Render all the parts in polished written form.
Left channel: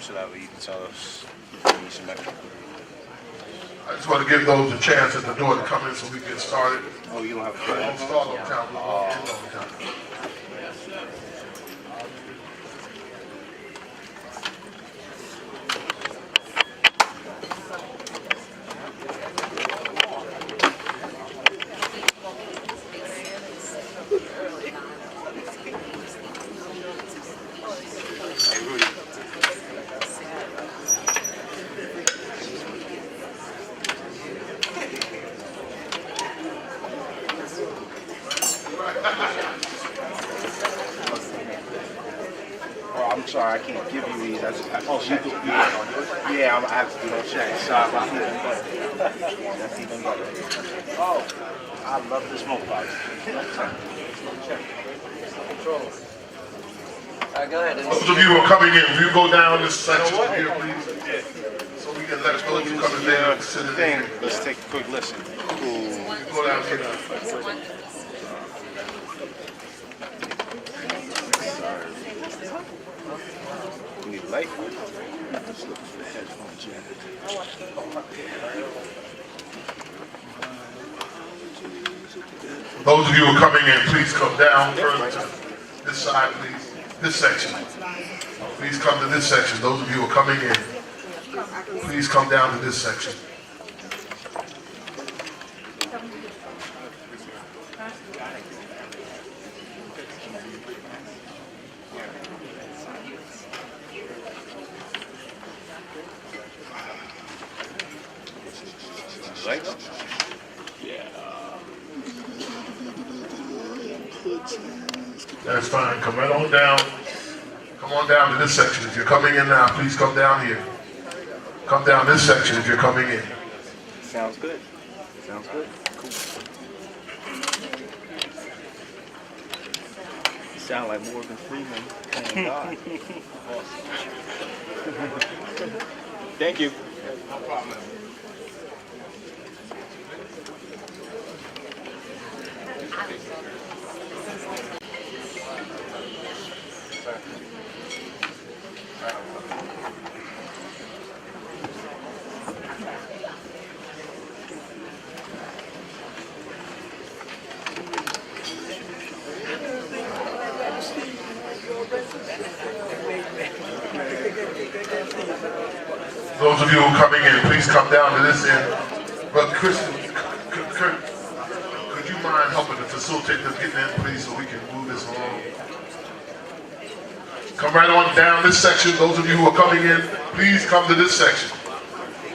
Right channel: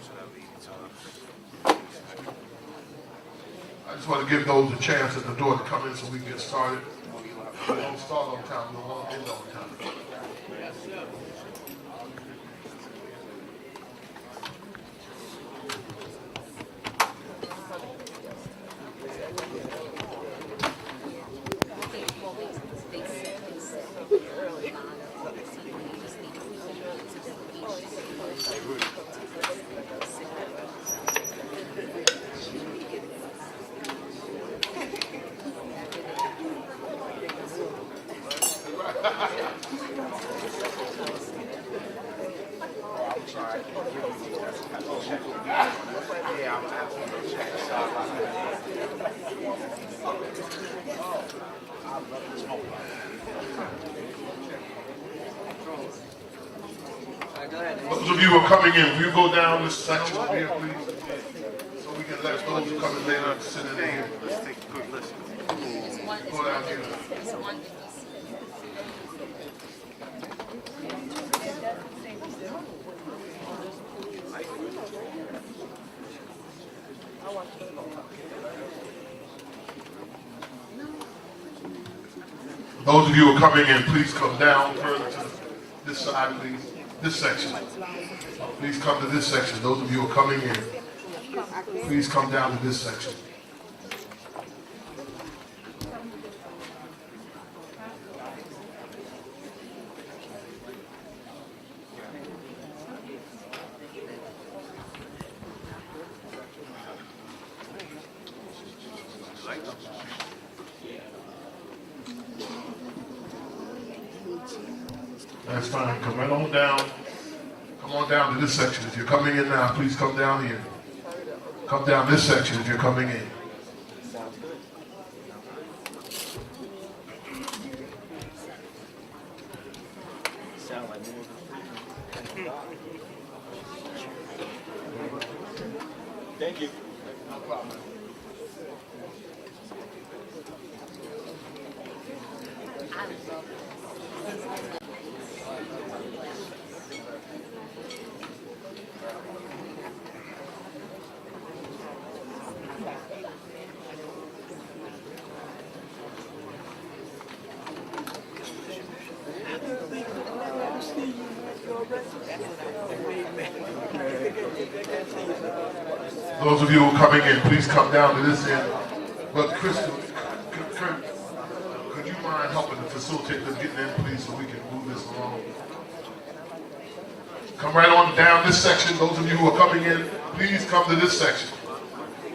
should I read and tell us? I just want to give those a chance at the door to come in so we can get started. Oh, you don't have We don't start on time, we won't end on time. Hey, Rudy. Oh, I'm sorry, I can't give you these. Oh, shit. Yeah, I have to do a check. Sorry about that. Oh, I love the smoke box. Those of you who are coming in, will you go down this section here, please? So we can let those who come in there sit in Thing. there. Let's take a quick listen. Go down here. We like it. Those of you who are coming in, please come down further to this side, please. This section. Please come to this section. Those of you who are coming in, please come down to this section. Right? That's fine. Come right on down. Come on down to this section. If you're coming in now, please come down here. Come down this section if you're coming in. Sounds good. Sounds good. Sound like Morgan Freeman. Thank you. No problem. Those of you who are coming in, please come down to this end. But Kristen, could you mind helping to facilitate this getting in, please, so we can move this along? Come right on down this section. Those of you who are coming in, please come to this section.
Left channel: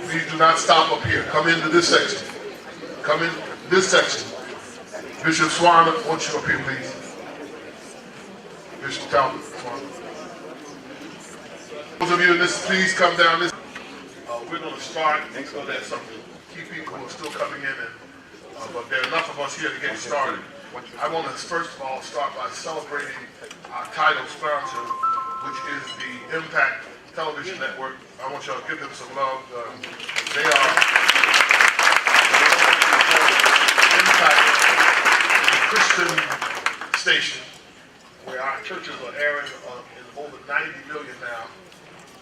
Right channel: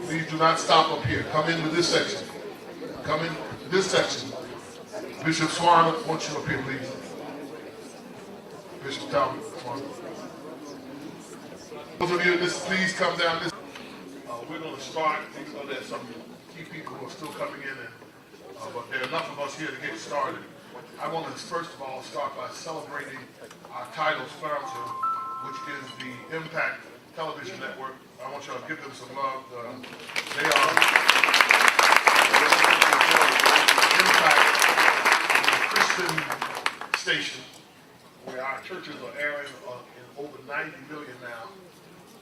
Please do not stop up here. Come into this section. Come in this section. Bishop Swan, I want you up here, please. Bishop Talbot, Swan. Those of you in this, please come down this. We're going to start. So there's some key people who are still coming in, but there are enough of us here to get started. I want to first of all start by celebrating our title sponsor, which is the Impact Television Network. I want y'all to give them some love. They are Impact, a Christian station where our churches are airing in over 90 million now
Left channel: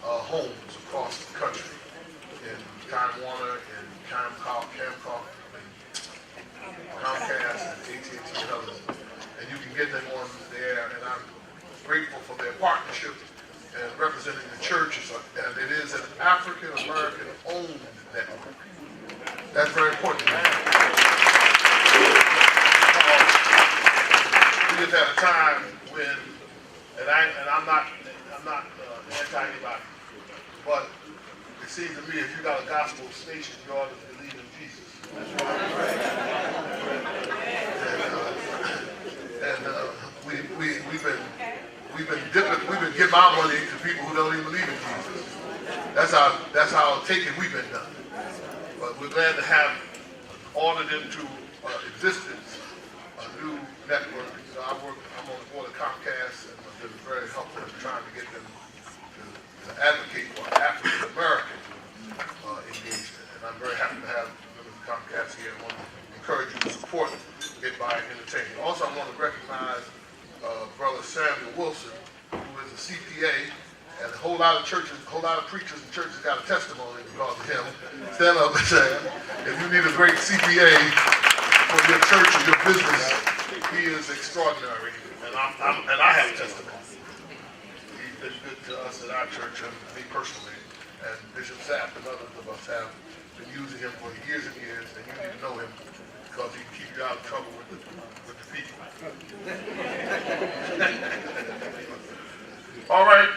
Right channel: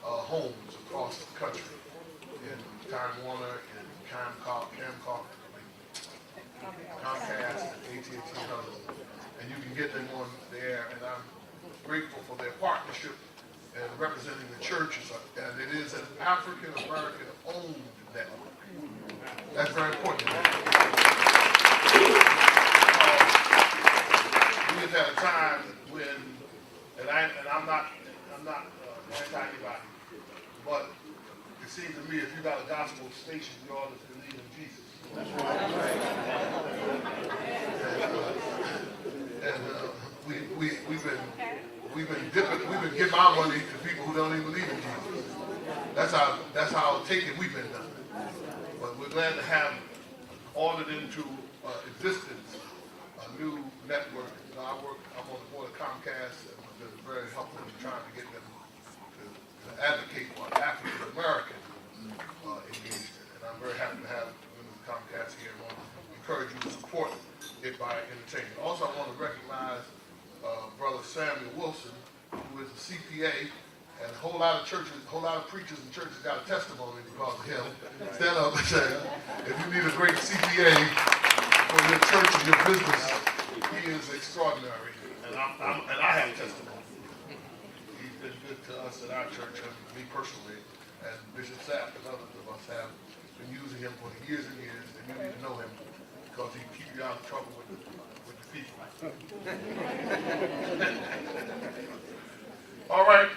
homes across the country. In Time Warner, and Camcom, Comcast, and AT&T Television. And you can get them on there, and I'm grateful for their partnership and representing the churches, and it is an African-American owned network. That's very important. We have had a time when, and I'm not anti-anybody, but it seems to me if you got a gospel station, you ought to believe in Jesus. That's right. We've been giving our money to people who don't even believe in Jesus. That's how taken we've been done. But we're glad to have ordered into existence a new network. So I'm on the board of Comcast, and I've been very helpful in trying to get them to advocate for African American engagement. And I'm very happy to have members of Comcast here. I want to encourage you to support it by entertaining. Also, I want to recognize Brother Samuel Wilson, who is a CPA and whole lot of churches, whole lot of preachers and churches got a testimony because of him. Stand up and say, if you need a great CPA for your church and your business, he is extraordinary. And I have testimony. He's been good to us at our church, and me personally, and Bishop Sapp and others of us have been using him for years and years, and you need to know him because he keeps you out of trouble with the people. All right,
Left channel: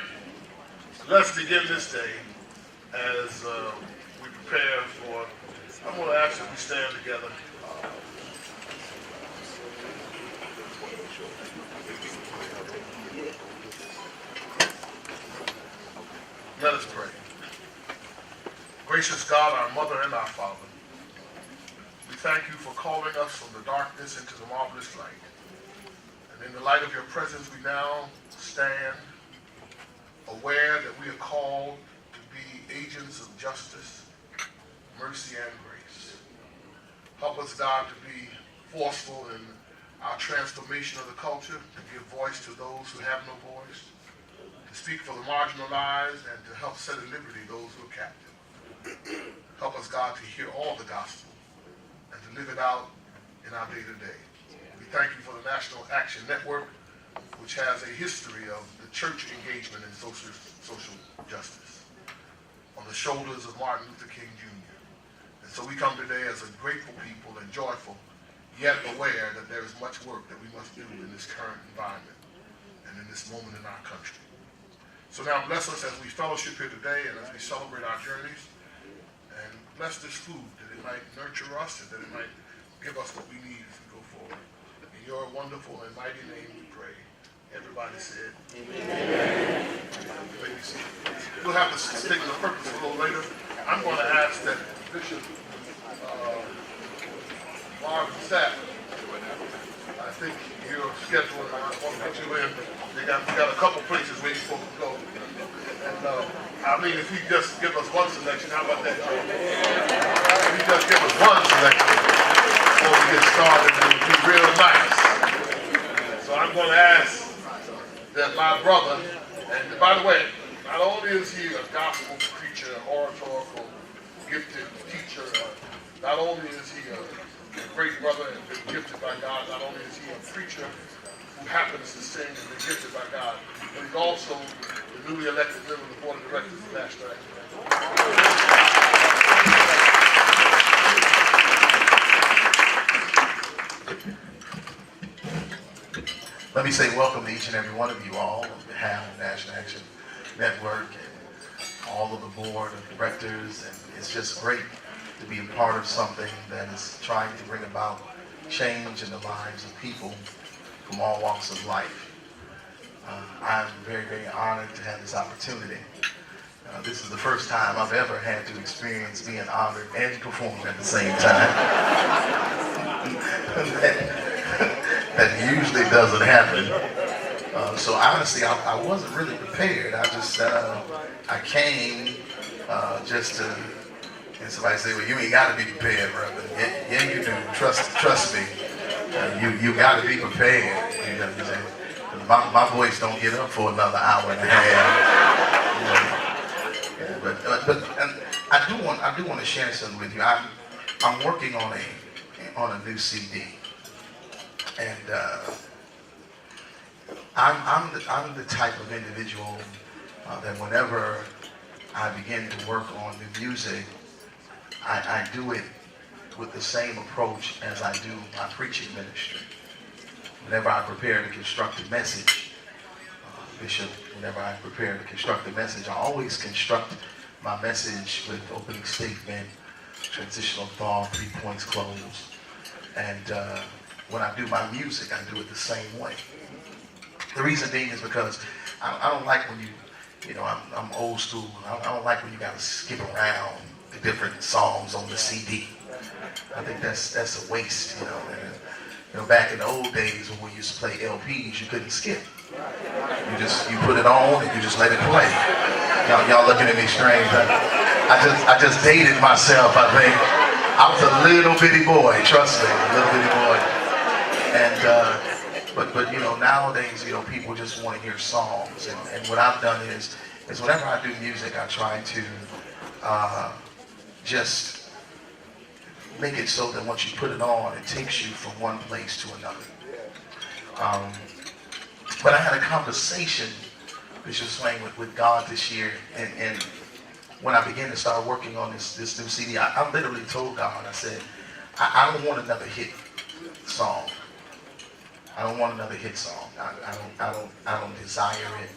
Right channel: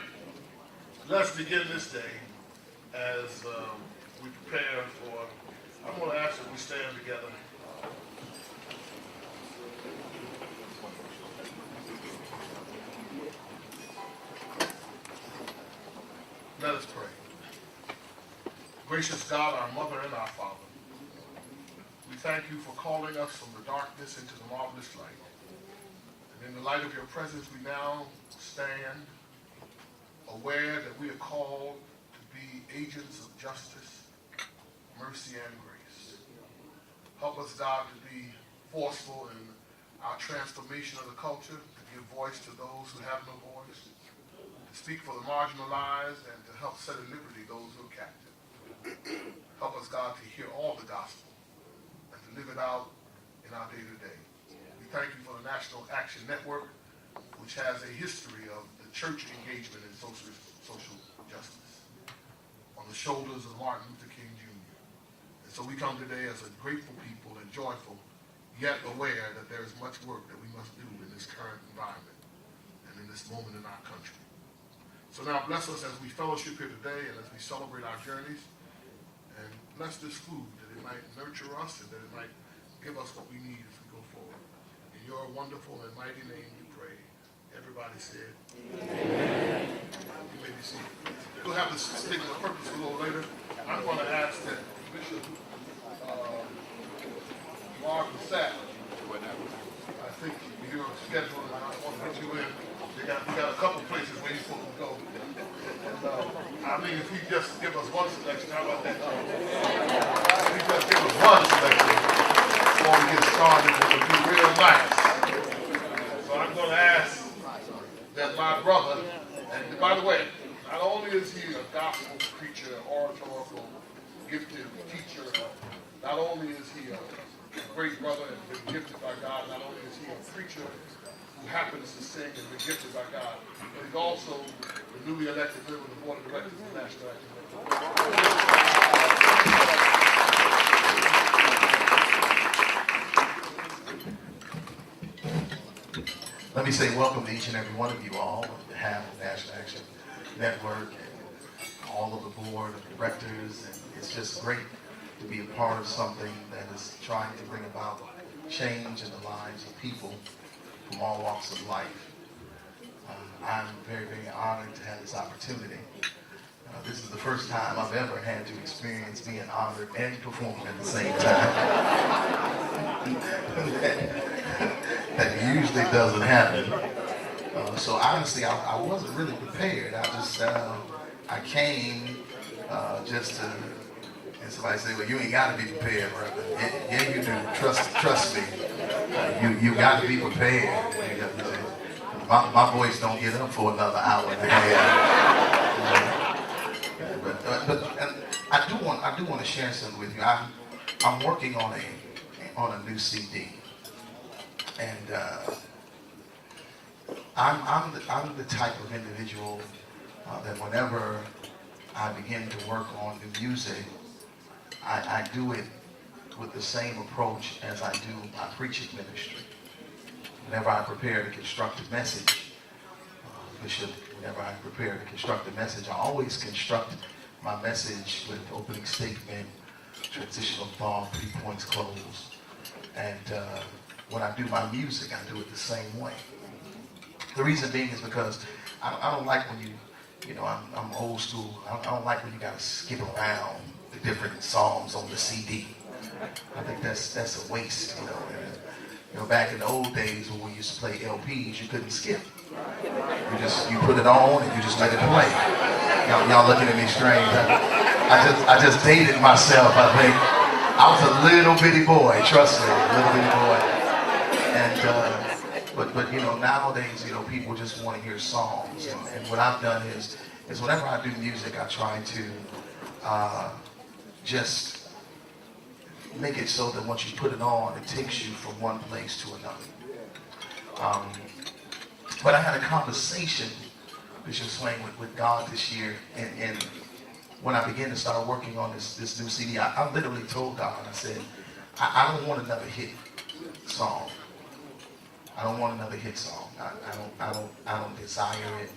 let's begin this day as we prepare for, I'm going to ask that we stand together. Let us pray. Gracious God, our Mother and our Father, we thank you for calling us from the darkness into the marvelous light. And in the light of your presence, we now stand aware that we are called to be agents of justice, mercy, and grace. Help us, God, to be forceful in our transformation of the culture, to give voice to those who have no voice, to speak for the marginalized, and to help set at liberty those who are captive. Help us, God, to hear all the gospel and to live it out in our day-to-day. We thank you for the National Action Network, which has a history of the church engagement in social justice on the shoulders of Martin Luther King Jr. And so we come today as a grateful people and joyful, yet aware that there is much work that we must do in this current environment and in this moment in our country. So now bless us as we fellowship here today and as we celebrate our journeys, and bless this food that it might nurture us and that it might give us what we need as we go forward. In your wonderful and mighty name we pray. Everybody said, Amen. You may be seated. We'll have the statement of purpose a little later. I'm going to ask that Bishop Marvin Sapp, I think you're scheduling, I want to put you in. They got a couple places where you're supposed to go. And I mean, if he just give us one selection, how about that? If he just give us one selection before we get started, it would be real nice. So I'm going to ask that my brother, and by the way, not only is he a gospel preacher, oratorical, gifted teacher, not only is he a great brother and been gifted by God, not only is he a preacher who happens to sing and been gifted by God, but he's also the newly elected member of the Board of Directors of National Action Network. Let me say welcome to each and every one of you all on behalf of National Action Network and all of the Board of Directors, and it's just great to be a part of something that is trying to bring about change in the lives of people from all walks of life. I'm very, very honored to have this opportunity. This is the first time I've ever had to experience being honored and performing at the same time. That usually doesn't happen. So honestly, I wasn't really prepared. I came just to, and somebody say, well, you ain't got to be prepared, brother. Yeah, you do. Trust me. You got to be prepared. My voice don't get up for another hour and a half. But and I do want to share something with you. I'm working on a new CD, and I'm the type of individual that whenever I begin to work on new music, I do it with the same approach as I do my preaching ministry. Whenever I prepare to construct a message, Bishop, whenever I prepare to construct a message, I always construct my message with opening statement, transitional thought, 3 points close. And when I do my music, I do it the same way. The reason being is because I don't like when I'm old school. I don't like when you got to skip around the different songs on the CD. I think that's a waste, back in the old days when we used to play LPs, you couldn't skip. You put it on and you just let it play. Y'all looking at me strange. I just dated myself, I think. I was a little bitty boy, trust me, a little bitty boy. And but nowadays, people just want to hear songs. And what I've done is is whenever I do music, I try to just make it so that once you put it on, it takes you from one place to another. But I had a conversation, Bishop Swain, with God this year, and when I began to start working on this new CD, I literally told God, I said, I don't want another hit song. I don't want another hit song. I don't desire it.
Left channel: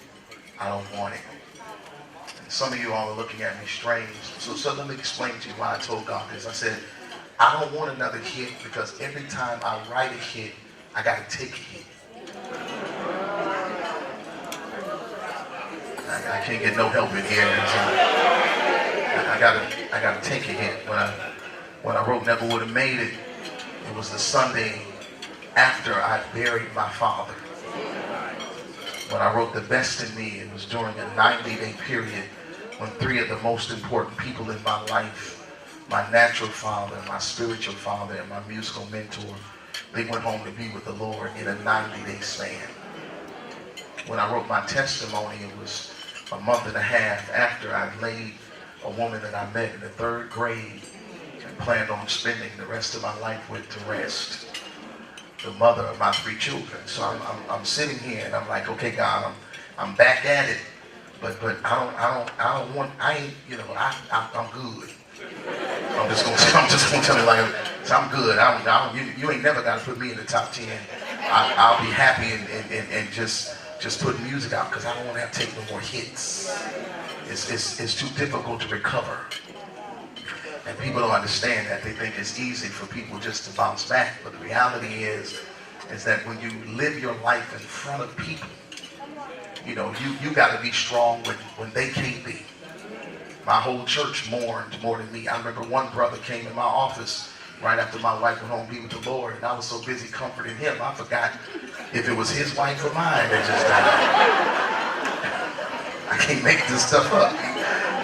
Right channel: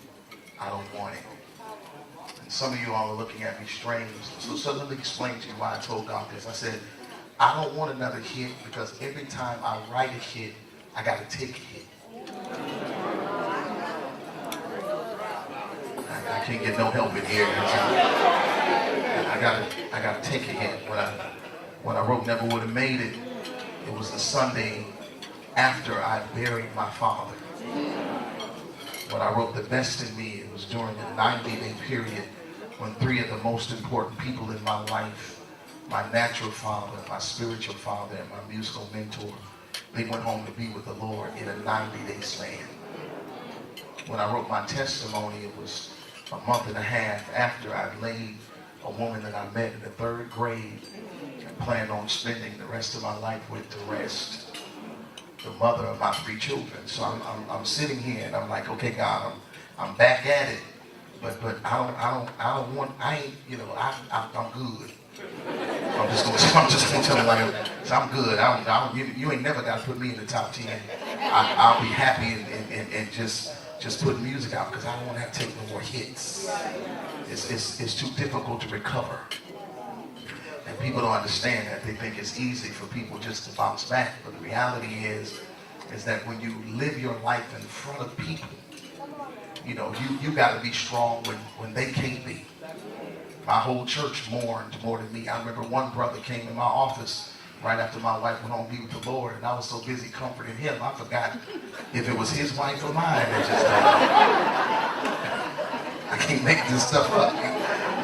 I don't want it. And some of you all are looking at me strange. So let me explain to you why I told God this. I said, I don't want another hit because every time I write a hit, I gotta take a hit. I can't get no help in here. I gotta take a hit. When I wrote Never Would Have Made It, it was the Sunday after I buried my father. When I wrote The Best in Me, it was during a 90-day period when three of the most important people in my life, my natural father, my spiritual father, and my musical mentor, they went home to be with the Lord in a 90-day span. When I wrote my testimony, it was a month and a half after I laid a woman that I met in the 3rd grade and planned on spending the rest of my life with to rest, the mother of my 3 children. So I'm sitting here and I'm like, okay, God, I'm back at it, but I'm good. I'm just gonna tell you like, I'm good. You ain't never gotta put me in the top 10. I'll be happy and just put music out because I don't want to have to take no more hits. It's too difficult to recover. And people don't understand that. They think it's easy for people just to bounce back. But the reality is that when you live your life in front of people, you know, you got to be strong when they can't be. My whole church mourned more than me. I remember one brother came in my office right after my wife went home to be with the Lord, and I was so busy comforting him, I forgot if it was his wife or mine. I can't make this stuff up.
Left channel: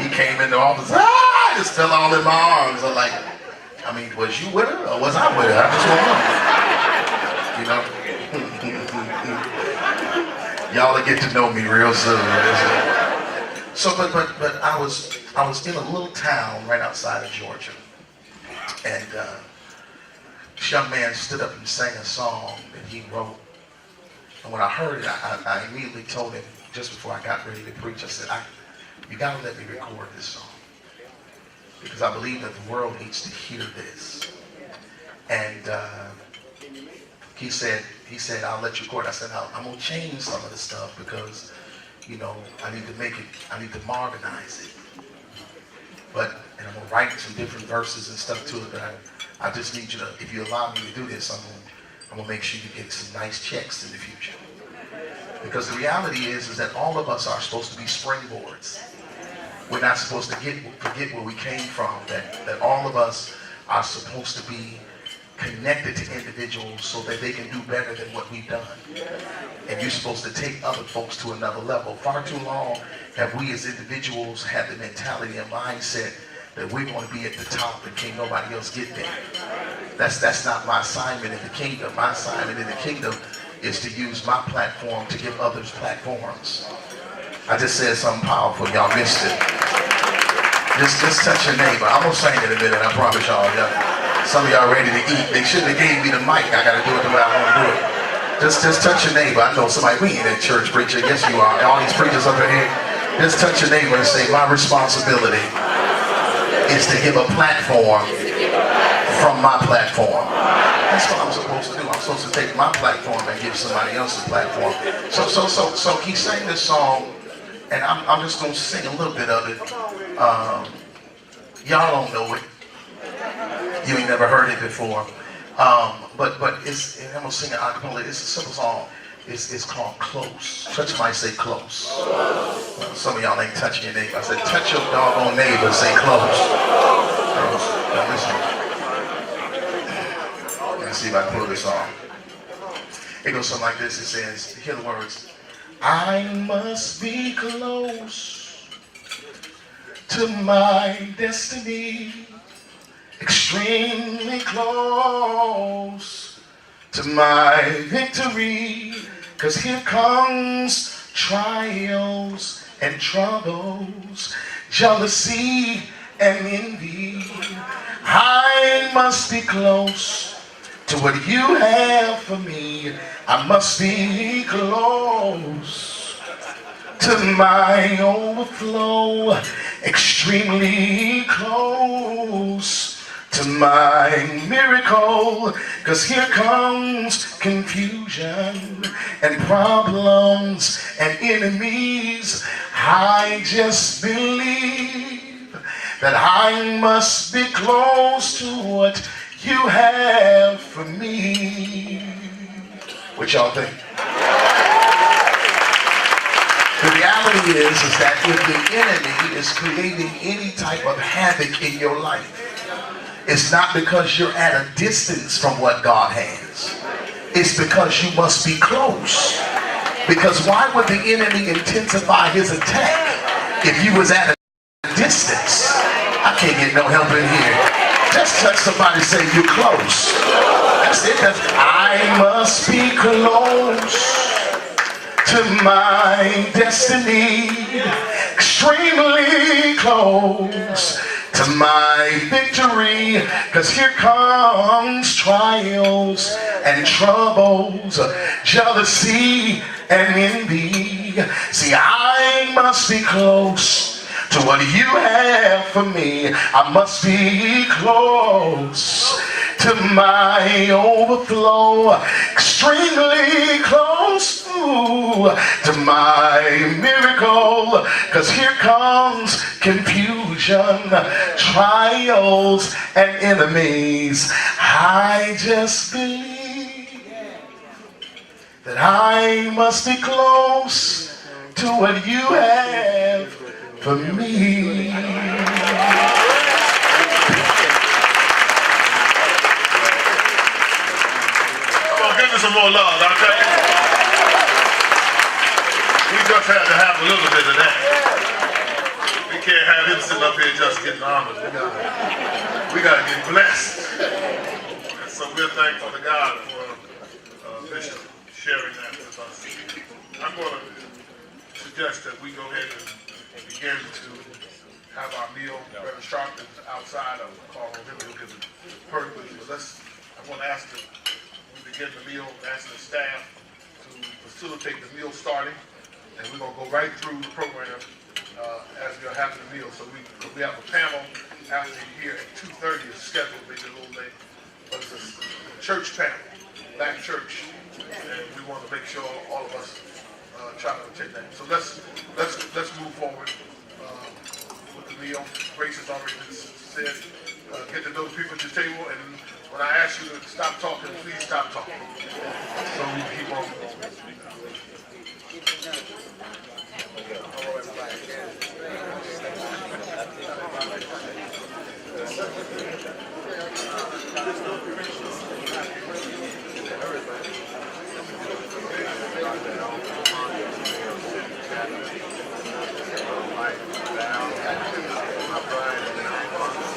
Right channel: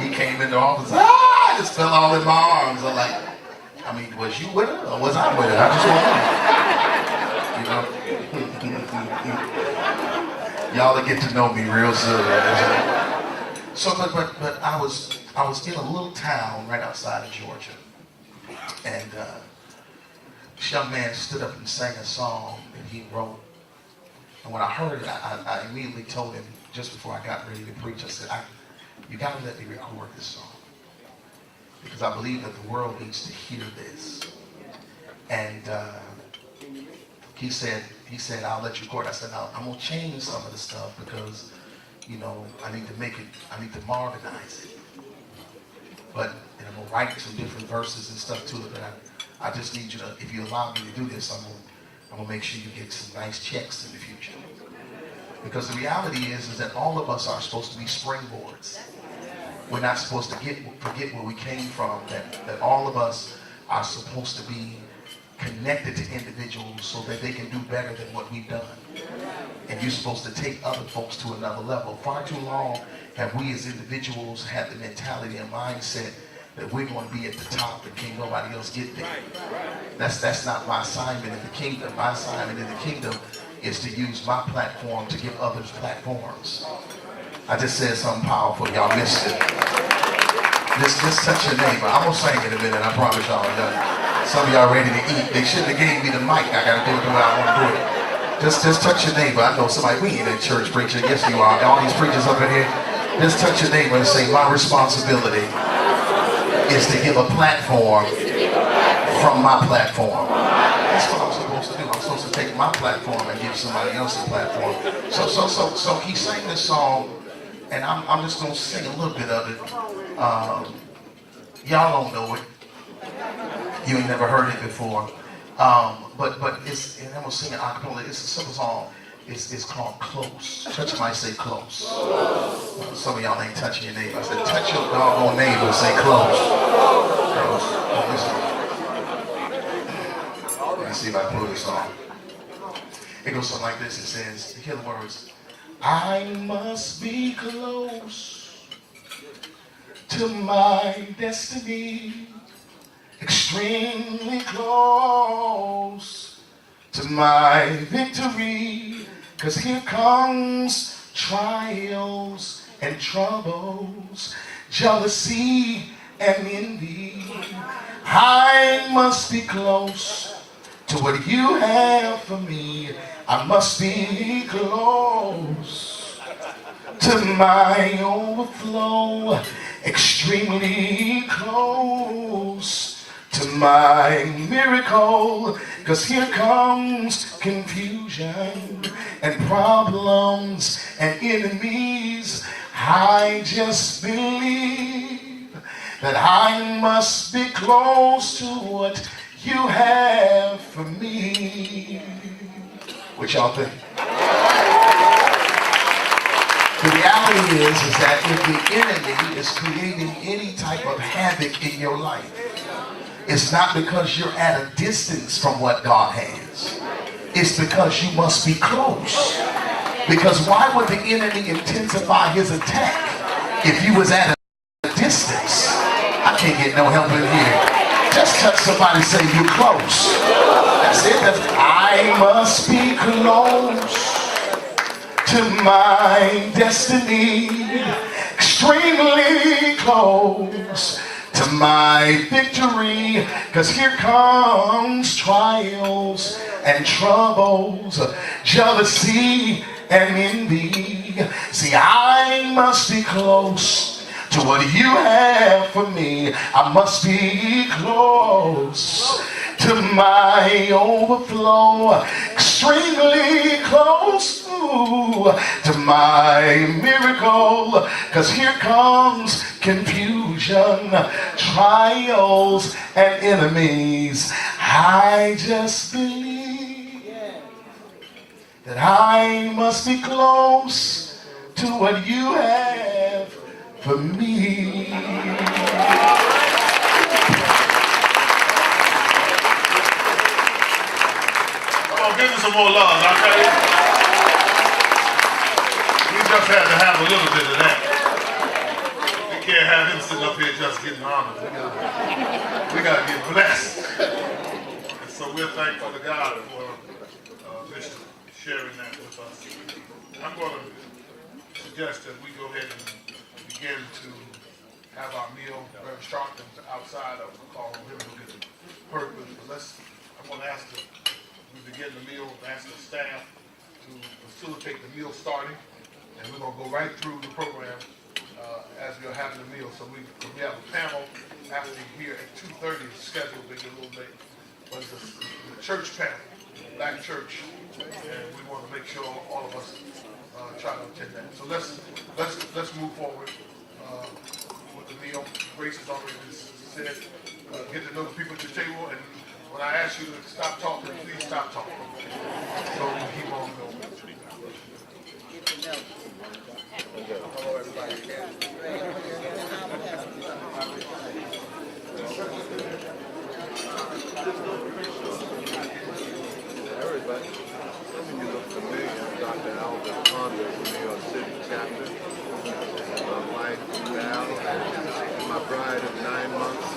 He came in the office, just fell all in my arms. I'm like, I mean, was you with her or was I with her? I just want to, you know. Y'all will get to know me real soon. So, but I was in a little town right outside of Georgia, and this young man stood up and sang a song that he wrote. And when I heard it, I immediately told him, just before I got ready to preach, I said, you gotta let me record this song. Because I believe that the world needs to hear this. And he said, I'll let you record. I said, I'm gonna change some of the stuff because, you know, I need to modernize it. And I'm gonna write some different verses and stuff to it, but I just need you to, if you allow me to do this, I'm gonna make sure you get some nice checks in the future. Because the reality is that all of us are supposed to be springboards. We're not supposed to forget where we came from, that all of us are supposed to be connected to individuals so that they can do better than what we've done. And you're supposed to take other folks to another level. Far too long have we as individuals had the mentality and mindset that we're going to be at the top and can't nobody else get there. That's not my assignment in the kingdom. My assignment in the kingdom is to use my platform to give others platforms. I just said something powerful. Y'all missed it. Just touch your neighbor. I'm going to sing in a minute. I promise y'all. Some of y'all ready to eat. They shouldn't have gave me the mic. I got to do it the way I want to do it. Just touch your neighbor. I know somebody, we ain't in church preacher. Yes, you are. All these preachers over here. Just touch your neighbor and say, my responsibility is to give a platform from my platform. That's what I'm supposed to do. I'm supposed to take my platform and give somebody else a platform. So he sang this song, and I'm just going to sing a little bit of it. Y'all don't know it. You ain't never heard it before. But it's, and I'm going to sing it a cappella. It's a simple song. It's called Close. Church might say close. Some of y'all ain't touching your neighbor. I said, touch your doggone neighbor and say close. Let's see if I can pull this off. It goes something like this. It says, hear the words. I must be close to my destiny, extremely close to my victory, 'cause here comes trials and troubles, jealousy and envy. I must be close to what you have for me. I must be close to my overflow, extremely close to my miracle, 'cause here comes confusion and problems and enemies. I just believe that I must be close to what you have for me. What y'all think? The reality is that if the enemy is creating any type of havoc in your life, it's not because you're at a distance from what God has. It's because you must be close. Because why would the enemy intensify his attack if you was at a distance? I can't get no help in here. Just touch somebody, say you're close. That's it. I must be close to my destiny, extremely close to my victory, 'cause here comes trials and troubles, jealousy and envy. See, I must be close to what you have for me. I must be close to my overflow, extremely close to my miracle, 'cause here comes confusion, trials and enemies. I just believe that I must be close to what you have for me. Give me some more love, I'll tell you. We just had to have a little bit of that. We can't have him sitting up here just getting honored. We gotta get blessed. And so we're thankful to God for Bishop sharing that with us. I'm going to suggest that we go ahead and begin to have our meal. Brother Sharpton's outside. I will call on him to get the purpose. But I want to ask that we begin the meal, ask the staff to facilitate the meal starting. And we're going to go right through the program as we're having the meal. So we have a panel after here at 2:30 is scheduled, maybe a little late. But it's a church panel, Black church. And we want to make sure all of us try to attend that. So let's move forward with the meal. Grace has already been said. Get to know the people at the table, and when I ask you to stop talking, please stop talking. So he won't go. Everybody, Dr. Alvin Ponders, New York City chapter. My wife, Val, my bride of 9 months.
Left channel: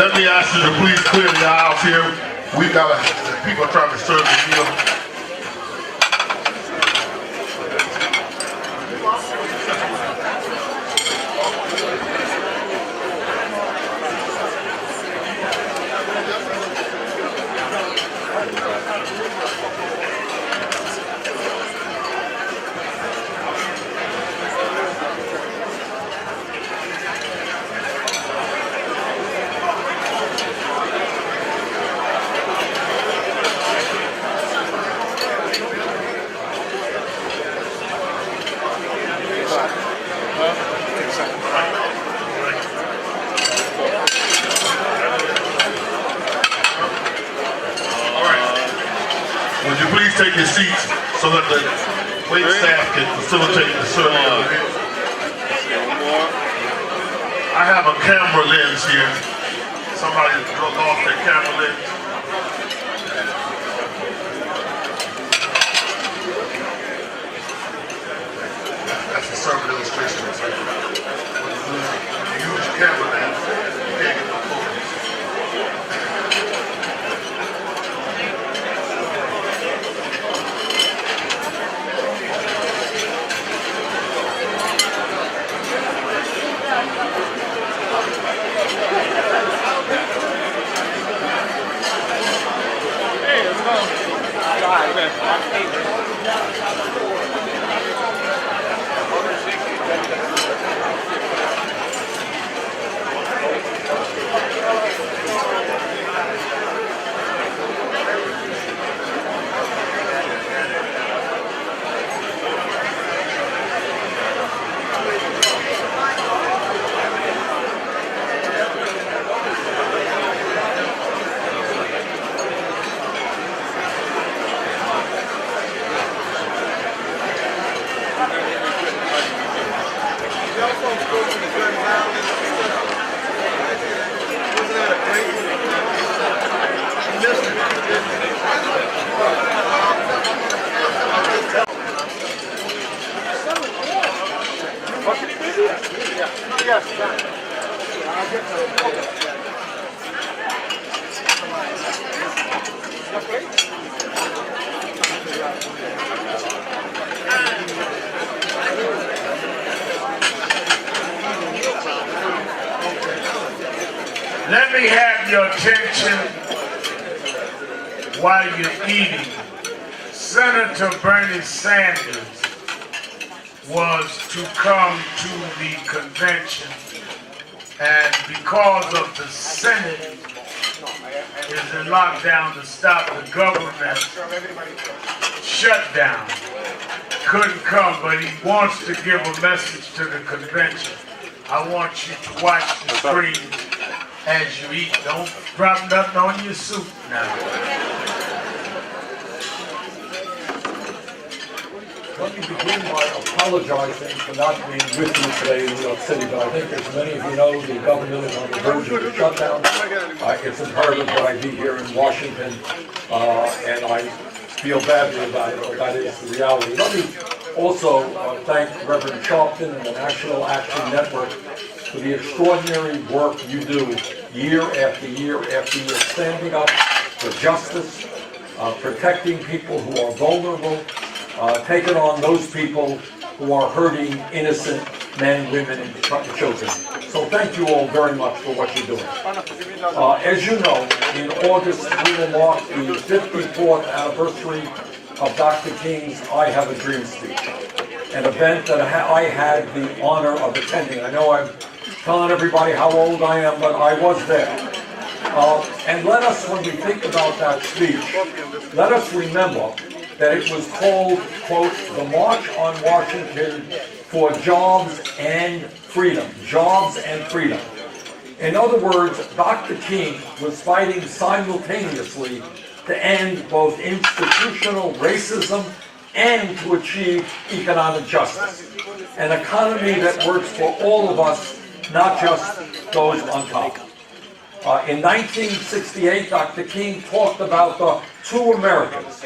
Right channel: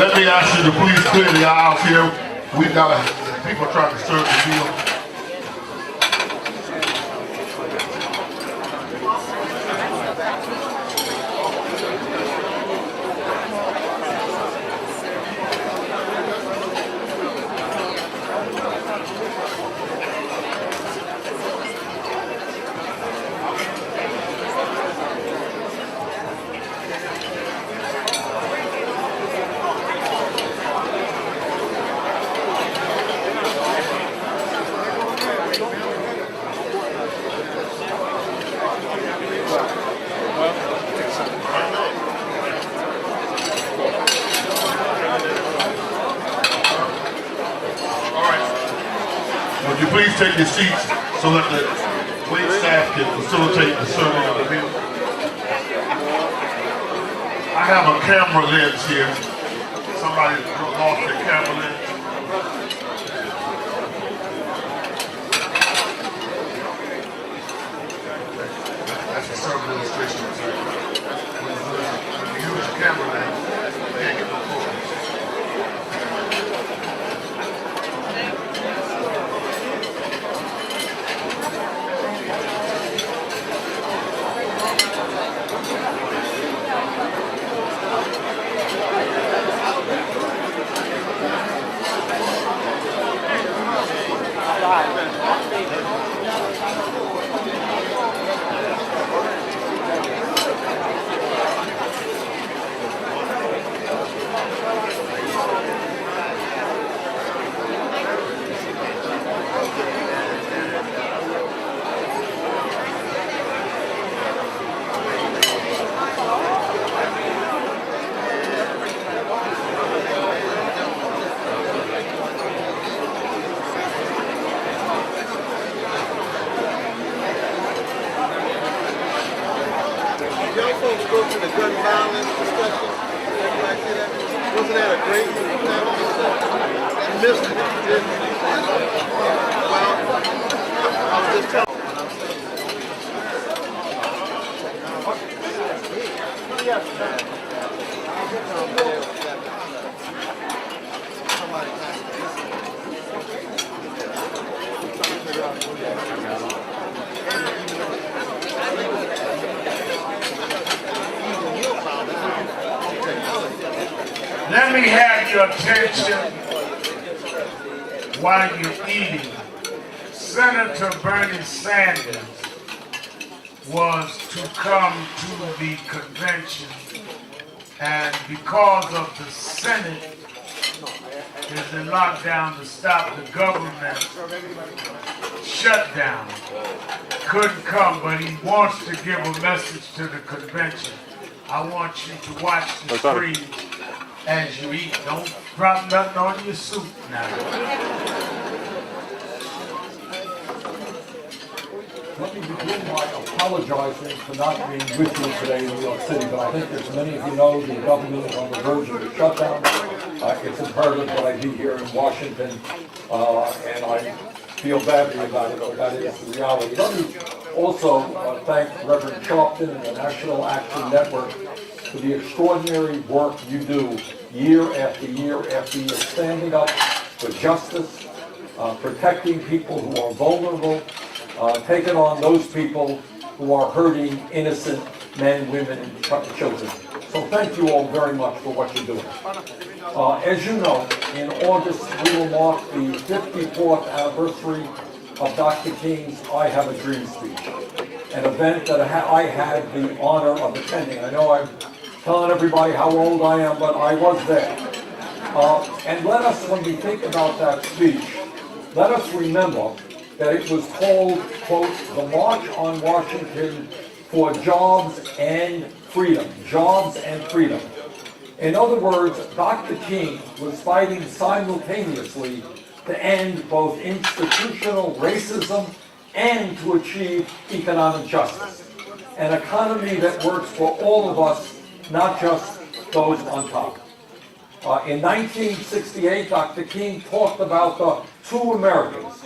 Let me ask you to please clear the aisles here. We got people are trying to serve the meal. Would you please take your seats so that the wait staff can facilitate the serving of the meal? I have a camera lens here. Somebody lost their camera lens. That's the serving illustration. When you use a camera lens, you can't get no focus. Y'all folks go to the gun violence discussion? Wasn't that a great one? You missed it, didn't you? Well, I was just telling Let me have your attention while you're eating. Senator Bernie Sanders was to come to the convention, and because of the Senate is in lockdown to stop the government shutdown, couldn't come, but he wants to give a message to the convention. I want you to watch the screen as you eat. Don't drop nothing on your soup now. Let me begin by apologizing for not being with you today in New York City, but I think as many of you know, the government is on the verge of a shutdown. It's imperative that I be here in Washington, and I feel badly about it, but that is the reality. Let me also thank Reverend Sharpton and the National Action Network for the extraordinary work you do year after year after year, standing up for justice, protecting people who are vulnerable, taking on those people who are hurting innocent men, women, and children. So thank you all very much for what you're doing. As you know, in August we will mark the 54th anniversary of Dr. King's I Have a Dream speech, an event that I had the honor of attending. I know I'm telling everybody how old I am, but I was there. And let us, when we think about that speech, let us remember that it was called, quote, the March on Washington for Jobs and Freedom. Jobs and freedom. In other words, Dr. King was fighting simultaneously to end both institutional racism and to achieve economic justice. An economy that works for all of us, not just those on top. In 1968, Dr. King talked about the two Americas,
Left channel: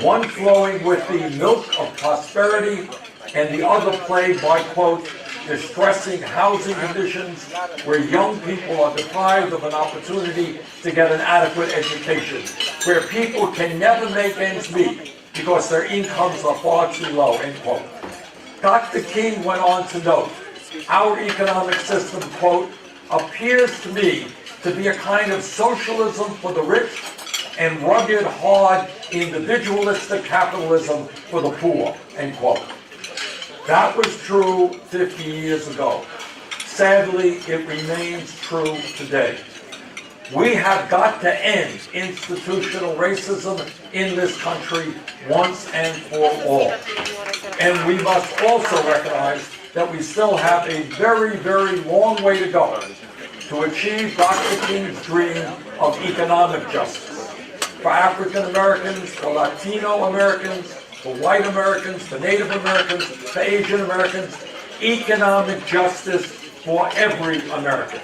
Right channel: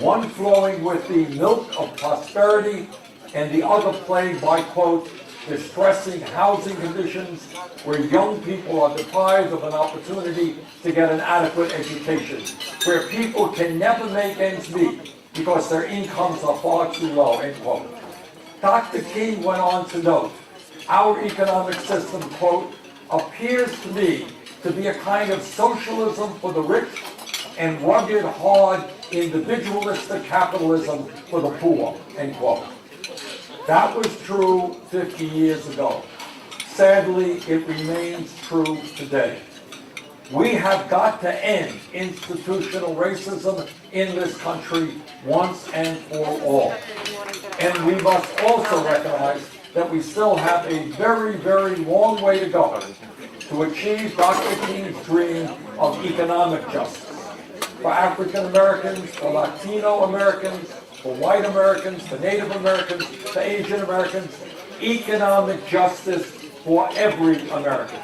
one flowing with the milk of prosperity and the other plagued by, quote, distressing housing conditions where young people are deprived of an opportunity to get an adequate education, where people can never make ends meet because their incomes are far too low, end quote. Dr. King went on to note, our economic system, quote, appears to me to be a kind of socialism for the rich and rugged, hard, individualistic capitalism for the poor, end quote. That was true 50 years ago. Sadly, it remains true today. We have got to end institutional racism in this country once and for all. And we must also recognize that we still have a very, very long way to go to achieve Dr. King's dream of economic justice. For African Americans, for Latino Americans, for white Americans, for Native Americans, for Asian Americans, economic justice for every American.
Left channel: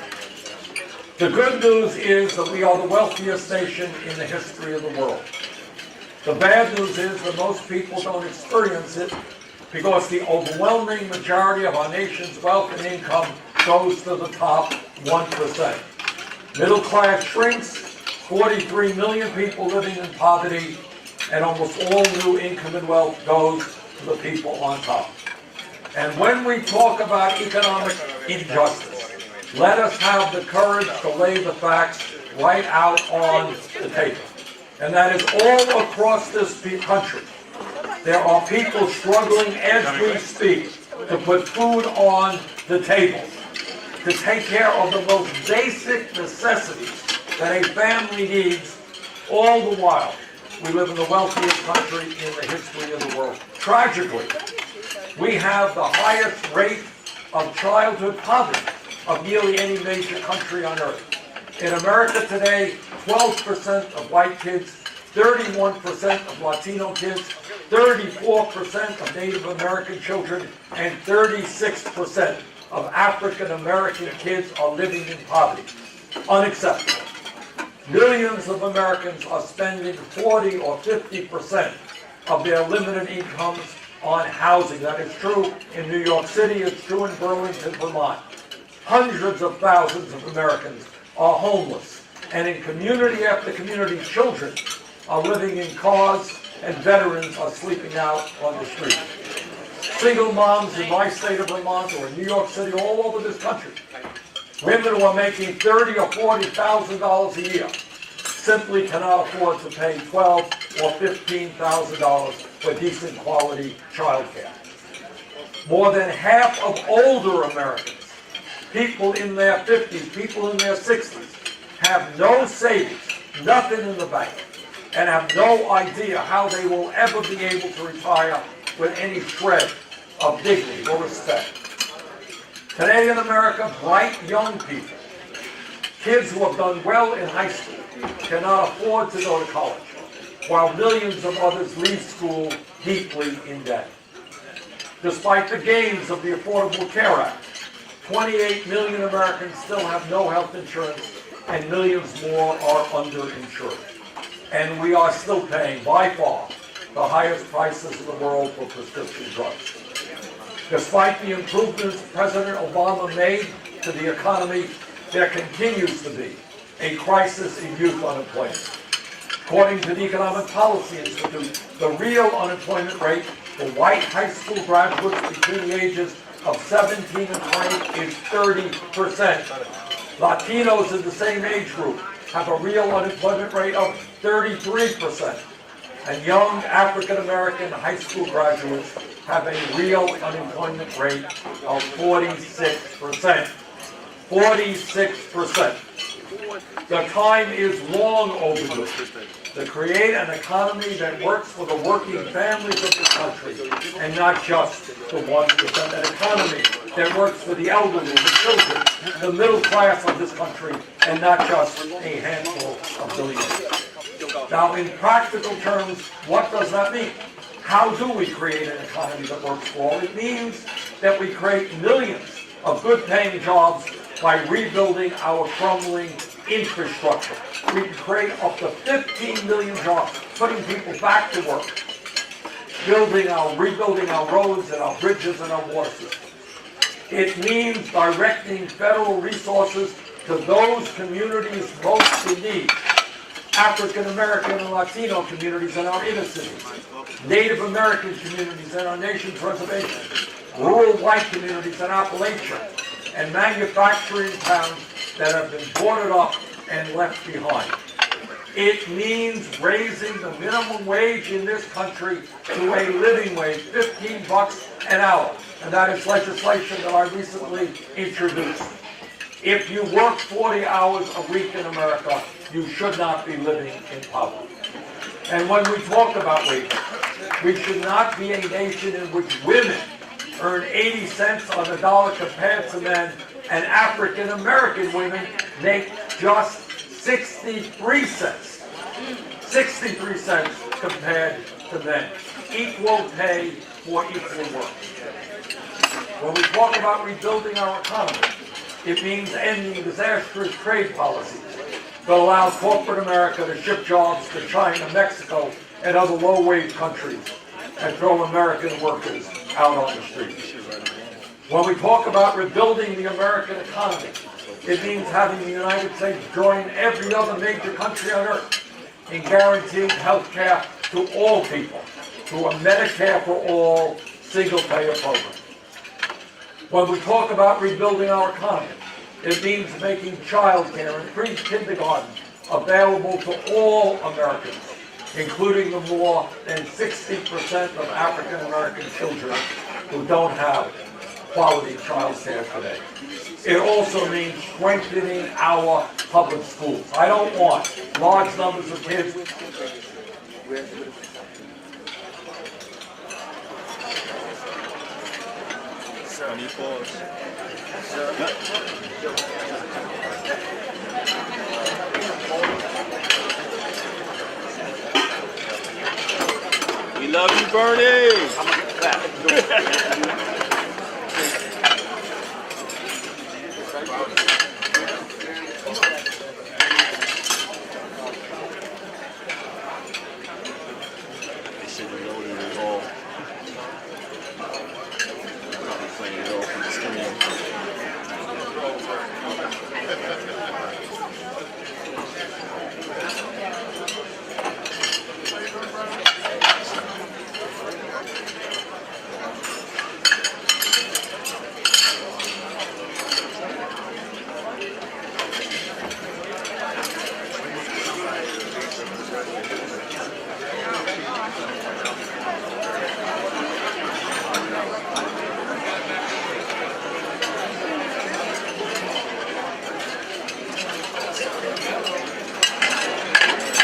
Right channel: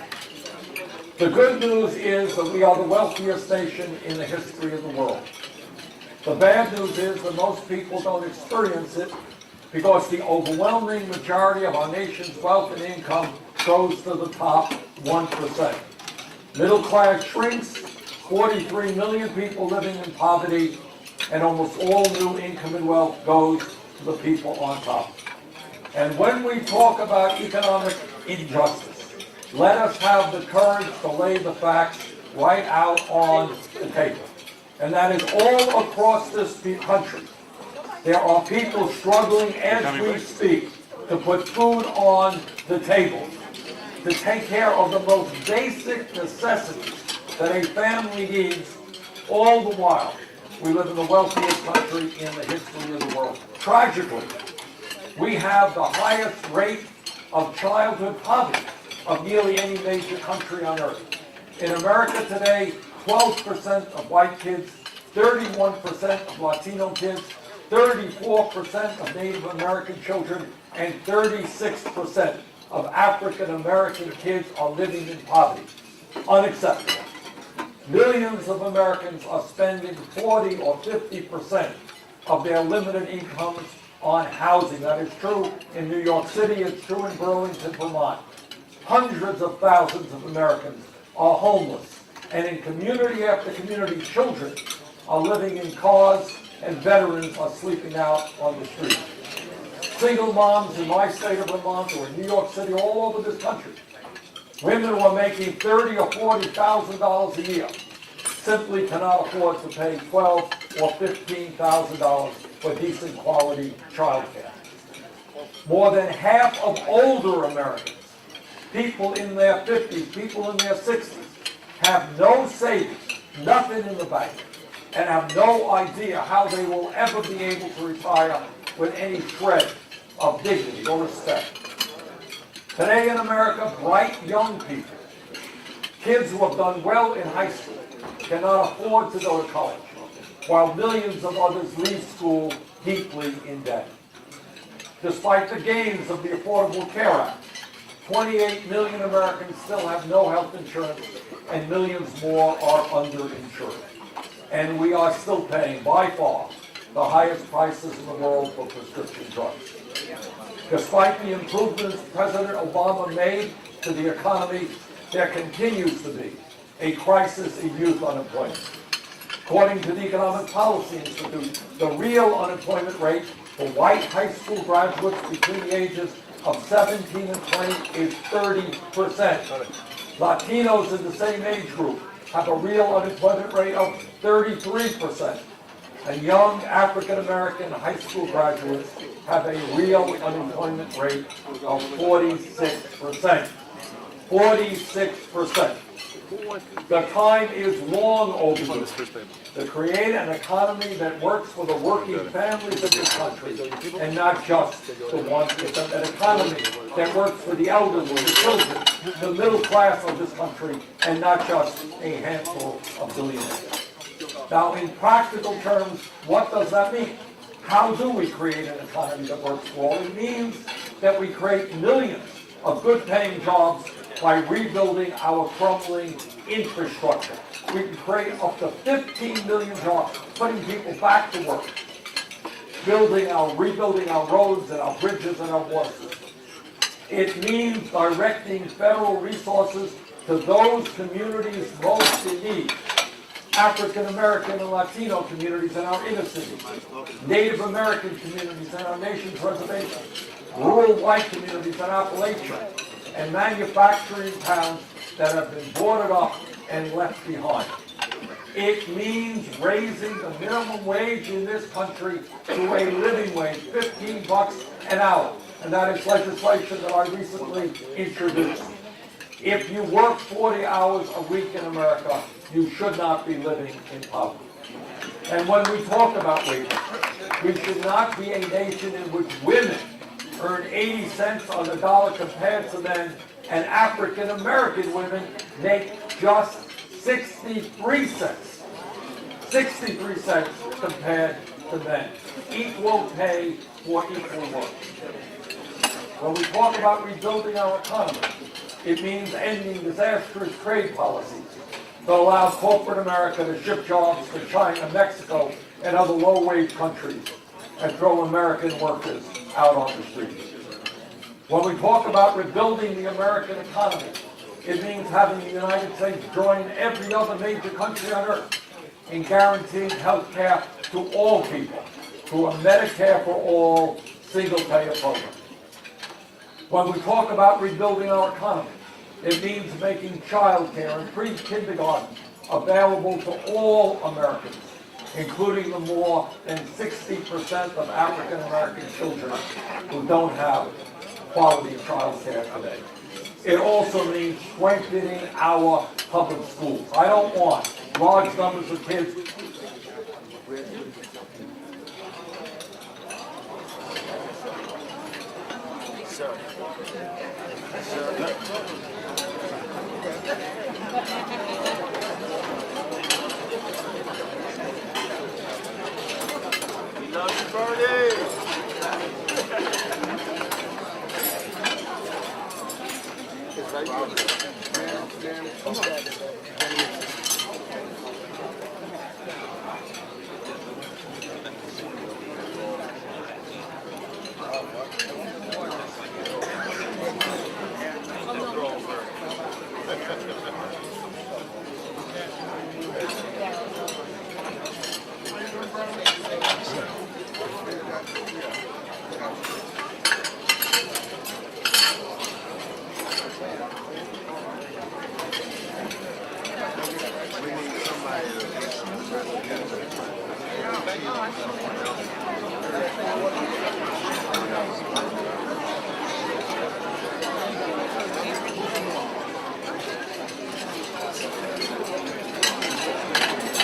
The good news is that we are the wealthiest nation in the history of the world. The bad news is that most people don't experience it because the overwhelming majority of our nation's wealth and income goes to the top 1%. Middle class shrinks, 43 million people living in poverty, and almost all new income and wealth goes to the people on top. And when we talk about economic injustice, let us have the courage to lay the facts right out on the table. And that is all across this country. There are people struggling as we speak to put food on the table, to take care of the most basic necessities that a family needs, all the while we live in the wealthiest country in the history of the world. Tragically, we have the highest rate of childhood poverty of nearly any major country on earth. In America today, 12% of white kids, 31% of Latino kids, 34% of Native American children, and 36% of African American kids are living in poverty. Unacceptable. Millions of Americans are spending 40 or 50% of their limited incomes on housing. That is true in New York City, it's true in Burlington, Vermont. Hundreds of thousands of Americans are homeless, and in community after community, children are living in cars, and veterans are sleeping out on the street. Single moms in my state of Vermont, or in New York City, all over this country, women who are making $30,000 or $40,000 a year simply cannot afford to pay $12,000 or $15,000 for decent quality child care. More than half of older Americans, people in their 50s, people in their 60s, have no savings, nothing in the bank, and have no idea how they will ever be able to retire with any shred of dignity or respect. Today in America, bright young people, kids who have done well in high school, cannot afford to go to college, while millions of others leave school deeply in debt. Despite the gains of the Affordable Care Act, 28 million Americans still have no health insurance, and millions more are underinsured. And we are still paying, by far, the highest prices in the world for prescription drugs. Despite the improvements President Obama made to the economy, there continues to be a crisis in youth unemployment. According to the Economic Policy Institute, the real unemployment rate for white high school graduates between the ages of 17 and 20 is 30%. Latinos in the same age group have a real unemployment rate of 33%. And young African American high school graduates have a real unemployment rate of 46%. 46%. The time is long overdue to create an economy that works for the working families of this country and not just the 1%. An economy that works for the elderly, the children, the middle class of this country, and not just a handful of billionaires. Now, in practical terms, what does that mean? How do we create an economy that works for all? It means that we create millions of good-paying jobs by rebuilding our crumbling infrastructure. We can create up to 15 million jobs, putting people back to work, rebuilding our roads and our bridges and our water systems. It means directing federal resources to those communities most in need. African American and Latino communities in our inner cities, Native American communities in our nation's reservations, rural white communities in Appalachia, and manufacturing towns that have been boarded up and left behind. It means raising the minimum wage in this country to a living wage, $15 an hour. And that is legislation that I recently introduced. If you work 40 hours a week in America, you should not be living in poverty. And when we talk about wages, we should not be a nation in which women earn 80 cents on the dollar compared to men, and African American women make just 63 cents. 63 cents compared to men. Equal pay for equal work. When we talk about rebuilding our economy, it means ending disastrous trade policies that allow corporate America to ship jobs to China, Mexico, and other low-wage countries and throw American workers out on the streets. When we talk about rebuilding the American economy, it means having the United States join every other major country on earth in guaranteeing health care to all people through a Medicare for all single-payer program. When we talk about rebuilding our economy, it means making child care and pre-kindergarten available to all Americans, including the more than 60% of African American children who don't have quality child care today. It also means strengthening our public schools. I don't want large numbers of kids. We love you, Bernie.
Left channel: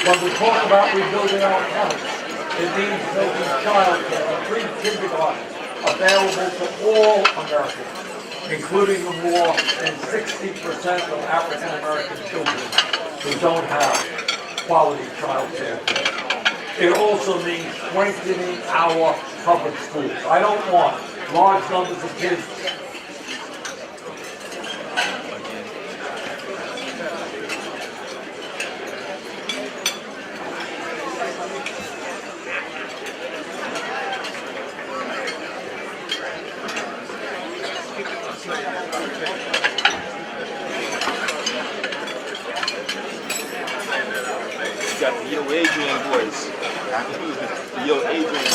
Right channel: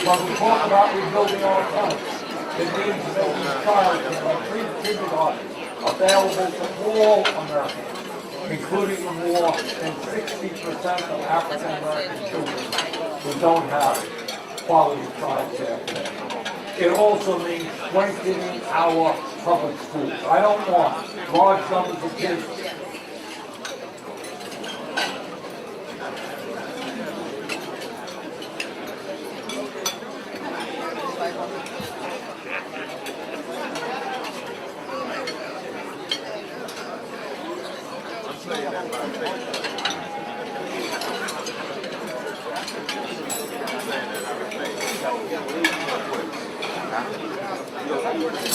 When we talk about rebuilding our economy, it means making child care and pre-kindergarten available to all Americans, including the more than 60% of African American children who don't have quality child care today. It also means strengthening our public schools. I don't want large numbers of kids Your Adrian voice. Your Adrian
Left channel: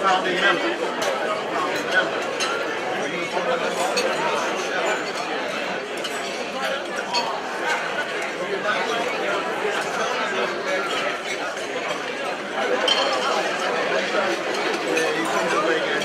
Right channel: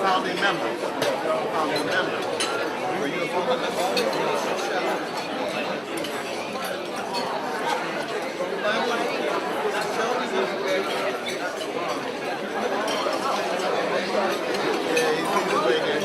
Founding member. Founding member. Yeah, he seems to bring it.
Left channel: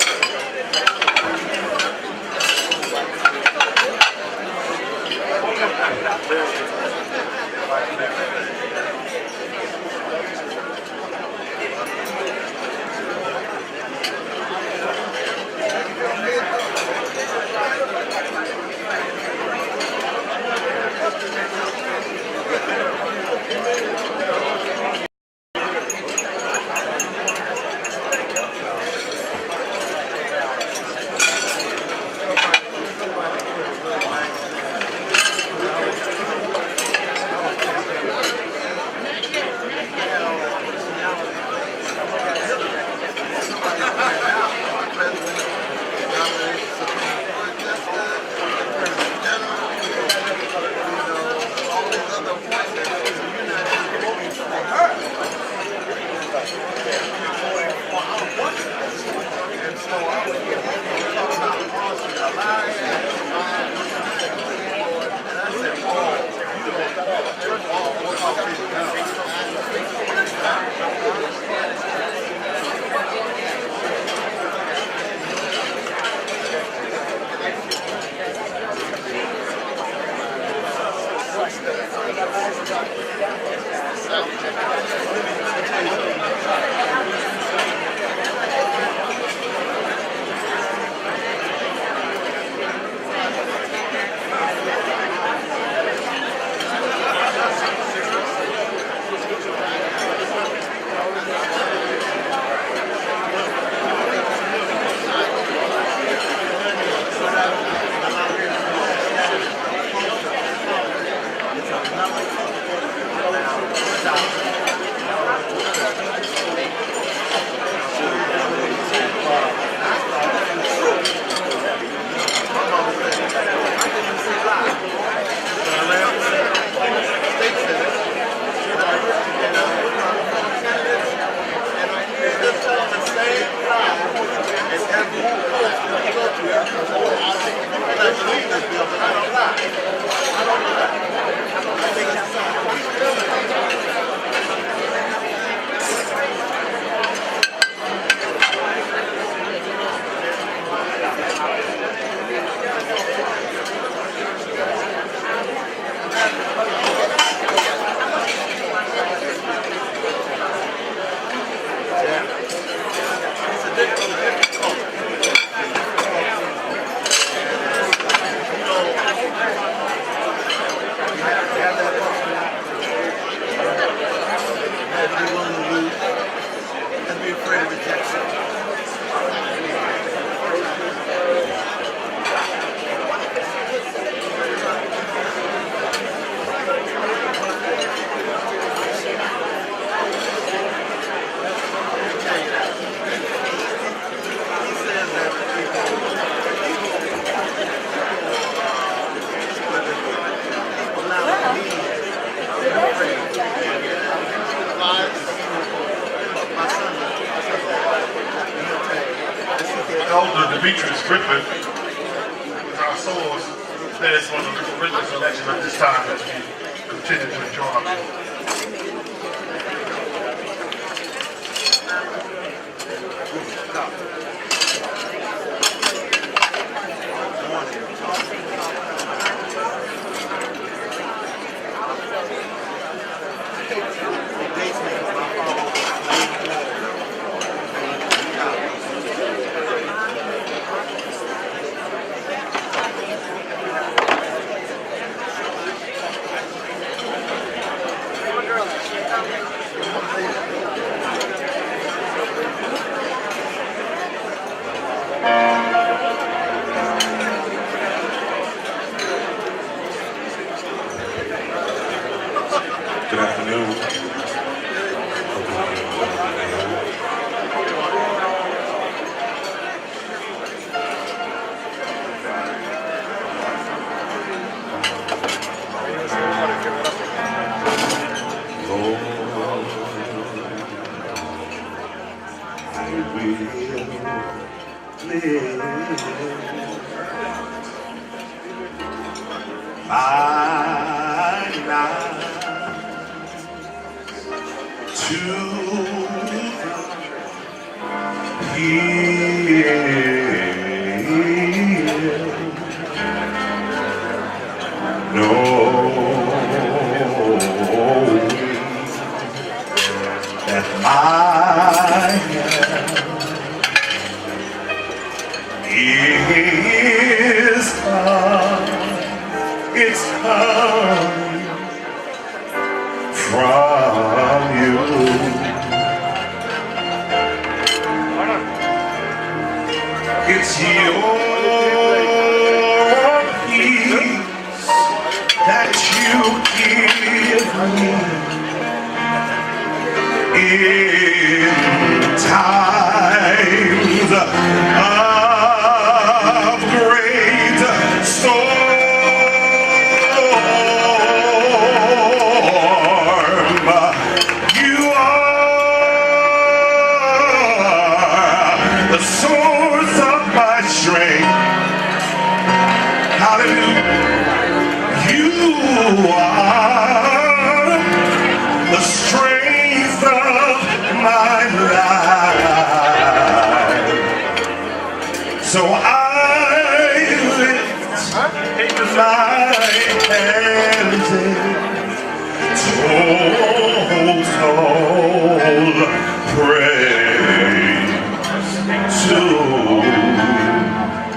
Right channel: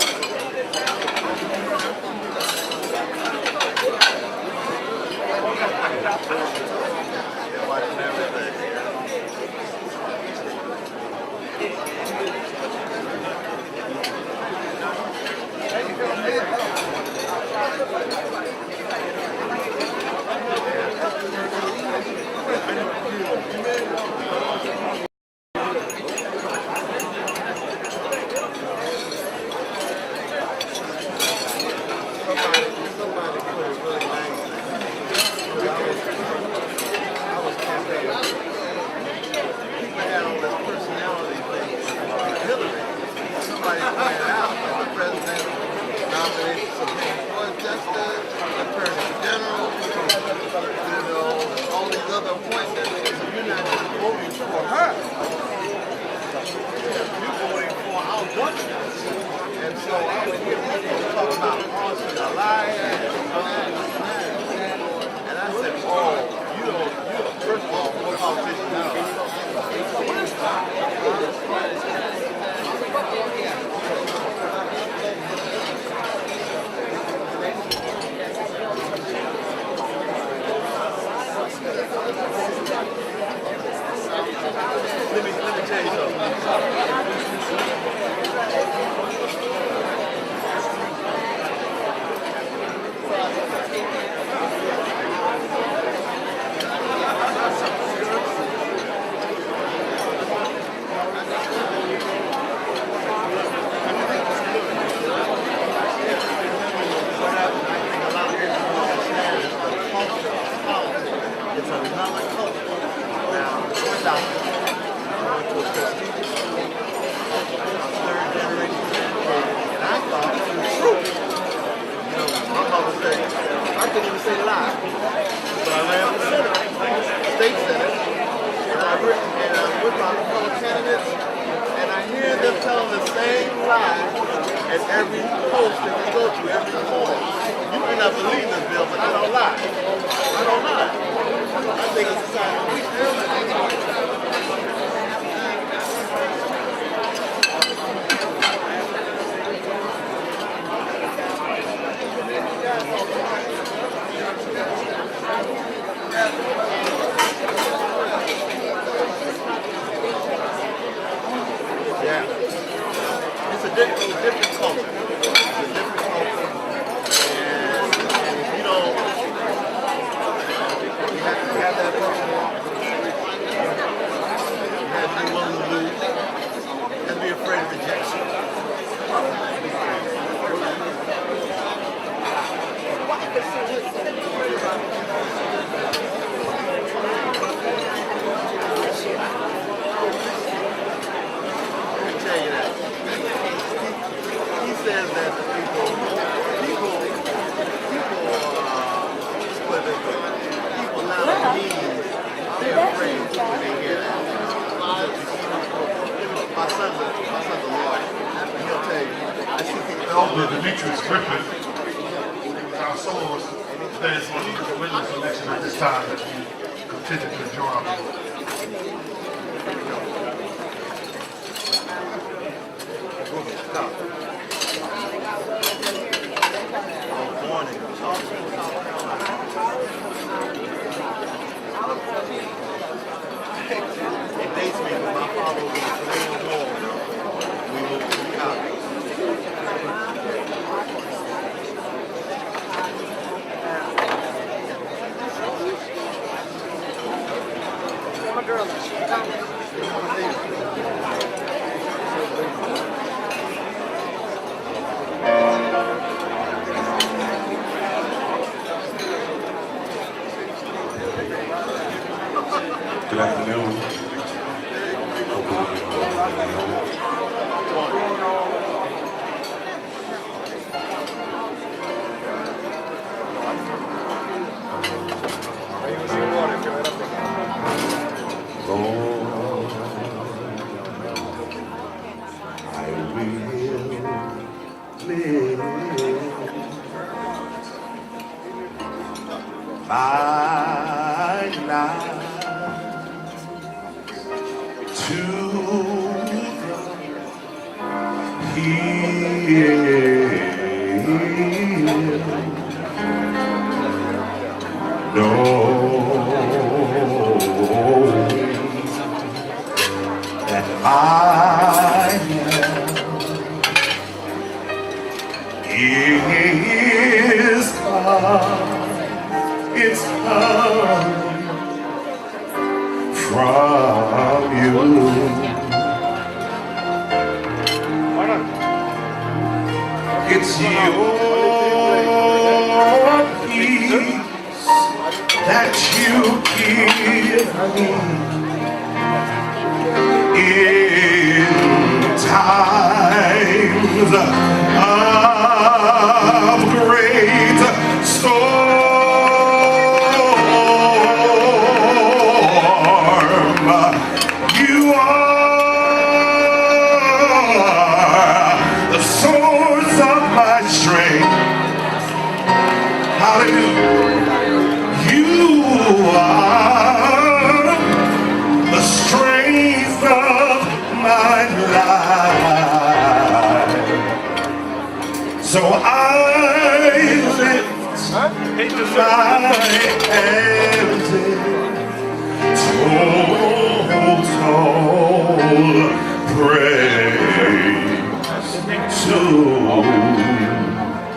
tell you something. Elder Demetrius Griffin, our source, that is one of the original selection at this time as we continue to enjoy our music. It dates me because my father was a Canadian war. We went to Chicago. Good afternoon. I will live my life to hear, knowing that I is come, it's come from you. It's your peace that you give me in times of great storm. You are the source of my strength. Hallelujah. You are the strength of my life. So I lift my hands in soul praise to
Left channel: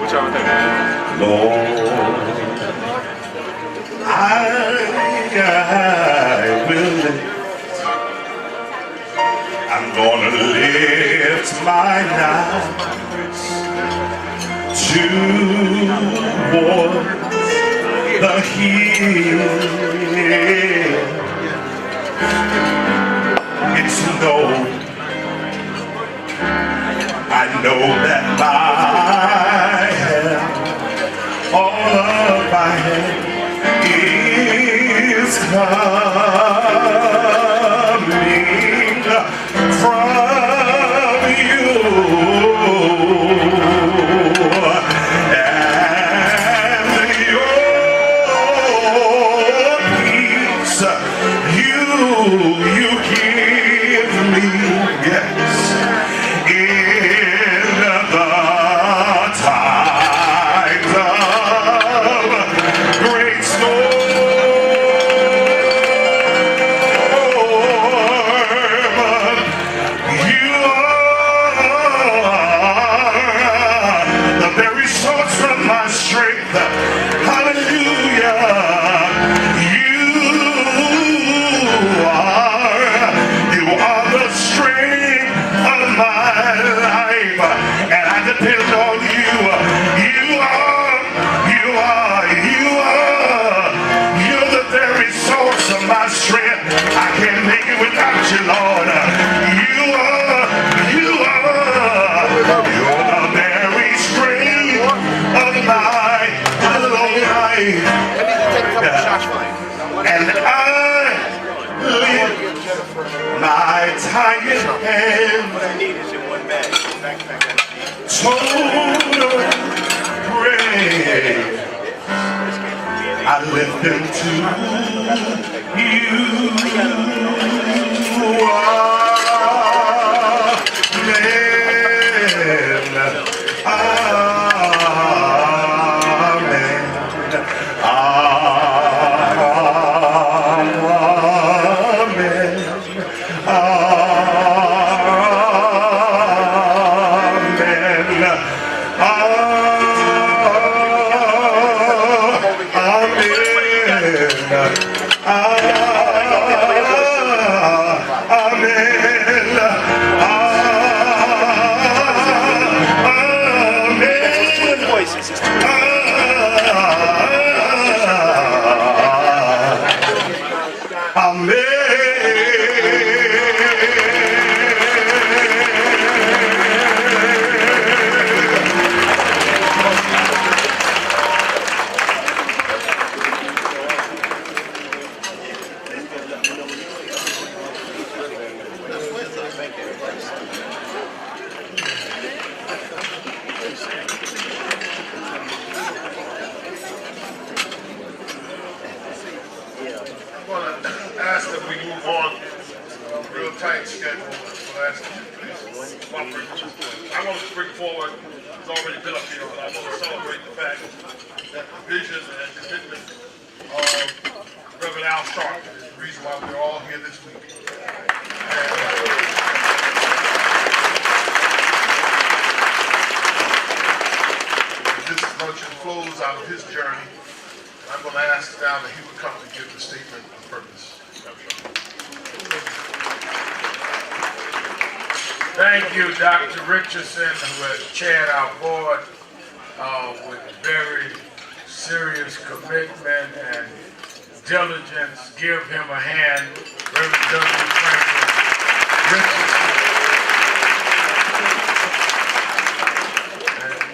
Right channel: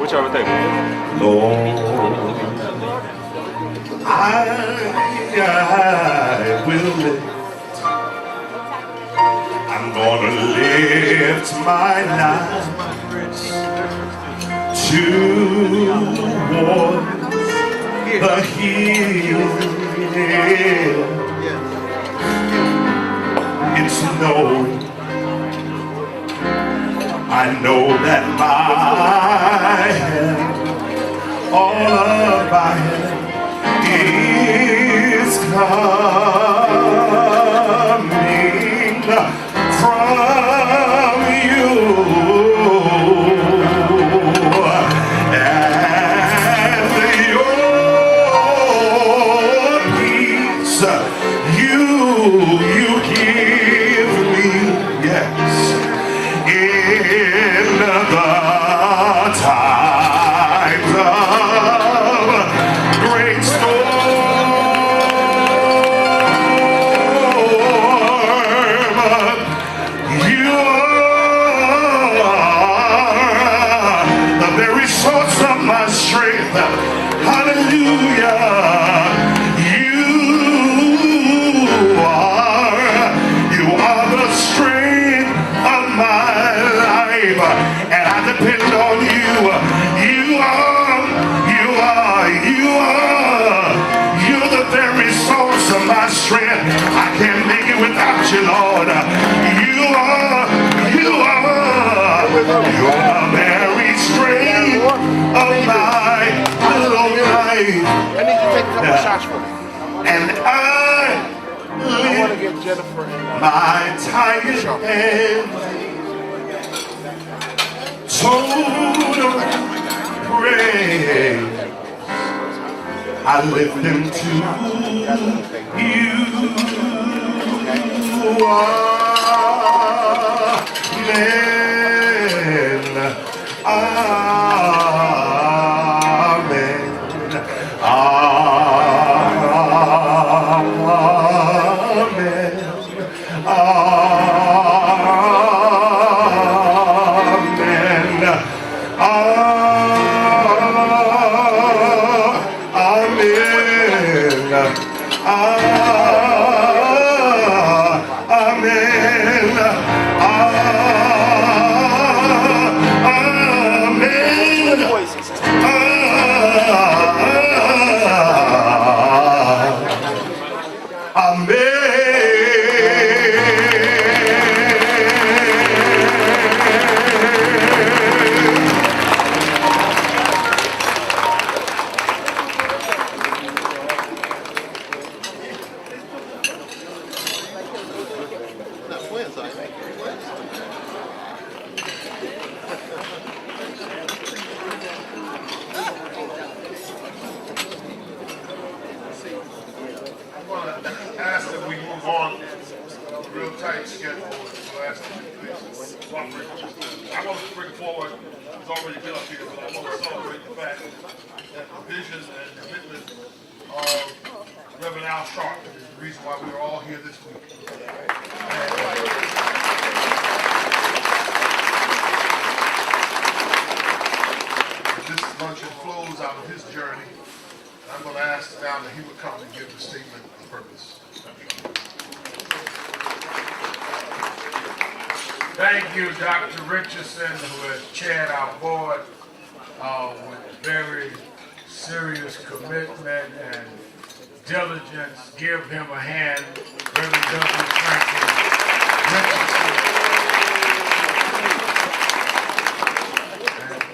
Whichever thing. Lord. I will lift. I'm gonna lift my eyes toward the hill. It's no, I know that my help, all of my help is coming from you. And your peace you give me, yes, in the times of great storm. You are the very source of my strength. Hallelujah. You are the strength of my life, and I depend on you. You're the very source of my strength. I can't make it without you, Lord. You're the very strength of my life. I need to take a couple shots for you. And I want to get Jennifer. my tired hands, What I need is in one bag. total praise. I lift them to you. Amen. Amen. Ask that we move on. Real tight schedule. Last I want to bring forward, it's already been up here, but I want to celebrate the fact that the vision and commitment of Reverend Al Stark is the reason why we're all here this week. This luncheon flows out of his journey. I'm going to ask now that he would come and give the statement of purpose. Thank you, Dr. Richardson, who has chaired our board with very serious commitment and diligence. Give him a hand, Reverend Douglas Franklin Richardson.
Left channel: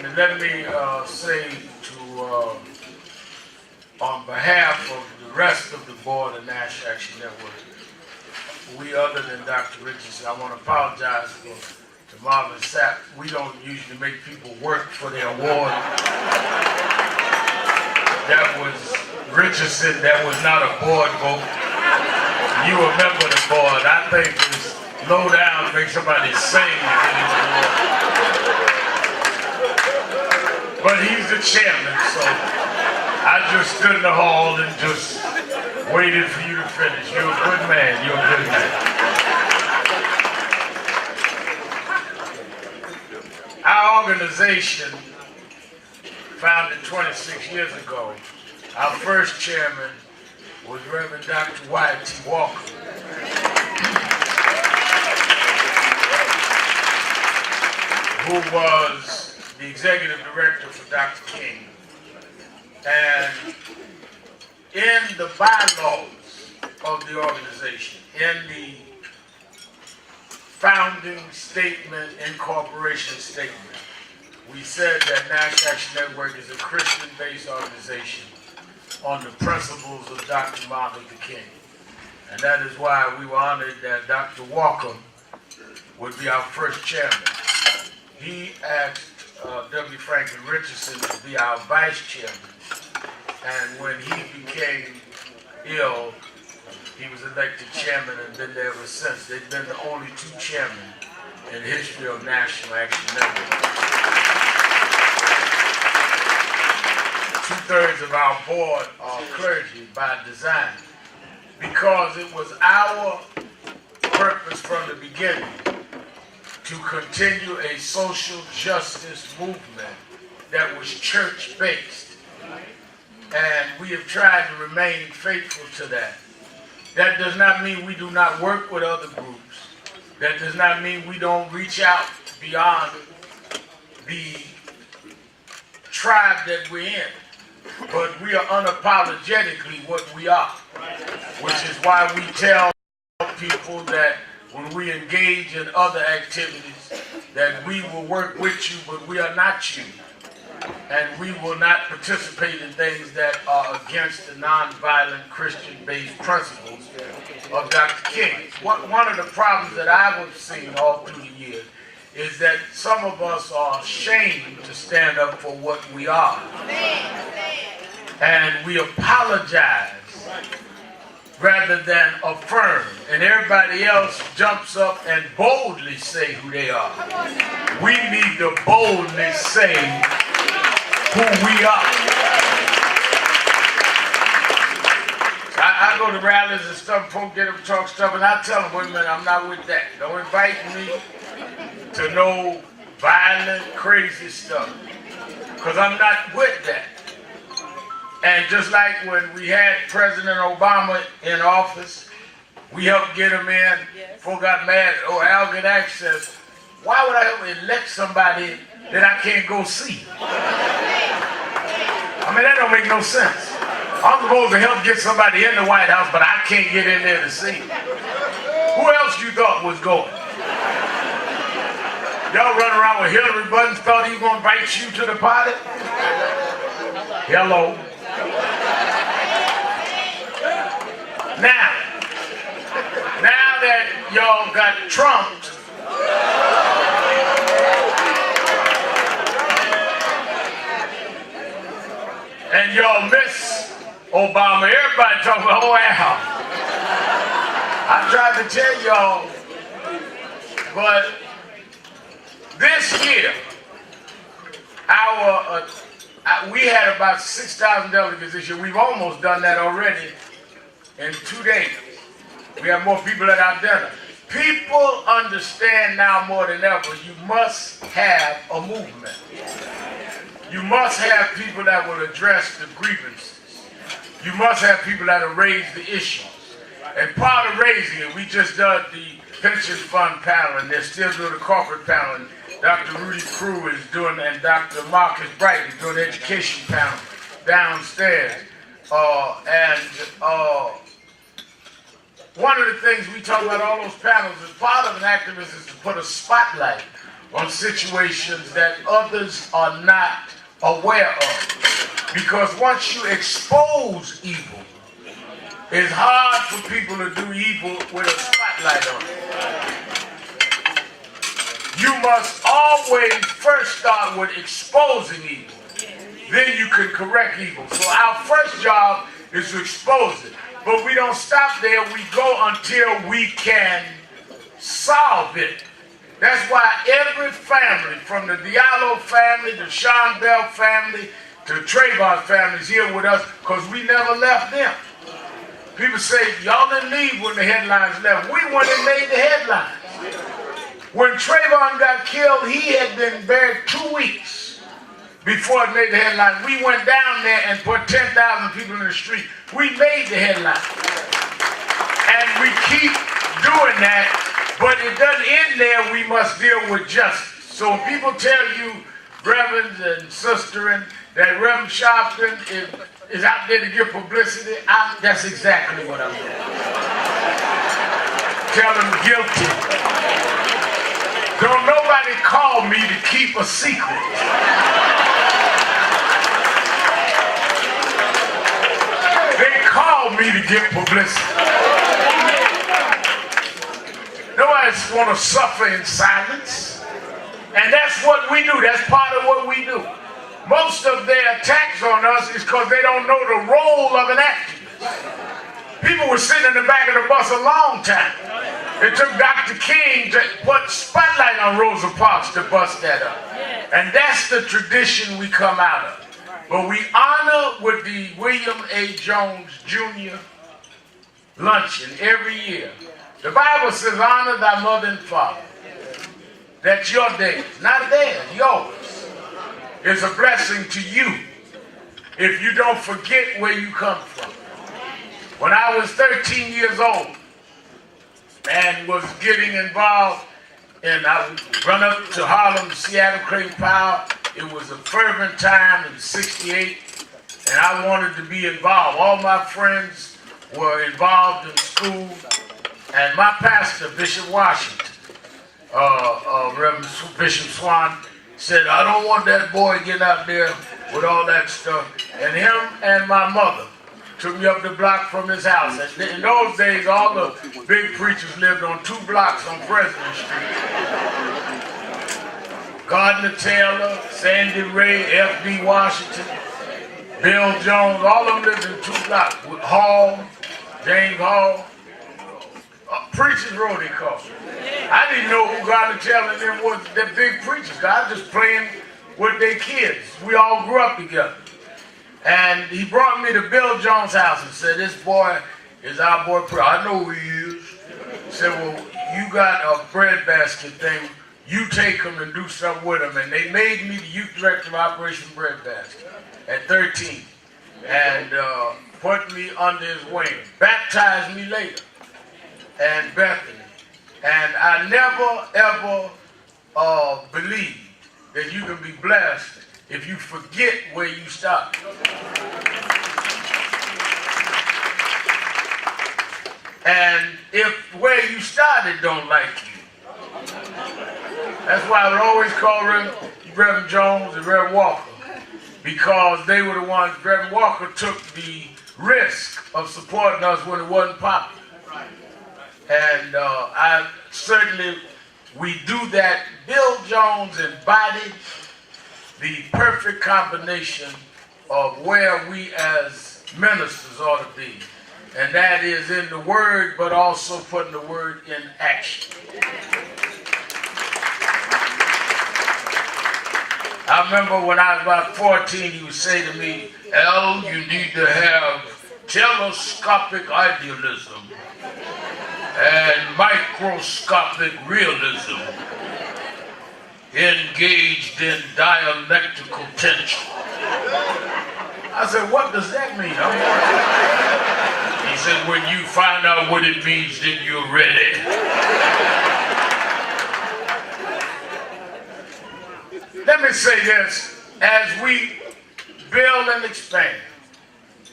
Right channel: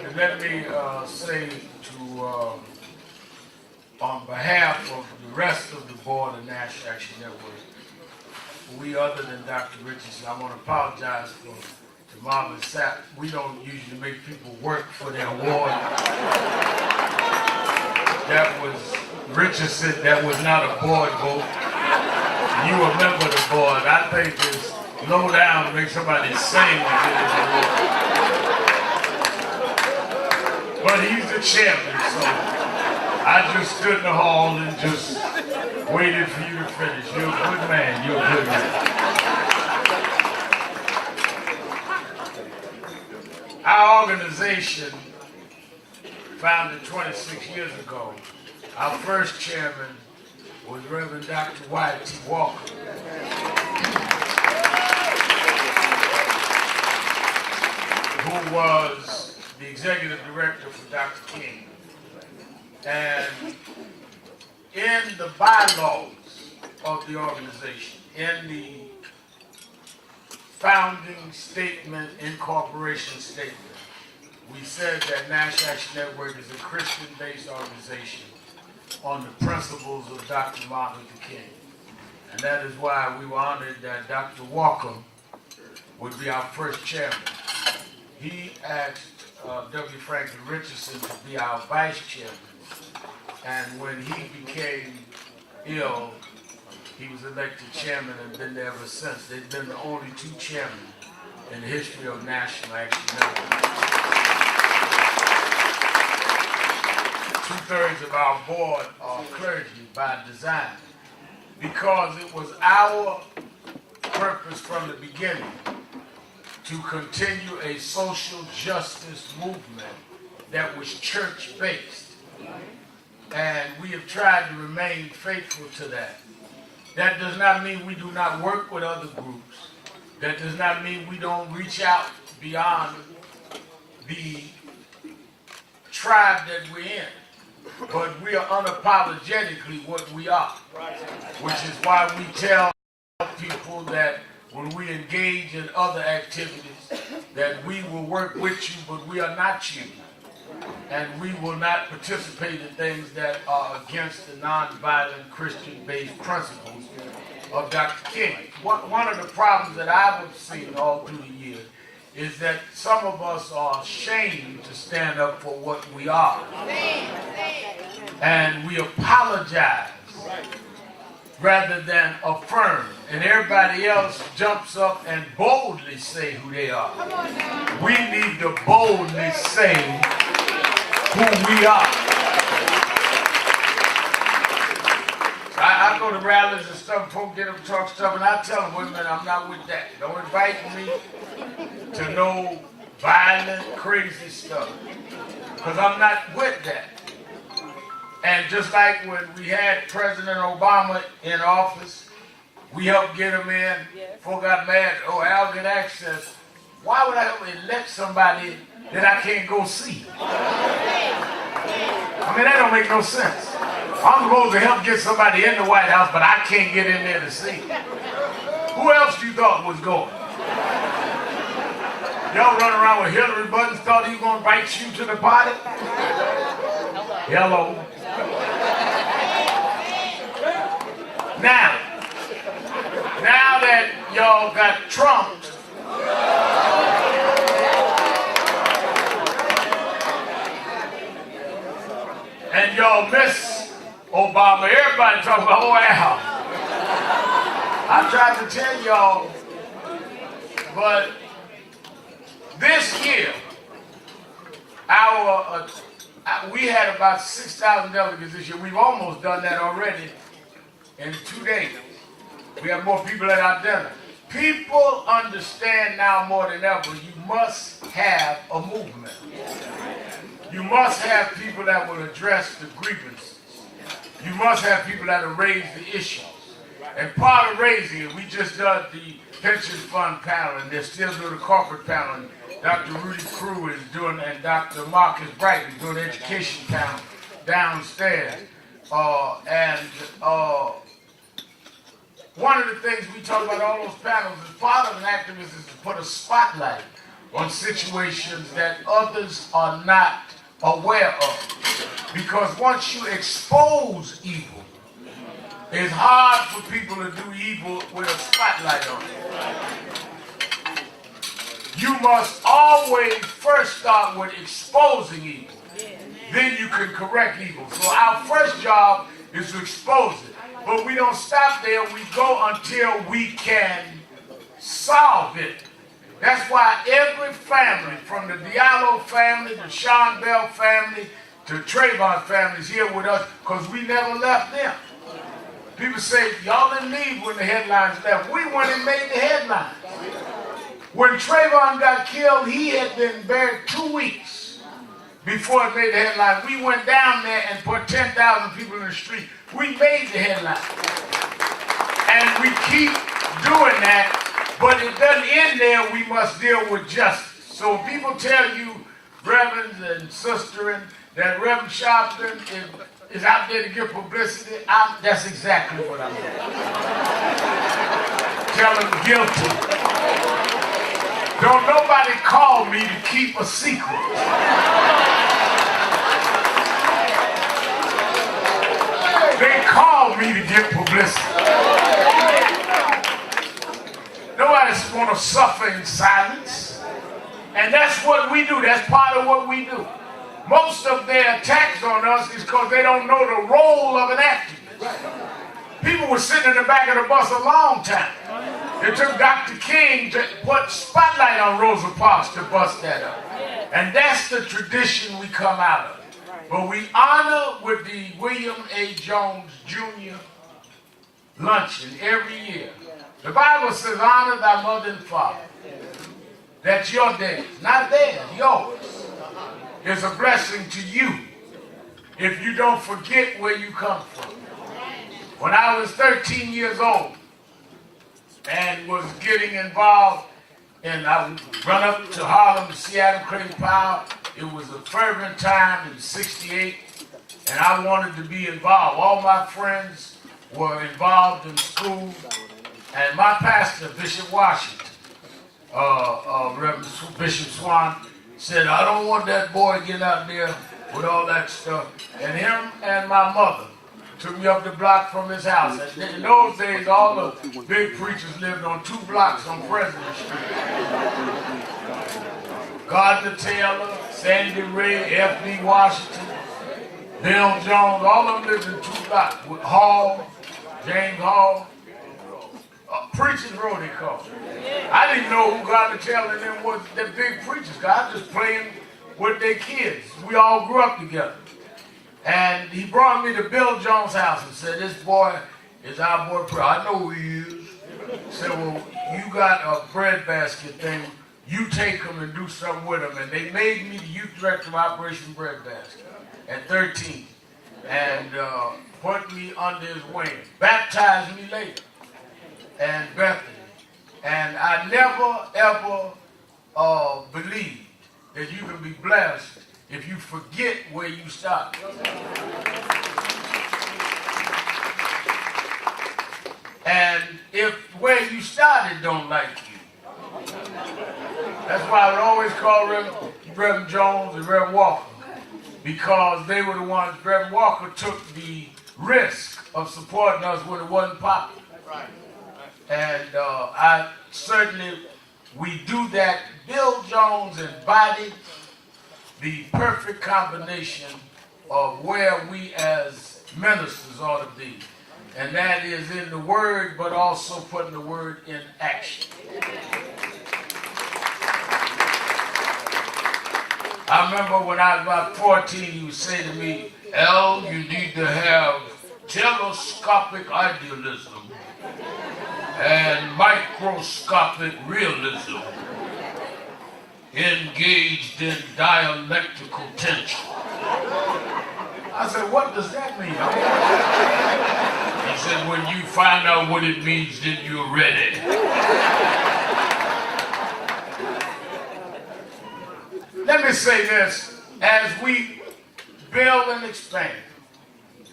And let me say to, on behalf of the rest of the board of National Action Network, we, other than Dr. Richardson, I want to apologize to Marvin Sapp. We don't usually make people work for their award. That was Richardson, that was not a board vote. You a member of the board. I think it's low down to make somebody sing to get his award. But he's the chairman, so I just stood in the hall and just Waited for you to finish. You're a good man. You're a good man. Our organization, founded 26 years ago, our first chairman was Reverend Dr. Wyatt T. Walker. Who was the executive director for Dr. King. And in the bylaws of the organization, in the founding statement, incorporation statement, we said that National Action Network is a Christian-based organization on the principles of Dr. Martin Luther King. And that is why we were honored that Dr. Walker would be our first chairman. He asked W. Franklin Richardson to be our vice chairman. And when he became ill, he was elected chairman and been there ever since. They've been the only two chairmen in the history of National Action Network. 2/3 of our board are clergy by design, because it was our purpose from the beginning to continue a social justice movement that was church-based. And we have tried to remain faithful to that. That does not mean we do not work with other groups. That does not mean we don't reach out beyond the tribe that we're in. But we are unapologetically what we are. Which is why we tell people that when we engage in other activities, that we will work with you, but we are not you. And we will not participate in things that are against the nonviolent Christian-based principles of Dr. King. One of the problems that I've seen all through the years is that some of us are ashamed to stand up for what we are. And we apologize rather than affirm. And everybody else jumps up and boldly say who they are. We need to boldly say who we are. I go to rallies and stuff, folks get up and talk stuff, and I tell them, wait a minute, I'm not with that. Don't invite me to no violent, crazy stuff, because I'm not with that. And just like when we had President Obama in office, we helped get him in. Folk got mad, oh, Al get access. Why would I elect somebody that I can't go see? I mean, that don't make no sense. I'm supposed to help get somebody in the White House, but I can't get in there to see. Who else you thought was going? Y'all run around with Hillary buttons, thought he was going to invite you to the party? Hello. Now that y'all got trumped, and y'all miss Obama, everybody talking about, oh, Al. I tried to tell y'all, but this year, we had about 6,000 delegates this year. We've almost done that already in 2 days. We have more people at our dinner. People understand now more than ever, you must have a movement. You must have people that will address the grievances. You must have people that will raise the issues. And part of raising it, we just did the pension fund panel, and they're still doing the corporate panel. And Dr. Rudy Crew is doing, and Dr. Marcus Bright is doing the education panel downstairs. One of the things we talk about all those panels is part of an activist is to put a spotlight on situations that others are not aware of. Because once you expose evil, it's hard for people to do evil with a spotlight on it. You must always first start with exposing evil. Then you can correct evil. So our first job is to expose it. But we don't stop there. We go until we can solve it. That's why every family, from the Diallo family, the Sean Bell family, to Trayvon family is here with us, because we never left them. People say, y'all didn't leave when the headlines left. We went and made the headlines. When Trayvon got killed, he had been buried 2 weeks before it made the headlines. We went down there and put 10,000 people in the street. We made the headlines. And we keep doing that, but it doesn't end there. We must deal with justice. So when people tell you, Reverend and Sister, and that Reverend Sharpton is out there to get publicity, that's exactly what I'm doing. Tell them guilty. Don't nobody call me to keep a secret. They call me to get publicity. Nobody's going to suffer in silence. And that's what we do. That's part of what we do. Most of their attacks on us is because they don't know the role of an activist. People were sitting in the back of the bus a long time. It took Dr. King to put spotlight on Rosa Parks to bust that up. And that's the tradition we come out of. But we honor with the William A. Jones Jr. luncheon every year. The Bible says, honor thy mother and father. That's your day, not theirs, yours. It's a blessing to you if you don't forget where you come from. When I was 13 years old and was getting involved, and I would run up to Harlem to see Adam Clayton Powell. It was a fervent time in '68, and I wanted to be involved. All my friends were involved in school, and my pastor, Bishop Washington, Reverend Bishop Swan, said, I don't want that boy getting out there with all that stuff. And him and my mother took me up the block from his house. And in those days, all the big preachers lived on 2 blocks on President Street. Gardner Taylor, Sandy Ray, F.B. Washington, Bill Jones, all of them lived in 2 blocks. With Hall, James Hall. Preachers Row, they called it. I didn't know who Gardner Taylor and them was, the big preachers. I was just playing with their kids. We all grew up together. And he brought me to Bill Jones' house and said, this boy is our boy. I know who he is. He said, well, you got a breadbasket thing. You take him and do something with him. And they made me the youth director of Operation Breadbasket at 13. And put me under his wing. Baptized me later. And Bethany. And I never, ever believed that you can be blessed if you forget where you started. And if where you started don't like you. That's why I would always call Reverend Jones and Reverend Walker, because they were the ones. Reverend Walker took the risk of supporting us when it wasn't popular. And we do that. Bill Jones embodied the perfect combination of where we as ministers ought to be. And that is in the word, but also putting the word in action. I remember when I was about 14, he would say to me, Al, you need to have telescopic idealism and microscopic realism engaged in dialectical tension. I said, what does that mean? He said, when you find out what it means, then you're ready. Let me say this, as we build and expand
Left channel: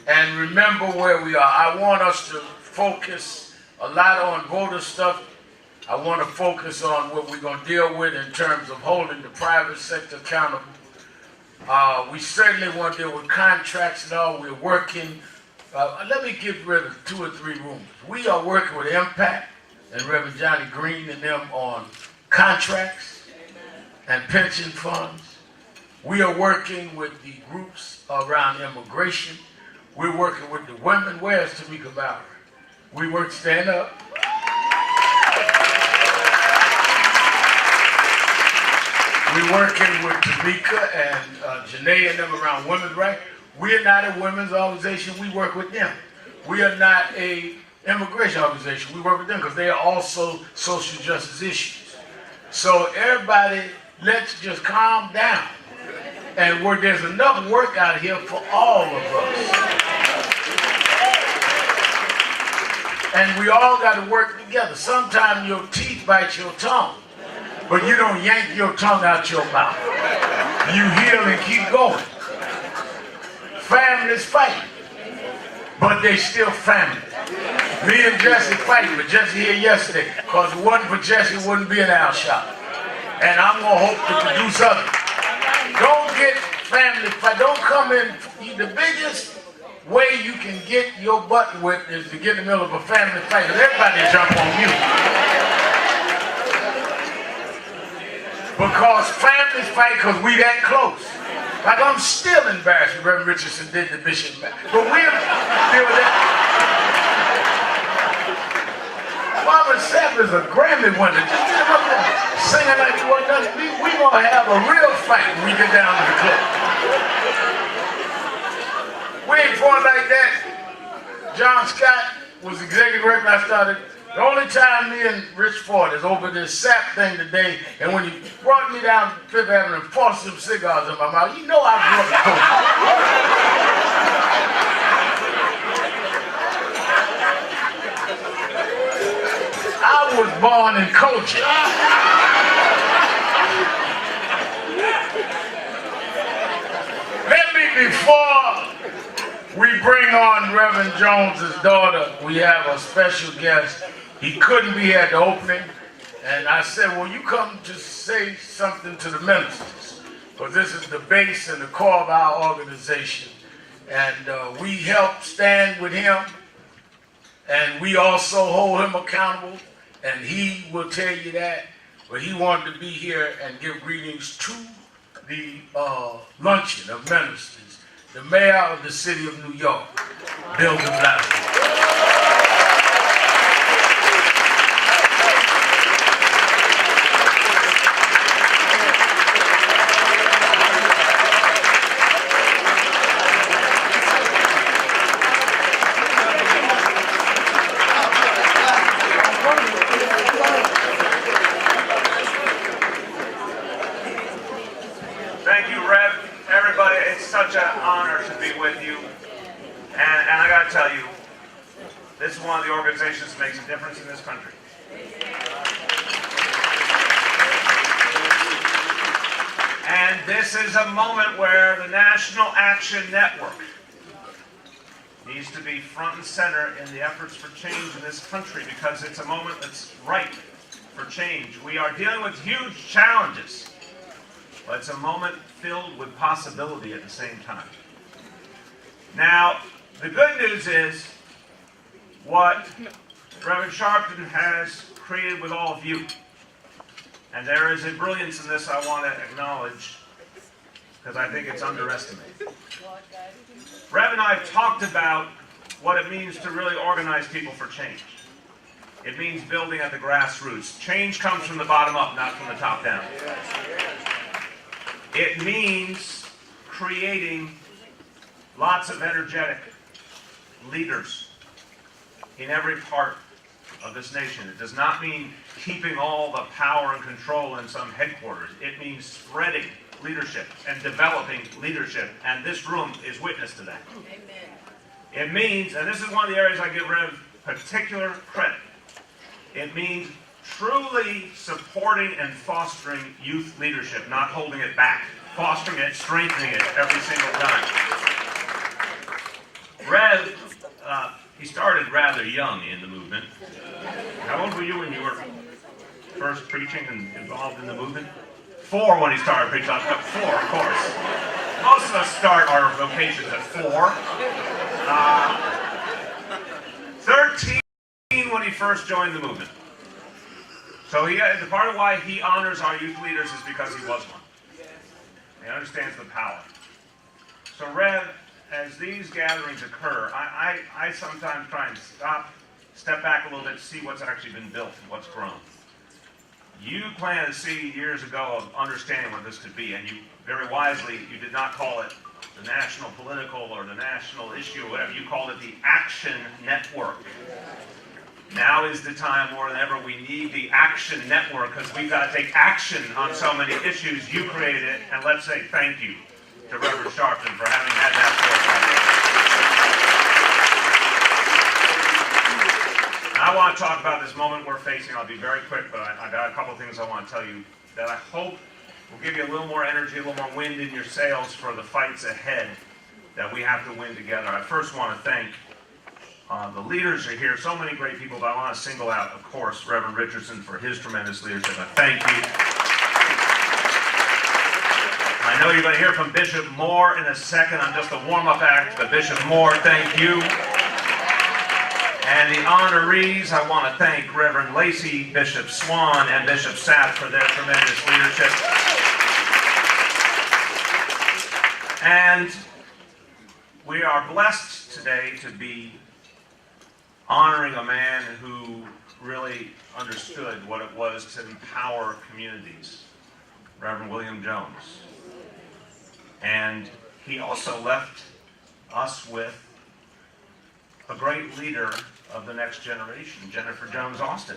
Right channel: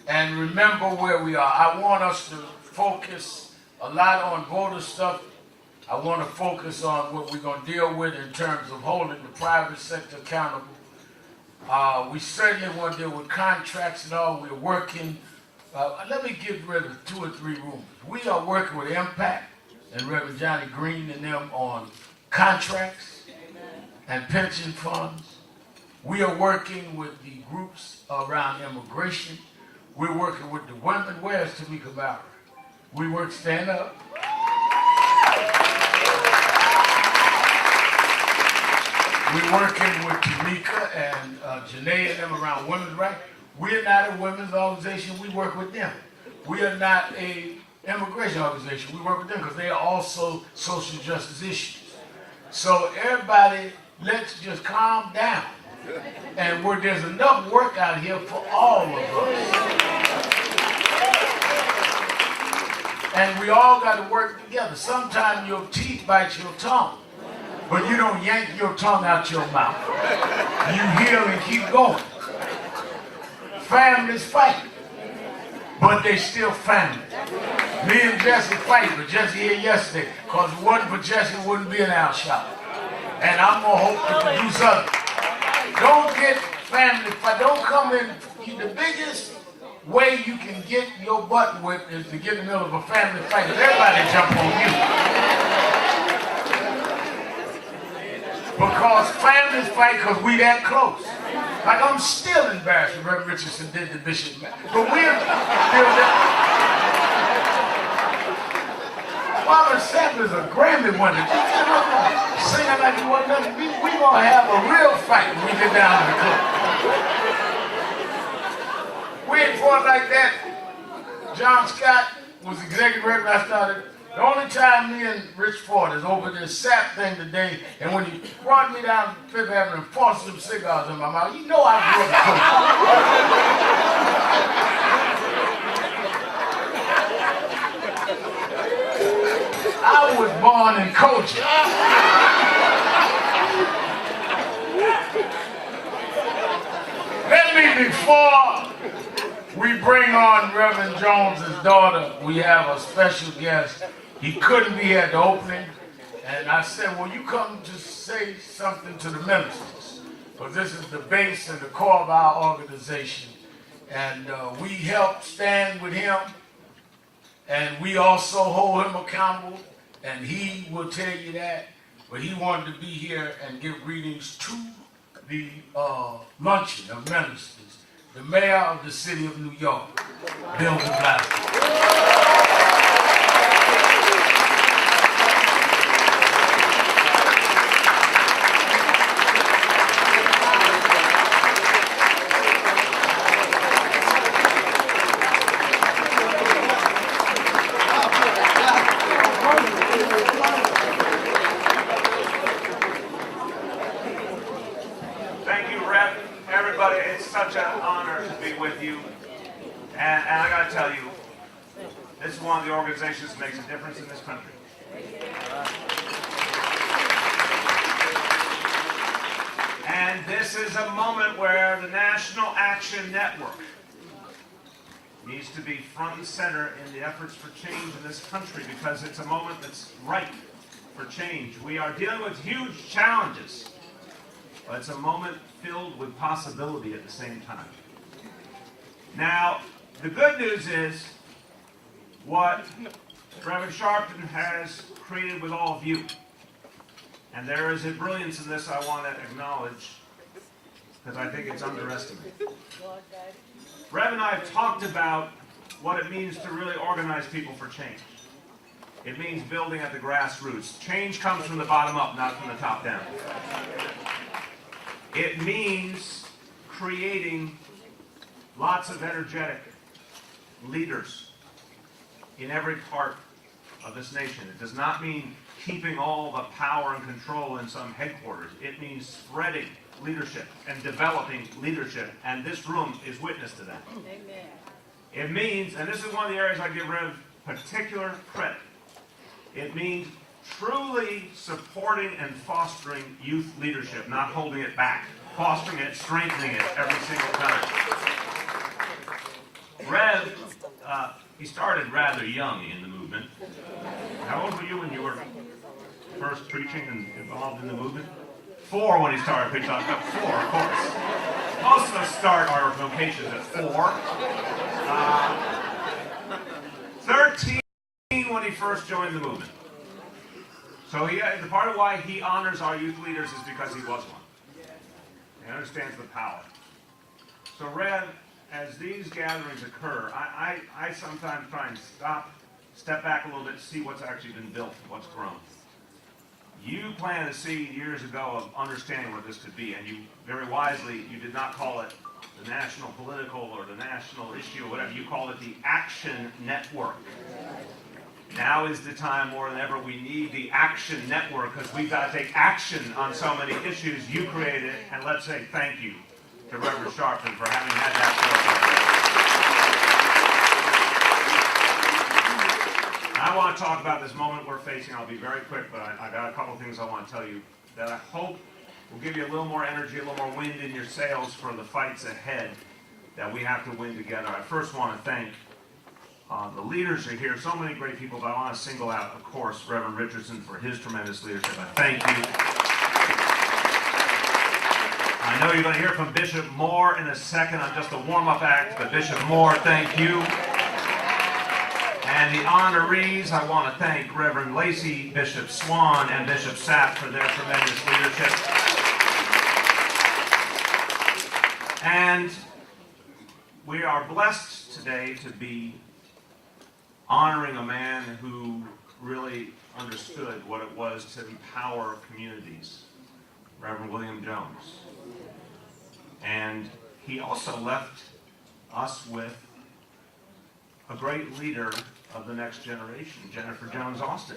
and remember where we are, I want us to focus a lot on voter stuff. I want to focus on what we're going to deal with in terms of holding the private sector accountable. We certainly want to deal with contracts and all. We're working. Let me give Reverend 2 or 3 rumors. We are working with Impact and Reverend Johnny Green and them on contracts and pension funds. We are working with the groups around immigration. We're working with the women. Where's Tamika Bauer? We work, stand up. We're working with Tamika and Janae and them around women's rights. We're not a women's organization. We work with them. We are not a immigration organization. We work with them because they are also social justice issues. So everybody, let's just calm down. And where there's enough work out here for all of us. And we all got to work together. Sometimes your teeth bite your tongue, but you don't yank your tongue out your mouth. You heal and keep going. Families fight, but they still family. Me and Jesse fighting, but Jesse here yesterday, because if it wasn't for Jesse, it wouldn't be an Al shop. And I'm going to hope to produce others. Don't get family fight. Don't come in. The biggest way you can get your butt whipped is to get in the middle of a family fight, because everybody jump on you. Because families fight because we that close. Like I'm still embarrassed when Reverend Richardson did the bishop back. But we're still there. Mama Sapp is a Grammy winner. Singing like you want nothing. We gonna have a real fight when we get down to the club. We ain't fought like that. John Scott was executive director when I started. The only time me and Rich Ford is over this SAP thing today, and when he brought me down Fifth Avenue and forced some cigars in my mouth, you know I grew up in Coaching. I was born in Coaching. Let me, before we bring on Reverend Jones's daughter, we have a special guest. He couldn't be at the opening, and I said, well, you come to say something to the ministers, because this is the base and the core of our organization. And we help stand with him, and we also hold him accountable, and he will tell you that. But he wanted to be here and give greetings to the luncheon of ministers, the mayor of the city of New York, Bill de Blasio. Such an honor to be with you, and I got to tell you, this is one of the organizations that makes a difference in this country. And this is a moment where the National Action Network needs to be front and center in the efforts for change in this country, because it's a moment that's ripe for change. We are dealing with huge challenges, but it's a moment filled with possibility at the same time. Now, the good news is what Reverend Sharpton has created with all of you. And there is a brilliance in this I want to acknowledge, because I think it's underestimated. Rev and I have talked about what it means to really organize people for change. It means building at the grassroots. Change comes from the bottom up, not from the top down. It means creating lots of energetic leaders in every part of this nation. It does not mean keeping all the power and control in some headquarters. It means spreading leadership and developing leadership, and this room is witness to that. Amen. It means, and this is one of the areas I give Rev particular credit, it means truly supporting and fostering youth leadership, not holding it back, fostering it, strengthening it every single time. Rev, he started rather young in the movement. How old were you when you were first preaching and involved in the movement? 4 when he started preaching. 4, of course. Most of us start our vocations at 4. 13 when he first joined the movement. So the part of why he honors our youth leaders is because he was one. He understands the power. So Rev, as these gatherings occur, I sometimes try and step back a little bit to see what's actually been built and what's grown. You planted a seed years ago of understanding what this could be, and you very wisely, you did not call it the national political or the national issue, or whatever you call it, the Action Network. Now is the time more than ever we need the Action Network, because we've got to take action on so many issues. You created it, and let's say thank you to Reverend Sharpton for having had that foresight. I want to talk about this moment we're facing. I'll be very quick, but I got a couple things I want to tell you that I hope will give you a little more energy, a little more wind in your sails for the fights ahead that we have to win together. I first want to thank the leaders are here, so many great people, but I want to single out, of course, Reverend Richardson for his tremendous leadership. I thank you. I know you're going to hear from Bishop Moore in a second. I'm just a warm-up act, but Bishop Moore, thank you. And the honorees, I want to thank Reverend Lacey, Bishop Swan, and Bishop Sapp for their tremendous leadership. And we are blessed today to be honoring a man who really understood what it was to empower communities, Reverend William Jones. And he also left us with a great leader of the next generation, Jennifer Jones Austin.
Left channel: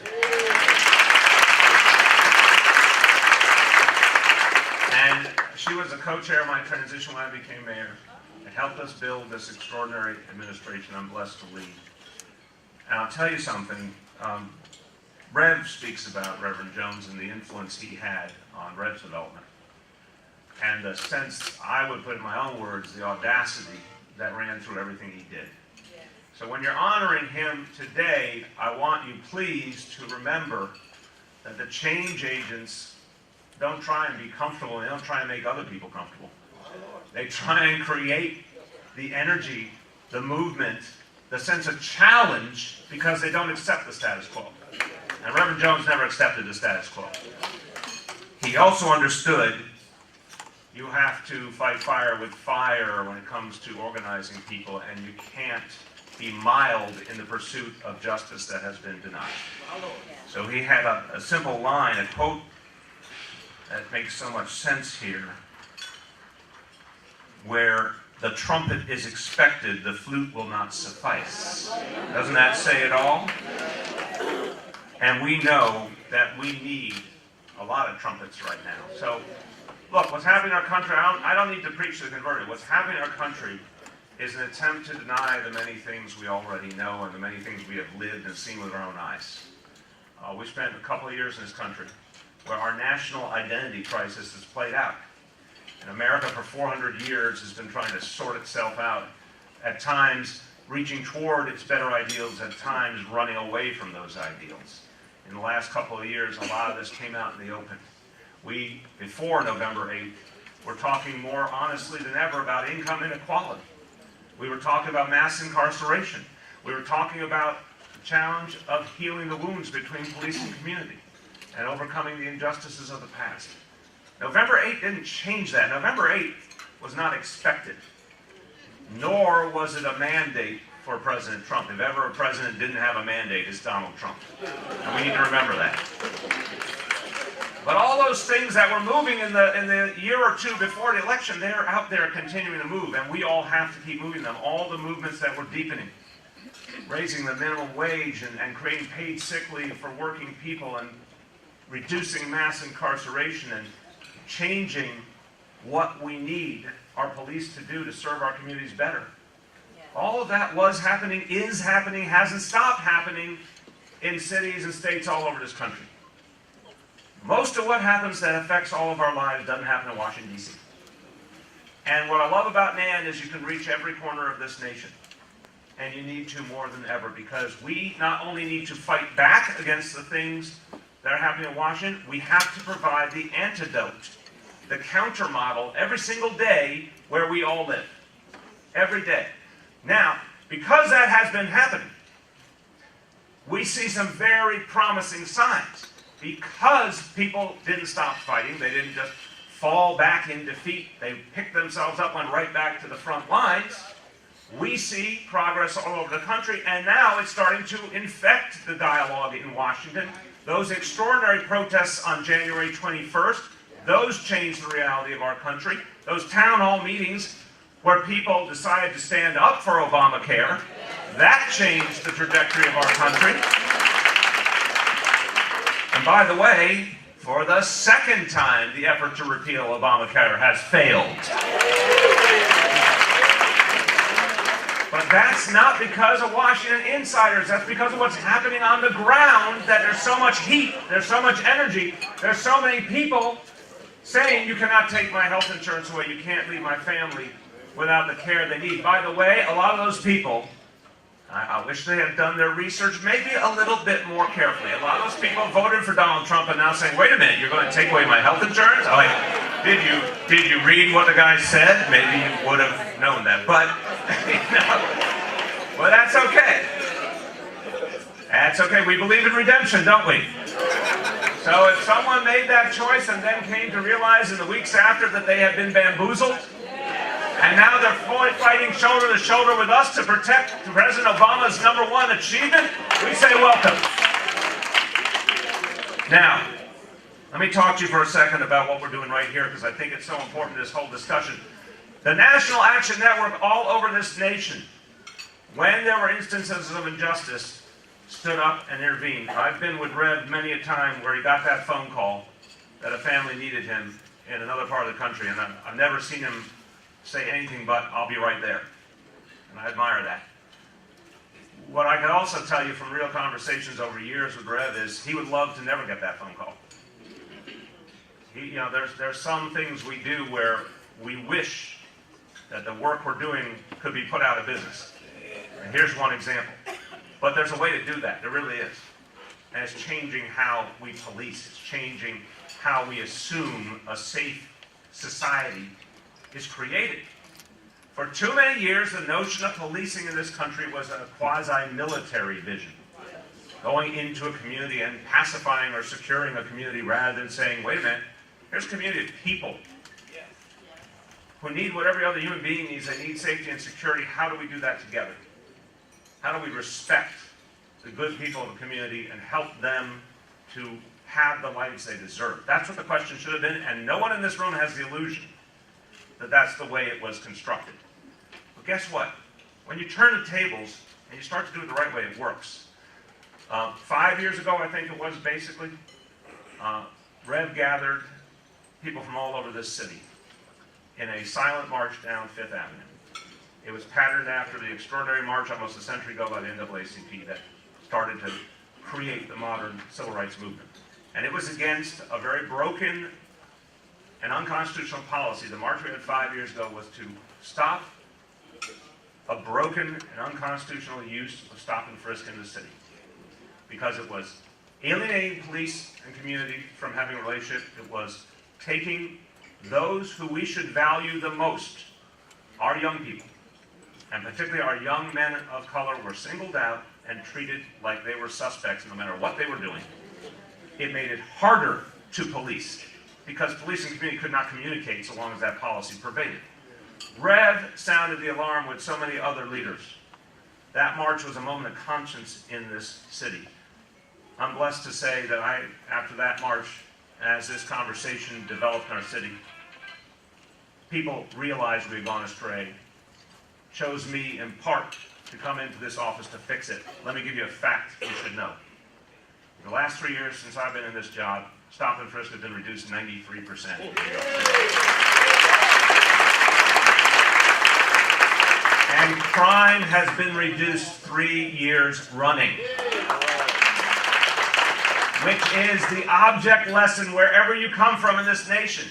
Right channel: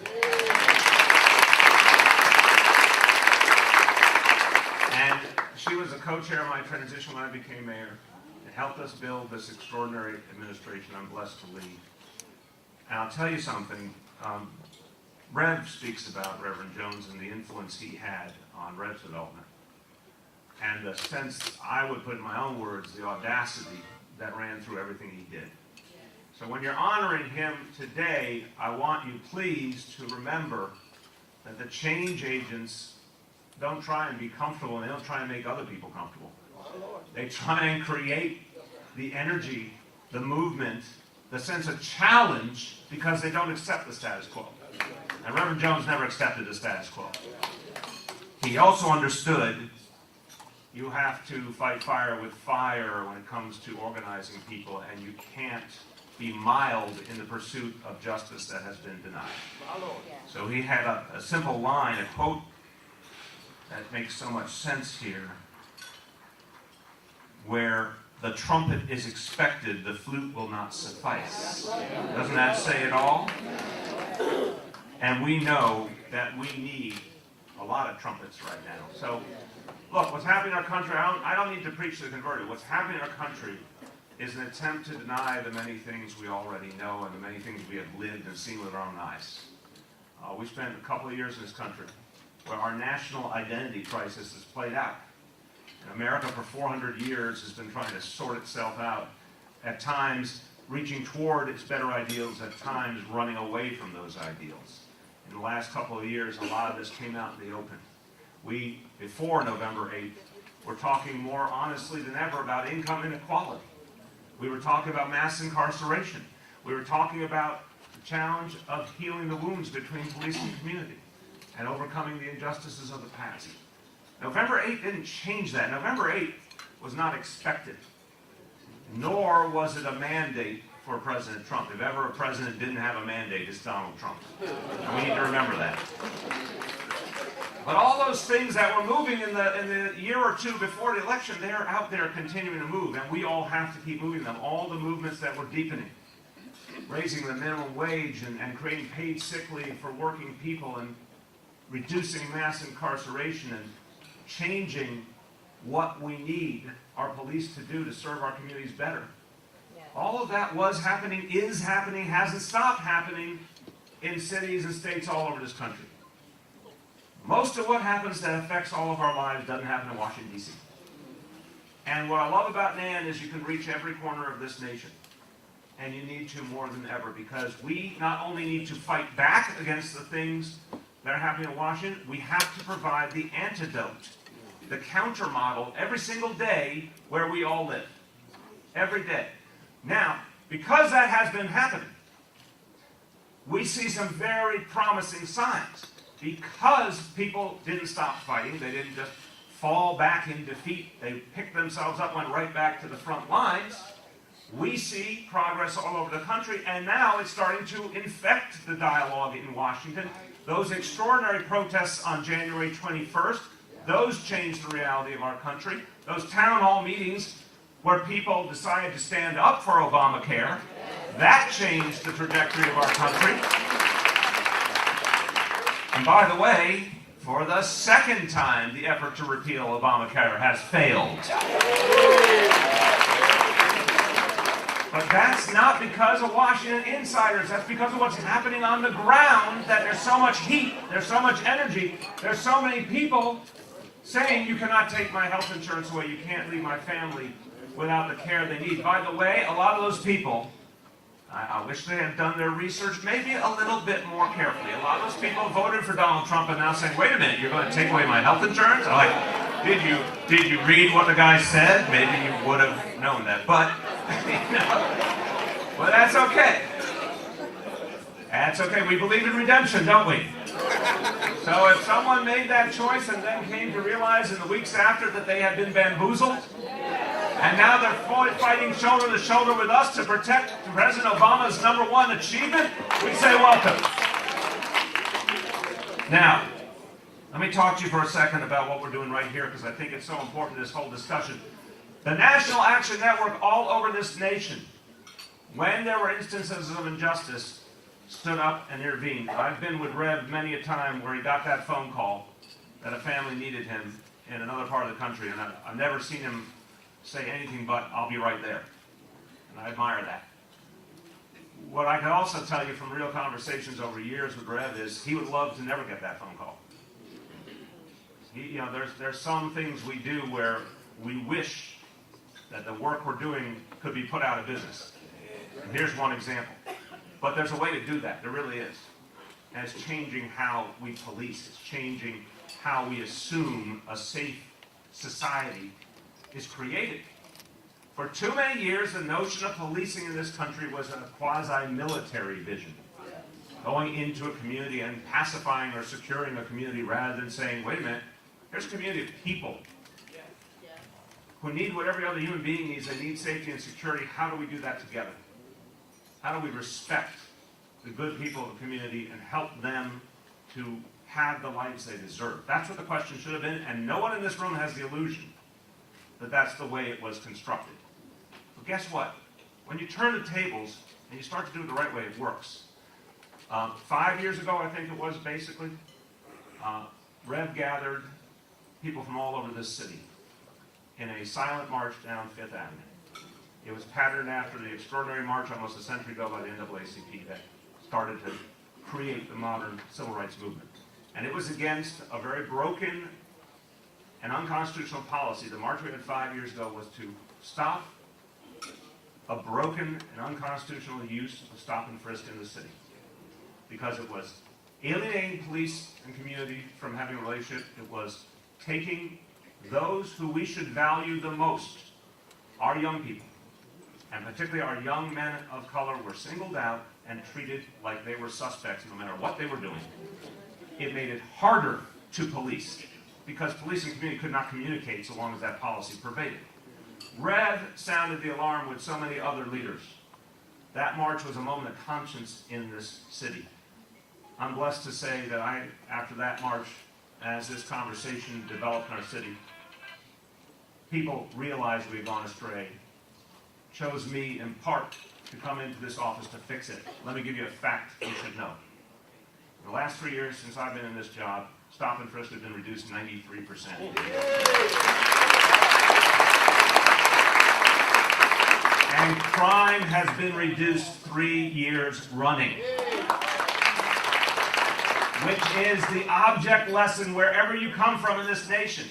And she was a co-chair of my transition when I became mayor and helped us build this extraordinary administration I'm blessed to lead. And I'll tell you something, Rev speaks about Reverend Jones and the influence he had on Rev's development. And the sense, I would put in my own words, the audacity that ran through everything he did. So when you're honoring him today, I want you please to remember that the change agents don't try and be comfortable, they don't try and make other people comfortable. They try and create the energy, the movement, the sense of challenge, because they don't accept the status quo. And Reverend Jones never accepted the status quo. He also understood you have to fight fire with fire when it comes to organizing people, and you can't be mild in the pursuit of justice that has been denied. So he had a simple line, a quote that makes so much sense here, where the trumpet is expected, the flute will not suffice. Doesn't that say it all? And we know that we need a lot of trumpets right now. So, look, what's happening in our country, I don't need to preach to the converted. What's happening in our country is an attempt to deny the many things we already know and the many things we have lived and seen with our own eyes. We spent a couple of years in this country where our national identity crisis has played out. And America for 400 years has been trying to sort itself out, at times reaching toward its better ideals, at times running away from those ideals. In the last couple of years, a lot of this came out in the open. We, before November 8th, were talking more honestly than ever about income inequality. We were talking about mass incarceration. We were talking about the challenge of healing the wounds between police and community and overcoming the injustices of the past. November 8th didn't change that. November 8th was not expected, nor was it a mandate for President Trump. If ever a president didn't have a mandate, it's Donald Trump. And we need to remember that. But all those things that were moving in the year or two before the election, they're out there continuing to move, and we all have to keep moving them. All the movements that were deepening, raising the minimum wage and creating paid sick leave for working people and reducing mass incarceration and changing what we need our police to do to serve our communities better. All of that was happening, is happening, hasn't stopped happening in cities and states all over this country. Most of what happens that affects all of our lives doesn't happen in Washington, D.C. And what I love about NAN is you can reach every corner of this nation. And you need to more than ever, because we not only need to fight back against the things that are happening in Washington, we have to provide the antidote, the counter model every single day where we all live. Every day. Now, because that has been happening, we see some very promising signs. Because people didn't stop fighting, they didn't just fall back in defeat, they picked themselves up, went right back to the front lines, we see progress all over the country, and now it's starting to infect the dialogue in Washington. Those extraordinary protests on January 21st, those changed the reality of our country. Those town hall meetings where people decided to stand up for Obamacare. That changed the trajectory of our country. And by the way, for the second time, the effort to repeal Obamacare has failed. But that's not because of Washington insiders. That's because of what's happening on the ground, that there's so much heat, there's so much energy, there's so many people saying you cannot take my health insurance away, you can't leave my family without the care they need. By the way, a lot of those people, I wish they had done their research maybe a little bit more carefully. A lot of those people voted for Donald Trump and now saying, wait a minute, you're going to take away my health insurance? I'm like, did you read what the guy said? Maybe you would have known that. But, well, that's okay. That's okay. We believe in redemption, don't we? So if someone made that choice and then came to realize in the weeks after that they had been bamboozled, and now they're fighting shoulder to shoulder with us to protect President Obama's #1 achievement, we say welcome. Now, let me talk to you for a second about what we're doing right here, because I think it's so important to this whole discussion. The National Action Network all over this nation, when there were instances of injustice, stood up and intervened. I've been with Rev many a time where he got that phone call that a family needed him in another part of the country, and I've never seen him say anything but, I'll be right there. And I admire that. What I can also tell you from real conversations over years with Rev is he would love to never get that phone call. There's some things we do where we wish that the work we're doing could be put out of business. And here's one example. But there's a way to do that. There really is. And it's changing how we police. It's changing how we assume a safe society is created. For too many years, the notion of policing in this country was a quasi-military vision. Going into a community and pacifying or securing a community rather than saying, wait a minute, here's a community of people who need what every other human being needs. They need safety and security. How do we do that together? How do we respect the good people of the community and help them to have the lives they deserve? That's what the question should have been, and no one in this room has the illusion that that's the way it was constructed. But guess what? When you turn the tables and you start to do it the right way, it works. 5 years ago, I think it was basically, Rev gathered people from all over this city in a silent march down Fifth Avenue. It was patterned after the extraordinary march almost a century ago by the NAACP that started to create the modern civil rights movement. And it was against a very broken and unconstitutional policy. The march we had 5 years ago was to stop a broken and unconstitutional use of stop and frisk in the city, because it was alienating police and community from having a relationship. It was taking those who we should value the most, our young people, and particularly our young men of color, were singled out and treated like they were suspects no matter what they were doing. It made it harder to police, because police and community could not communicate so long as that policy pervaded. Rev sounded the alarm with so many other leaders. That march was a moment of conscience in this city. I'm blessed to say that after that march, as this conversation developed in our city, people realized we had gone astray, chose me in part to come into this office to fix it. Let me give you a fact you should know. In the last 3 years since I've been in this job, stop and frisk has been reduced 93%. And crime has been reduced 3 years running. Which is the object lesson wherever you come from in this nation.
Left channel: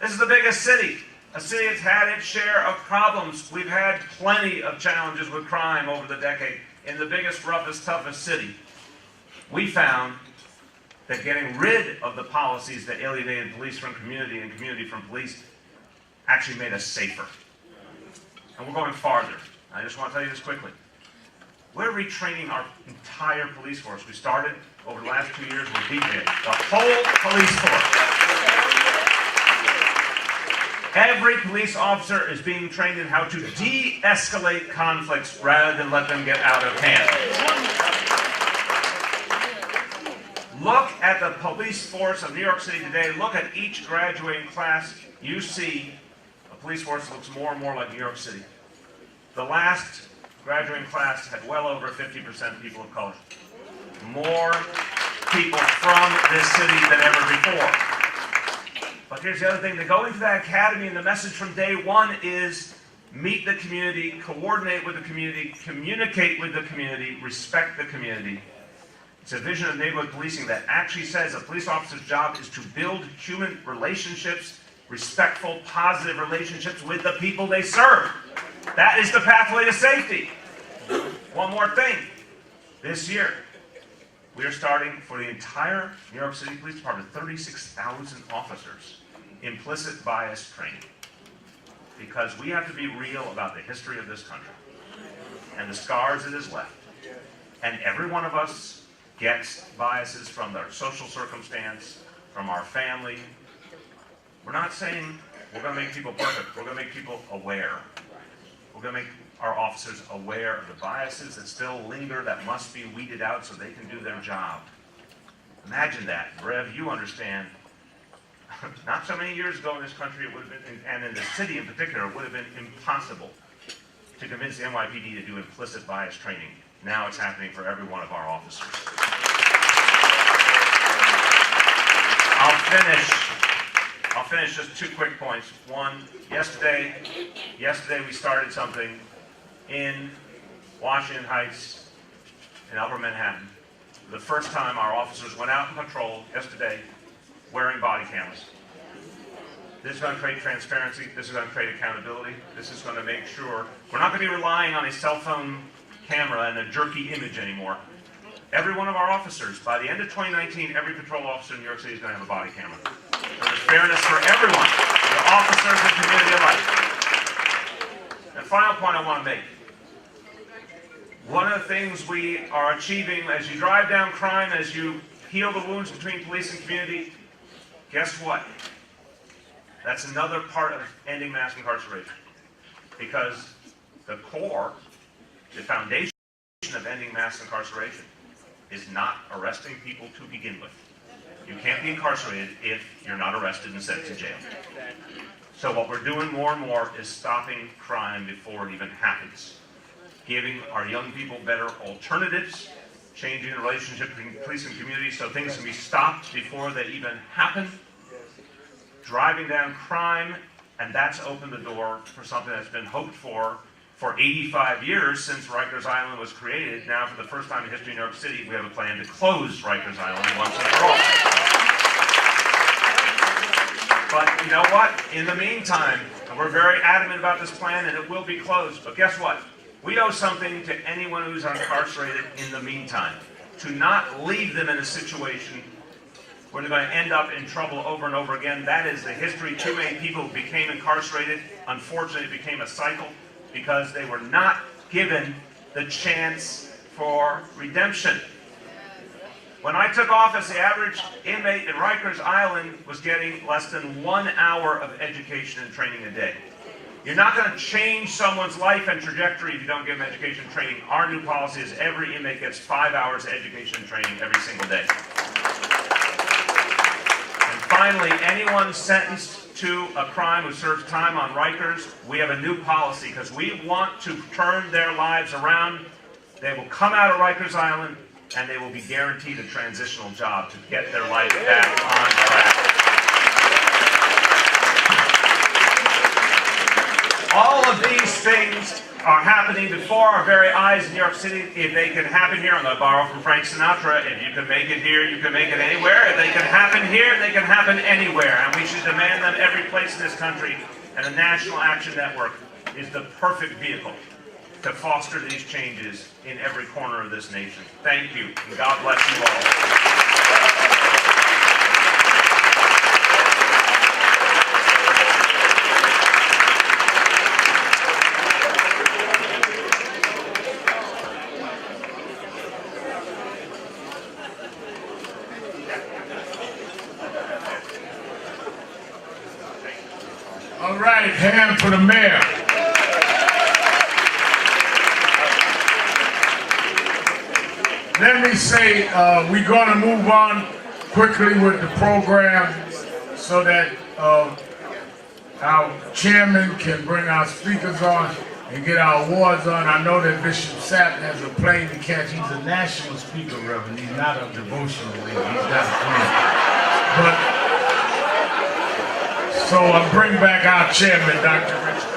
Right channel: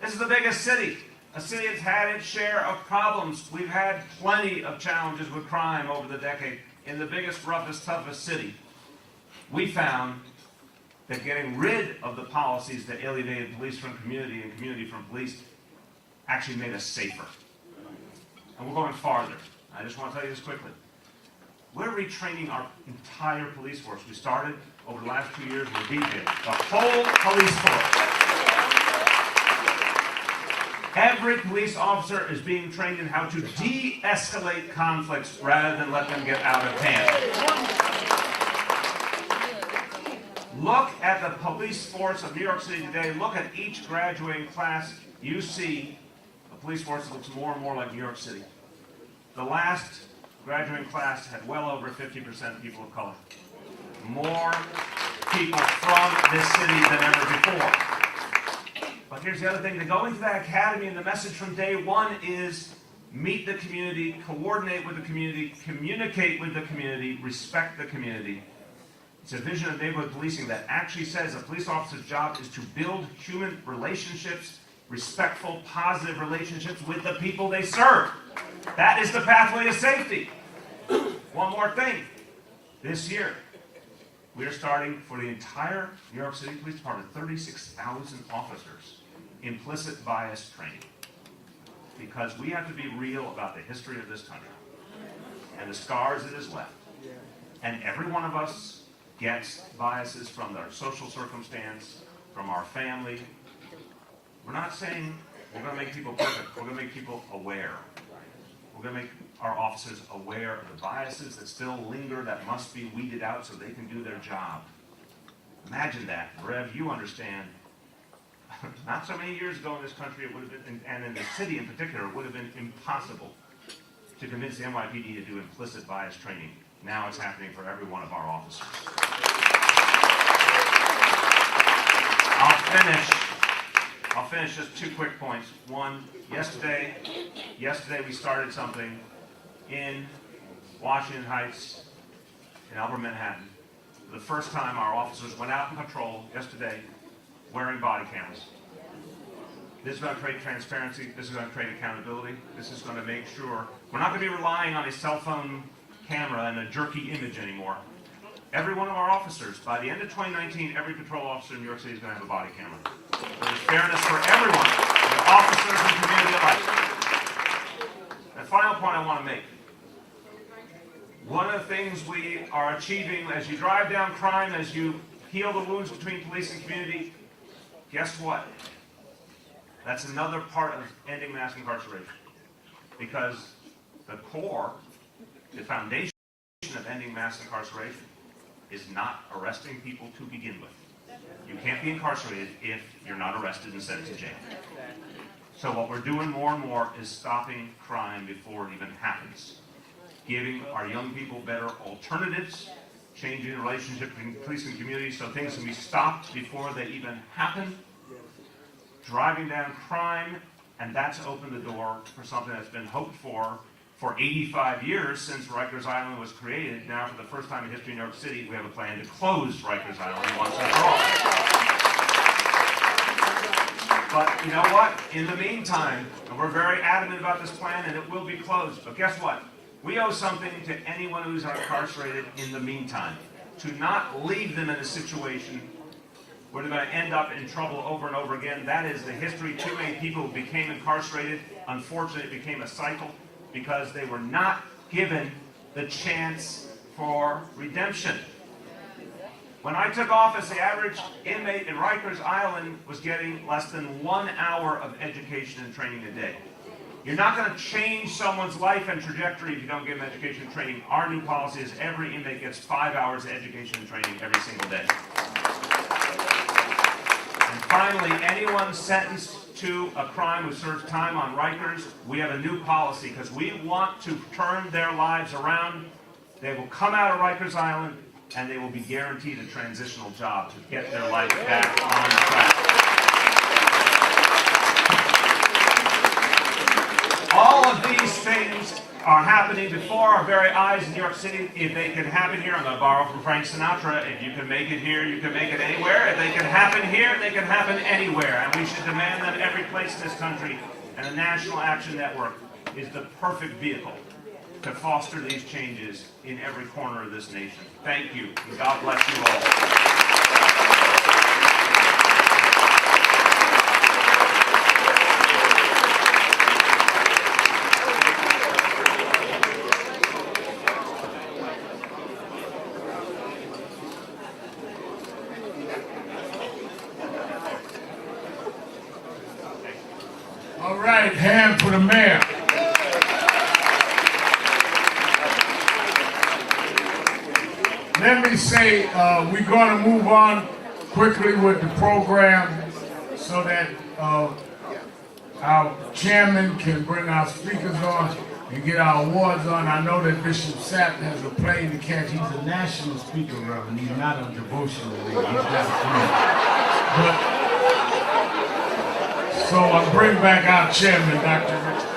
This is the biggest city. A city that's had its share of problems. We've had plenty of challenges with crime over the decade. In the biggest, roughest, toughest city, we found that getting rid of the policies that alienated police from community and community from police actually made us safer. And we're going farther. I just want to tell you this quickly. We're retraining our entire police force. We started over the last 2 years with DJ, the whole police force. Every police officer is being trained in how to de-escalate conflicts rather than let them get out of hand. Look at the police force of New York City today. Look at each graduating class. You see a police force looks more and more like New York City. The last graduating class had well over 50% people of color. More people from this city than ever before. But here's the other thing, to go into that academy, and the message from day one is meet the community, coordinate with the community, communicate with the community, respect the community. It's a vision of neighborhood policing that actually says a police officer's job is to build human relationships, respectful, positive relationships with the people they serve. That is the pathway to safety. One more thing. This year, we are starting for the entire New York City Police Department, 36,000 officers, implicit bias training. Because we have to be real about the history of this country and the scars it has left. And every one of us gets biases from our social circumstance, from our family. We're not saying we're going to make people perfect. We're going to make people aware. We're going to make our officers aware of the biases that still linger, that must be weeded out so they can do their job. Imagine that. Rev, you understand. Not so many years ago in this country, it would have been, and in the city in particular, it would have been impossible to convince the NYPD to do implicit bias training. Now it's happening for every one of our officers. I'll finish just 2 quick points. One, yesterday we started something in Washington Heights, in Upper Manhattan. For the first time, our officers went out on patrol yesterday wearing body cameras. This is going to create transparency. This is going to create accountability. This is going to make sure we're not going to be relying on a cell phone camera and a jerky image anymore. Every one of our officers, by the end of 2019, every patrol officer in New York City is going to have a body camera. There's fairness for everyone, the officers and community alike. And final point I want to make. One of the things we are achieving as you drive down crime, as you heal the wounds between police and community, guess what? That's another part of ending mass incarceration. Because the core, the foundation of ending mass incarceration is not arresting people to begin with. You can't be incarcerated if you're not arrested and sent to jail. So what we're doing more and more is stopping crime before it even happens. Giving our young people better alternatives, changing the relationship between police and community so things can be stopped before they even happen, driving down crime, and that's opened the door for something that's been hoped for 85 years since Rikers Island was created. Now, for the first time in history in New York City, we have a plan to close Rikers Island once and for all. But you know what? In the meantime, and we're very adamant about this plan, and it will be closed, but guess what? We owe something to anyone who's incarcerated in the meantime, to not leave them in a situation where they're going to end up in trouble over and over again. That is the history. Too many people who became incarcerated, unfortunately, it became a cycle because they were not given the chance for redemption. When I took office, the average inmate in Rikers Island was getting less than 1 hour of education and training a day. You're not going to change someone's life and trajectory if you don't give them education and training. Our new policy is every inmate gets 5 hours of education and training every single day. And finally, anyone sentenced to a crime who serves time on Rikers, we have a new policy because we want to turn their lives around. They will come out of Rikers Island and they will be guaranteed a transitional job to get their life back on track. All of these things are happening before our very eyes in New York City. If they can happen here, I'm going to borrow from Frank Sinatra, if you can make it here, you can make it anywhere. If they can happen here, they can happen anywhere. And we should demand them every place in this country. And the National Action Network is the perfect vehicle to foster these changes in every corner of this nation. Thank you, and God bless you all. All right, hand for the mayor. Let me say, we're going to move on quickly with the program so that our chairman can bring our speakers on and get our awards on. I know that Bishop Sapp has a plane to catch. He's a national speaker, Reverend. He's not a devotional leader. He's got a plane. But, so I bring back our chairman, Dr. Richard.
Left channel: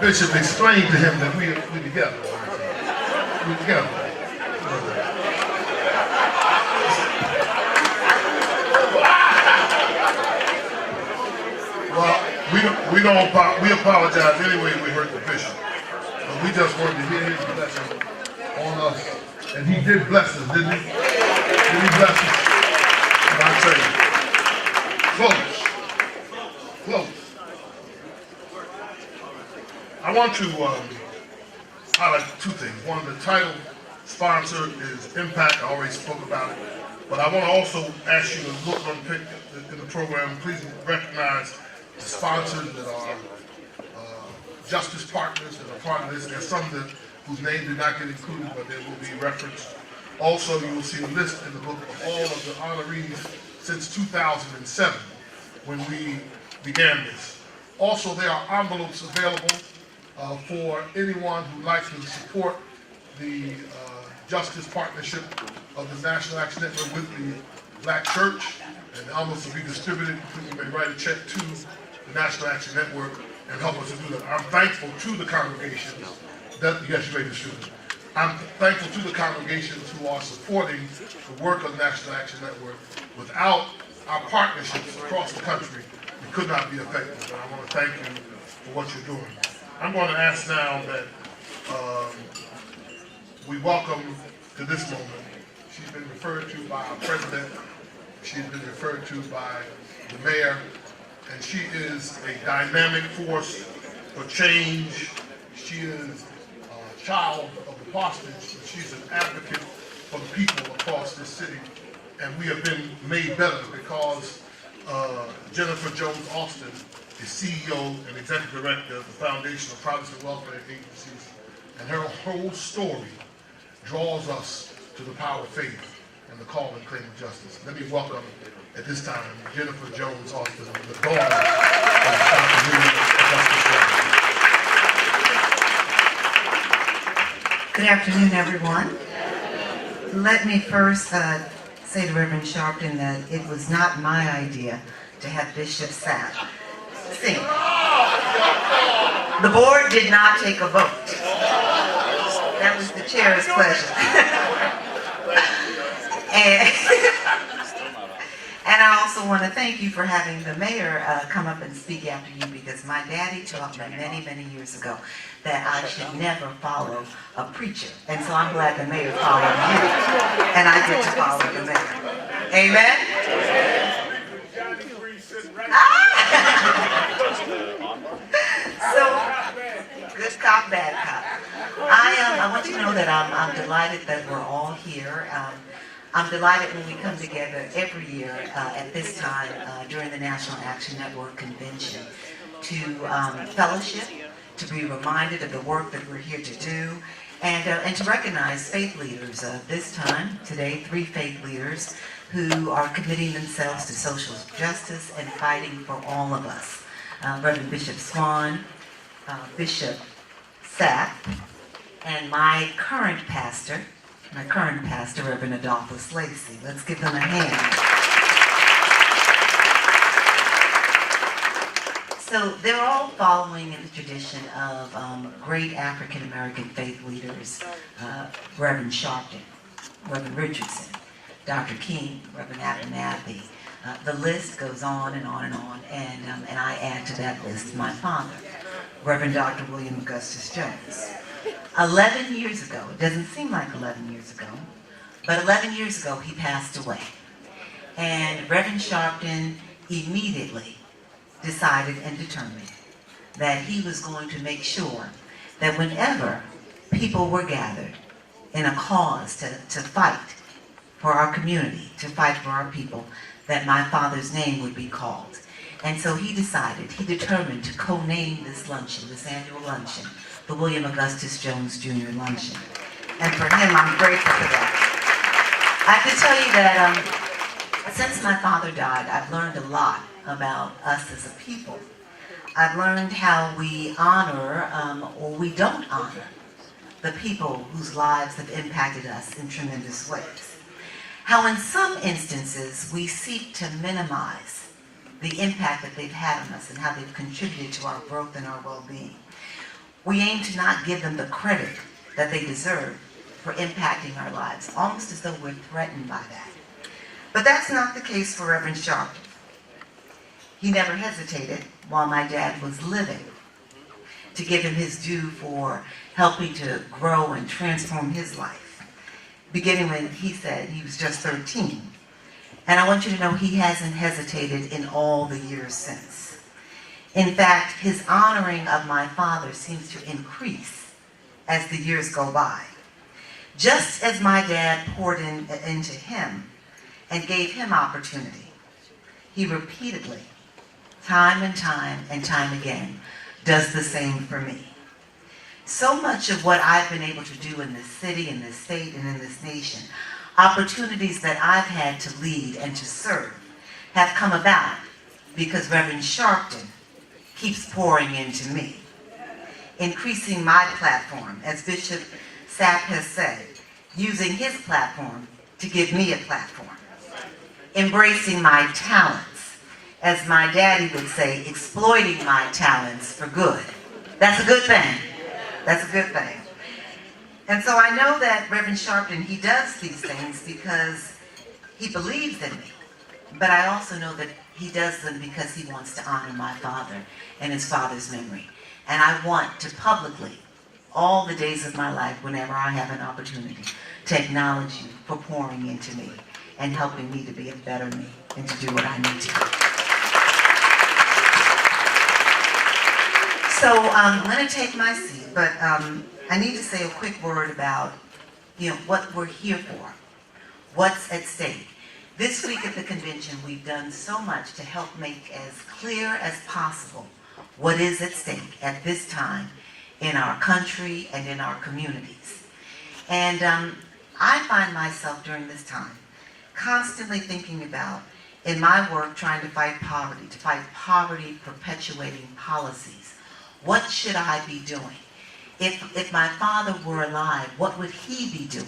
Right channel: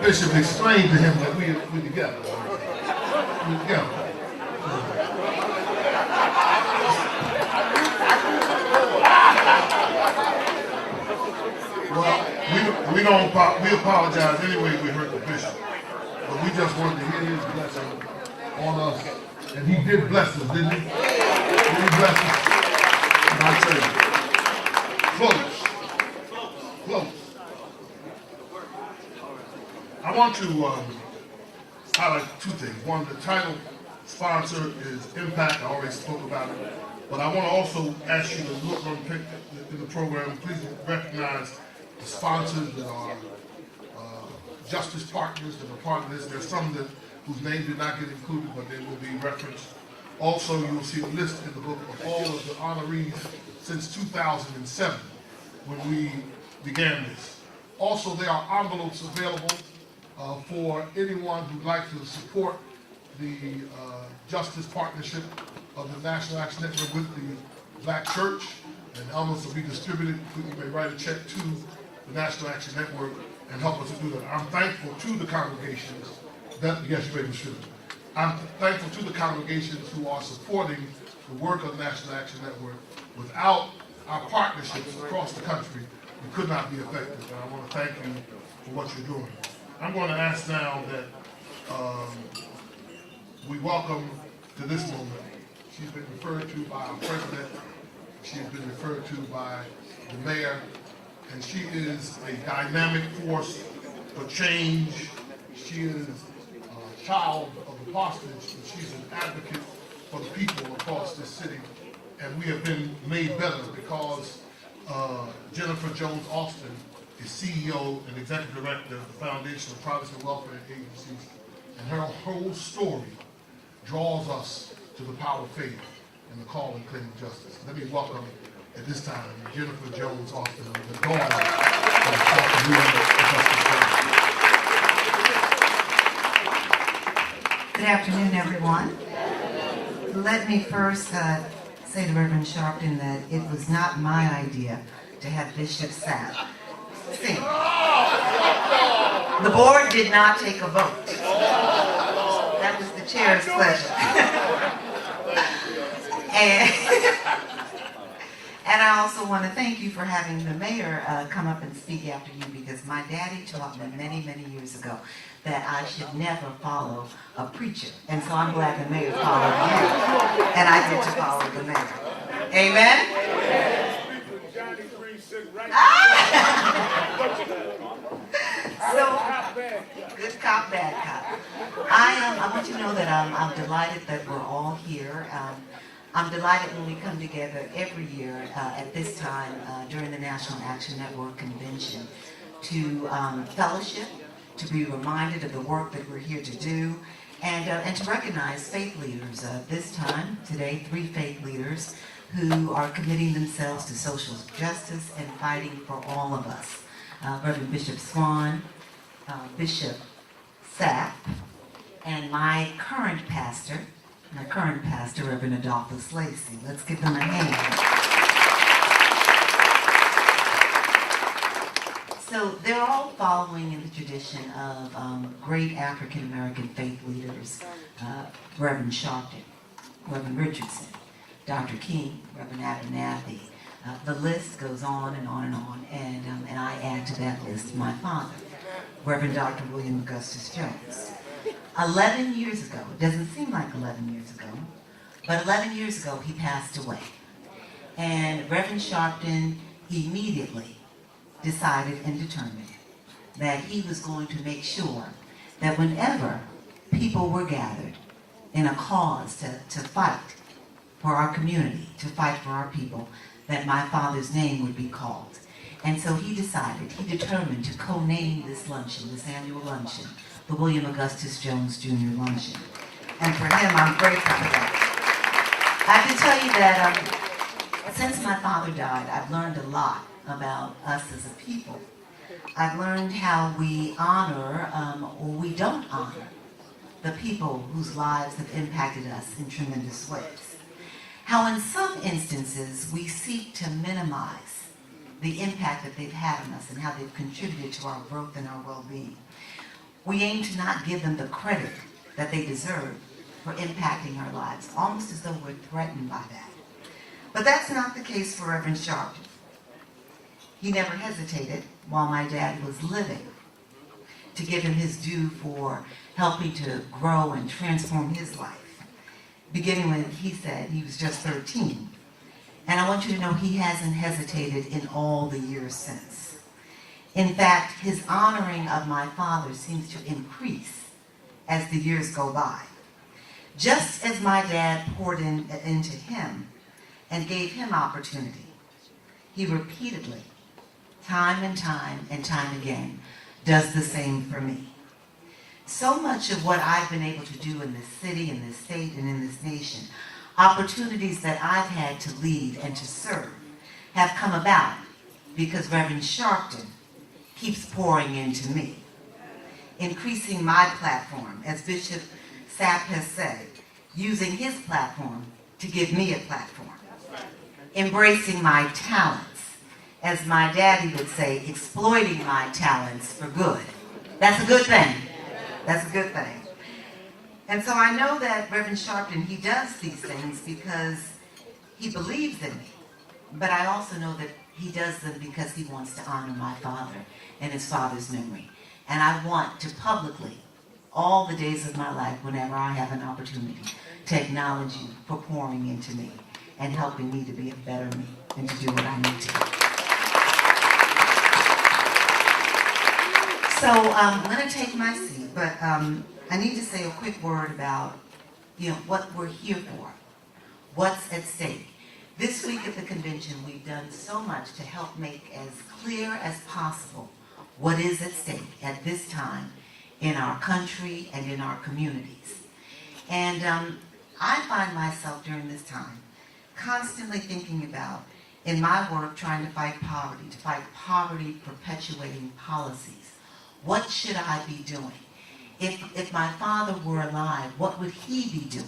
Bishop explained to him that we together. We together. Well, we apologize anyway if we hurt the bishop. But we just wanted to hear his blessing on us. And he did bless us, didn't he? Did he bless us? And I tell you, close. I want to highlight two things. One, the title sponsor is Impact. I already spoke about it. But I want to also ask you to look on in the program. Please recognize the sponsors that are justice partners that are part of this. There's some whose names did not get included, but they will be referenced. Also, you will see a list in the book of all of the honorees since 2007 when we began this. Also, there are envelopes available for anyone who'd like to support the Justice Partnership of the National Action Network with the Black Church, and the envelopes will be distributed. You may write a check to the National Action Network and help us to do that. I'm thankful to the congregations that, yes, you may distribute. I'm thankful to the congregations who are supporting the work of the National Action Network. Without our partnerships across the country, we could not be effective. And I want to thank you for what you're doing. I'm going to ask now that we welcome to this moment. She's been referred to by our president. She's been referred to by the mayor. And she is a dynamic force for change. She is a child of the parsonage, but she's an advocate for the people across this city. And we have been made better because Jennifer Jones Austin is CEO and Executive Director of the Foundation of Protestant Welfare Agencies. And her whole story draws us to the power of faith and the call and claim of justice. Let me welcome at this time Jennifer Jones Austin, the daughter of Dr. Good afternoon, everyone. Let me first say to Reverend Sharpton that it was not my idea to have Bishop Sapp sing. The board did not take a vote. That was the chair's pleasure. And I also want to thank you for having the mayor come up and speak after you, because my daddy taught me many, many years ago that I should never follow a preacher. And so I'm glad the mayor followed me, and I get to follow the mayor. Amen? So, good cop, bad cop. I want you to know that I'm delighted that we're all here. I'm delighted when we come together every year at this time during the National Action Network Convention to fellowship, to be reminded of the work that we're here to do, and to recognize faith leaders. This time, today, 3 faith leaders who are committing themselves to social justice and fighting for all of us. Reverend Bishop Swan, Bishop Sapp, and my current pastor, Reverend Adolphus Lacey. Let's give them a hand. So they're all following in the tradition of great African-American faith leaders, Reverend Sharpton, Reverend Richardson, Dr. King, Reverend Abernathy. The list goes on and on and on, and I add to that list my father, Reverend Dr. William Augustus Jones. 11 years ago, it doesn't seem like 11 years ago, but 11 years ago he passed away. And Reverend Sharpton immediately decided and determined that he was going to make sure that whenever people were gathered in a cause to fight for our community, to fight for our people, that my father's name would be called. And so he determined to co-name this luncheon, this annual luncheon, the William Augustus Jones Jr. Luncheon. And for him, I'm grateful for that. I have to tell you that Since my father died, I've learned a lot about us as a people. I've learned how we honor or we don't honor the people whose lives have impacted us in tremendous ways. How in some instances we seek to minimize the impact that they've had on us and how they've contributed to our growth and our well-being. We aim to not give them the credit that they deserve for impacting our lives, almost as though we're threatened by that. But that's not the case for Reverend Sharpton. He never hesitated while my dad was living to give him his due for helping to grow and transform his life, beginning when he said he was just 13. And I want you to know he hasn't hesitated in all the years since. In fact, his honoring of my father seems to increase as the years go by. Just as my dad poured into him and gave him opportunity, he repeatedly, time and time again, does the same for me. So much of what I've been able to do in this city, in this state, and in this nation, opportunities that I've had to lead and to serve, have come about because Reverend Sharpton keeps pouring into me, increasing my platform, as Bishop Sapp has said, using his platform to give me a platform, embracing my talents, as my daddy would say, exploiting my talents for good. That's a good thing. That's a good thing. And so I know that Reverend Sharpton, he does these things because he believes in me. But I also know that he does them because he wants to honor my father and his father's memory. And I want to publicly, all the days of my life, whenever I have an opportunity, to acknowledge you for pouring into me and helping me to be a better me and to do what I need to do. So I'm going to take my seat, but I need to say a quick word about, what we're here for, what's at stake. This week at the convention, we've done so much to help make as clear as possible what is at stake at this time in our country and in our communities. And I find myself during this time constantly thinking about, in my work, trying to fight poverty perpetuating policies. What should I be doing? If my father were alive, what would he be doing?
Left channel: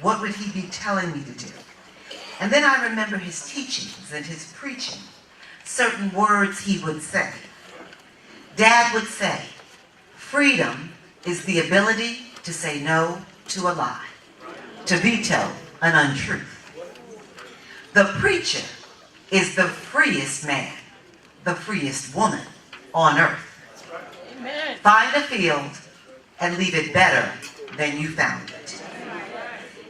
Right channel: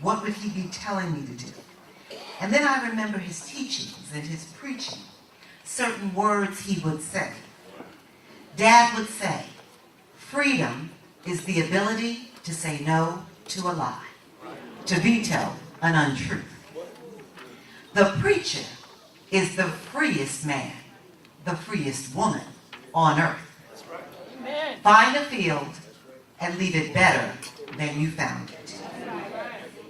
What would he be telling me to do? And then I remember his teachings and his preaching, certain words he would say. Dad would say, freedom is the ability to say no to a lie, to veto an untruth. The preacher is the freest man, the freest woman on earth. Find a field and leave it better than you found it.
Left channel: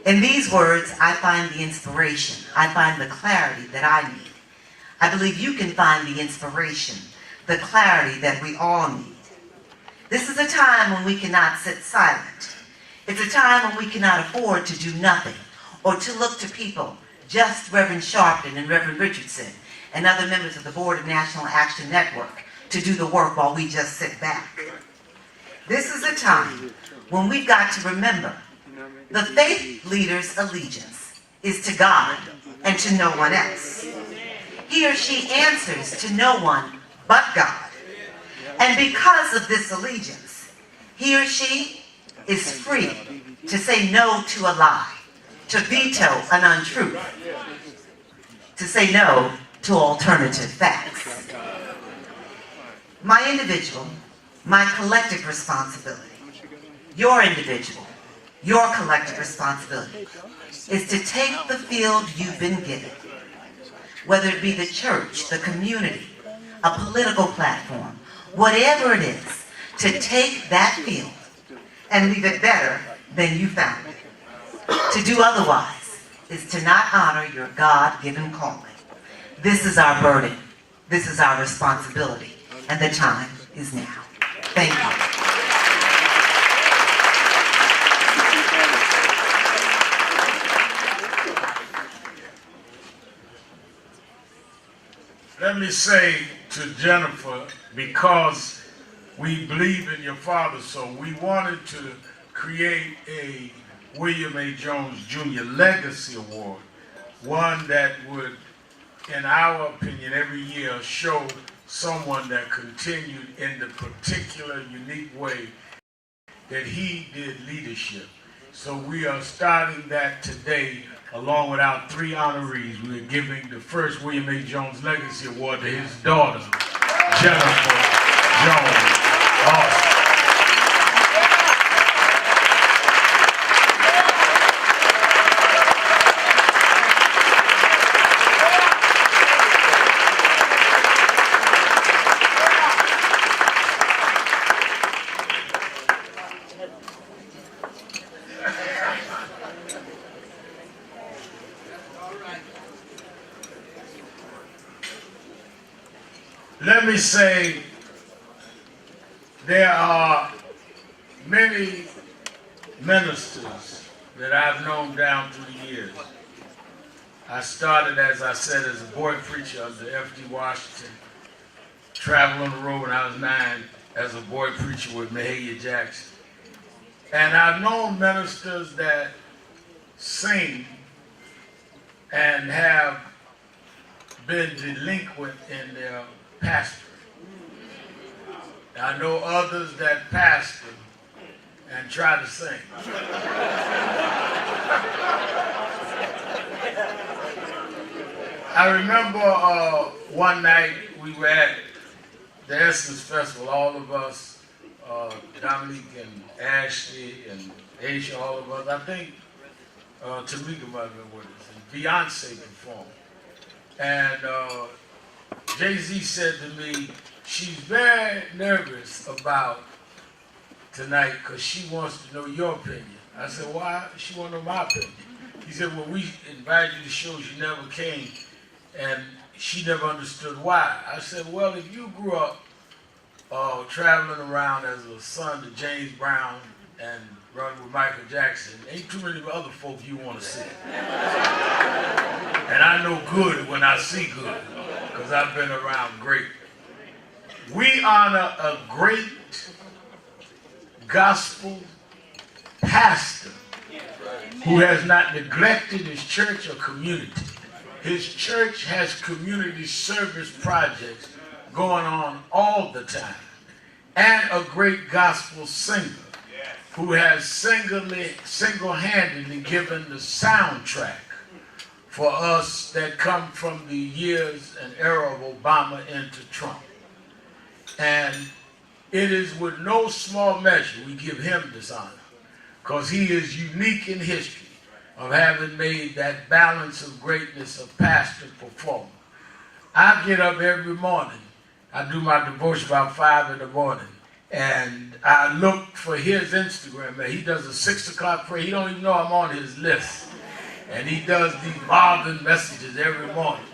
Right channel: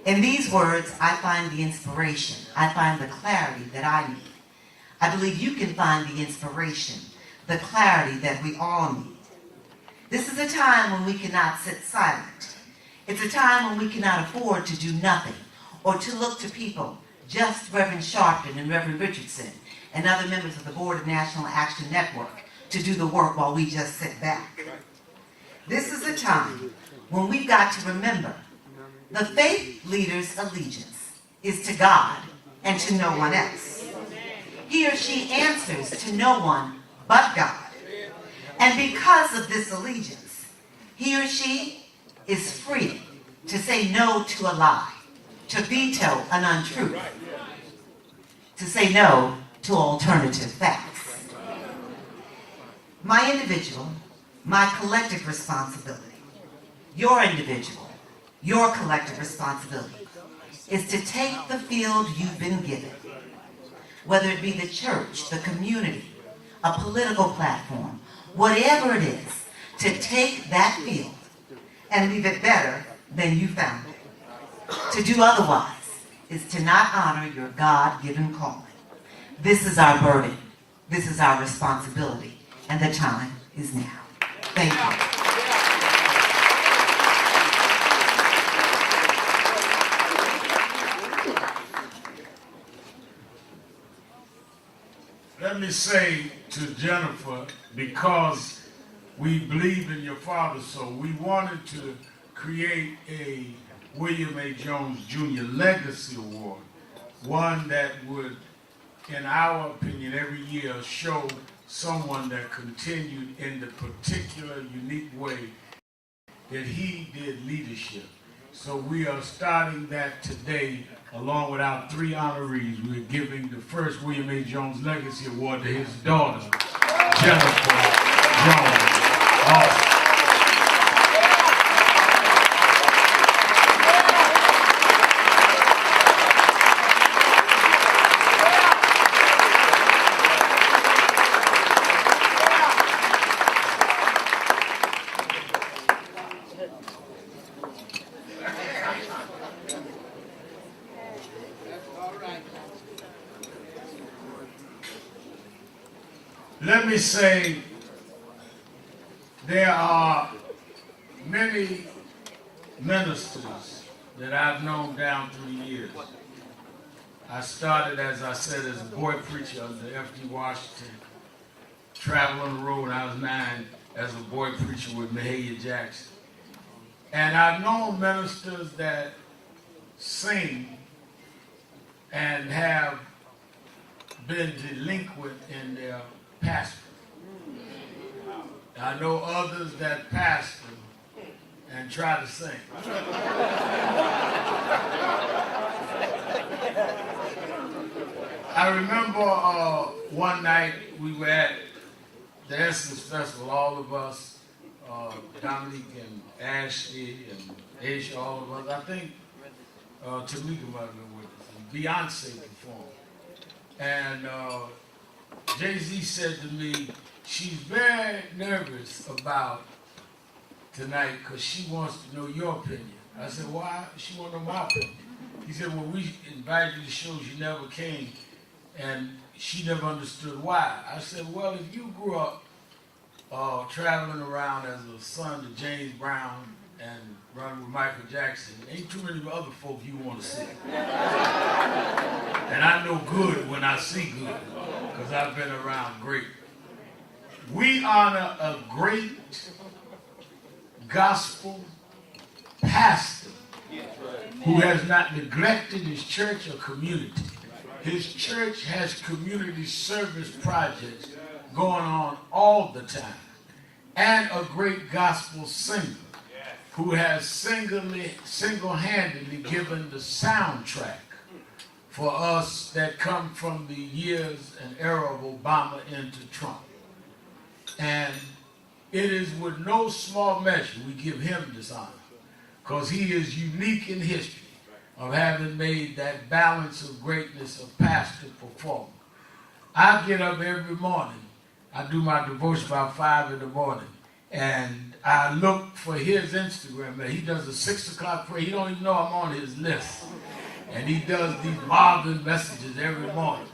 In these words, I find the inspiration. I find the clarity that I need. I believe you can find the inspiration, the clarity that we all need. This is a time when we cannot sit silent. It's a time when we cannot afford to do nothing or to look to people, just Reverend Sharpton and Reverend Richardson and other members of the Board of National Action Network, to do the work while we just sit back. This is a time when we've got to remember the faith leader's allegiance is to God and to no one else. He or she answers to no one but God. And because of this allegiance, he or she is free to say no to a lie, to veto an untruth, to say no to alternative facts. My individual, my collective responsibility, your individual, your collective responsibility is to take the field you've been given, whether it be the church, the community, a political platform, whatever it is, to take that field and leave it better than you found it. To do otherwise is to not honor your God-given calling. This is our burden. This is our responsibility. And the time is now. Thank you. Let me say to Jennifer, because we believe in your father, so we wanted to create a William A. Jones Jr. Legacy Award one that would, in our opinion, every year show someone that continued in the particular unique way that he did leadership. So we are starting that today along with our 3 honorees. We are giving the first William A. Jones Legacy Award to his daughter, Jennifer Jones Austin. Let me say, there are many ministers that I've known down through the years. I started, as I said, as a boy preacher under F.D. Washington, traveled on the road when I was 9 as a boy preacher with Mahalia Jackson. And I've known ministers that sing and have been delinquent in their pastor. I know others that pastor and try to sing. I remember one night we were at the Essence Festival, all of us, Dominique and Ashley and Aisha, all of us. I think Tamika might have been with us, and Beyonce performed. And Jay-Z said to me, she's very nervous about tonight because she wants to know your opinion. I said, why? She want to know my opinion. He said, well, we invited you to shows you never came, and she never understood why. I said, well, if you grew up traveling around as a son to James Brown and running with Michael Jackson, ain't too many other folk you want to see. And I know good when I see good, because I've been around great. We honor a great gospel pastor who has not neglected his church or community. His church has community service projects going on all the time. And a great gospel singer who has single-handedly given the soundtrack for us that come from the years and era of Obama into Trump. And it is with no small measure we give him this honor, because he is unique in history of having made that balance of greatness of pastor performer. I get up every morning. I do my devotion about 5 in the morning, and I look for his Instagram. He does a 6 o'clock prayer. He don't even know I'm on his list. And he does these Marvin messages every morning.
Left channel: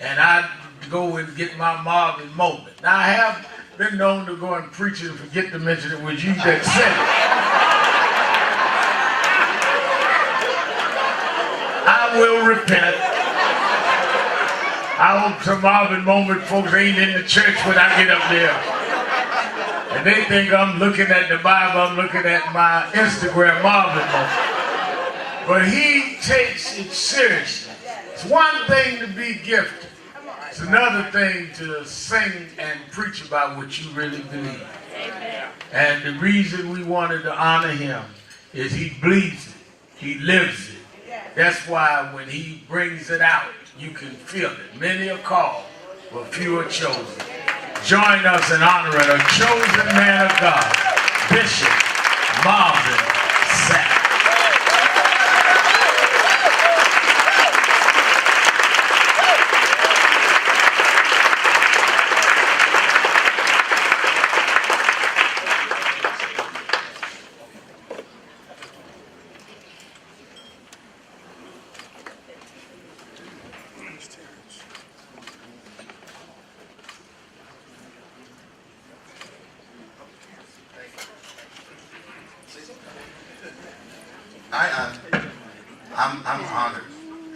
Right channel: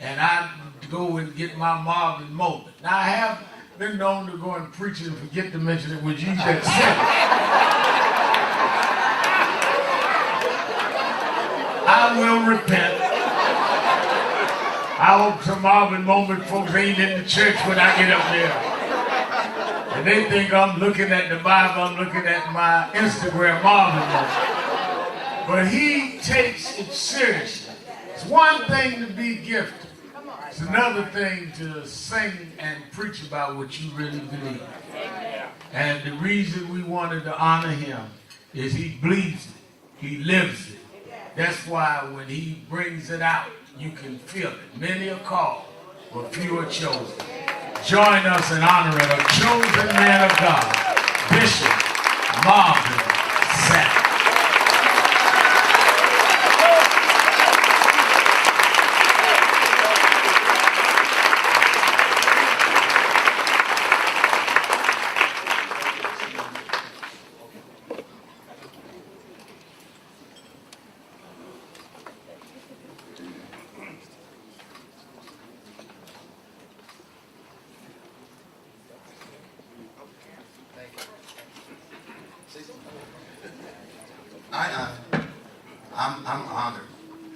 And I go and get my Marvin moment. Now, I have been known to go and preach and forget to mention it when you just said it. I will repent. I hope some Marvin moment folks ain't in the church when I get up there. And they think I'm looking at the Bible, I'm looking at my Instagram Marvin moment. But he takes it seriously. It's one thing to be gifted. It's another thing to sing and preach about what you really believe. And the reason we wanted to honor him is he bleeds it. He lives it. That's why when he brings it out, you can feel it. Many are called, but few are chosen. Join us in honoring a chosen man of God, Bishop Marvin Sapp. I'm honored,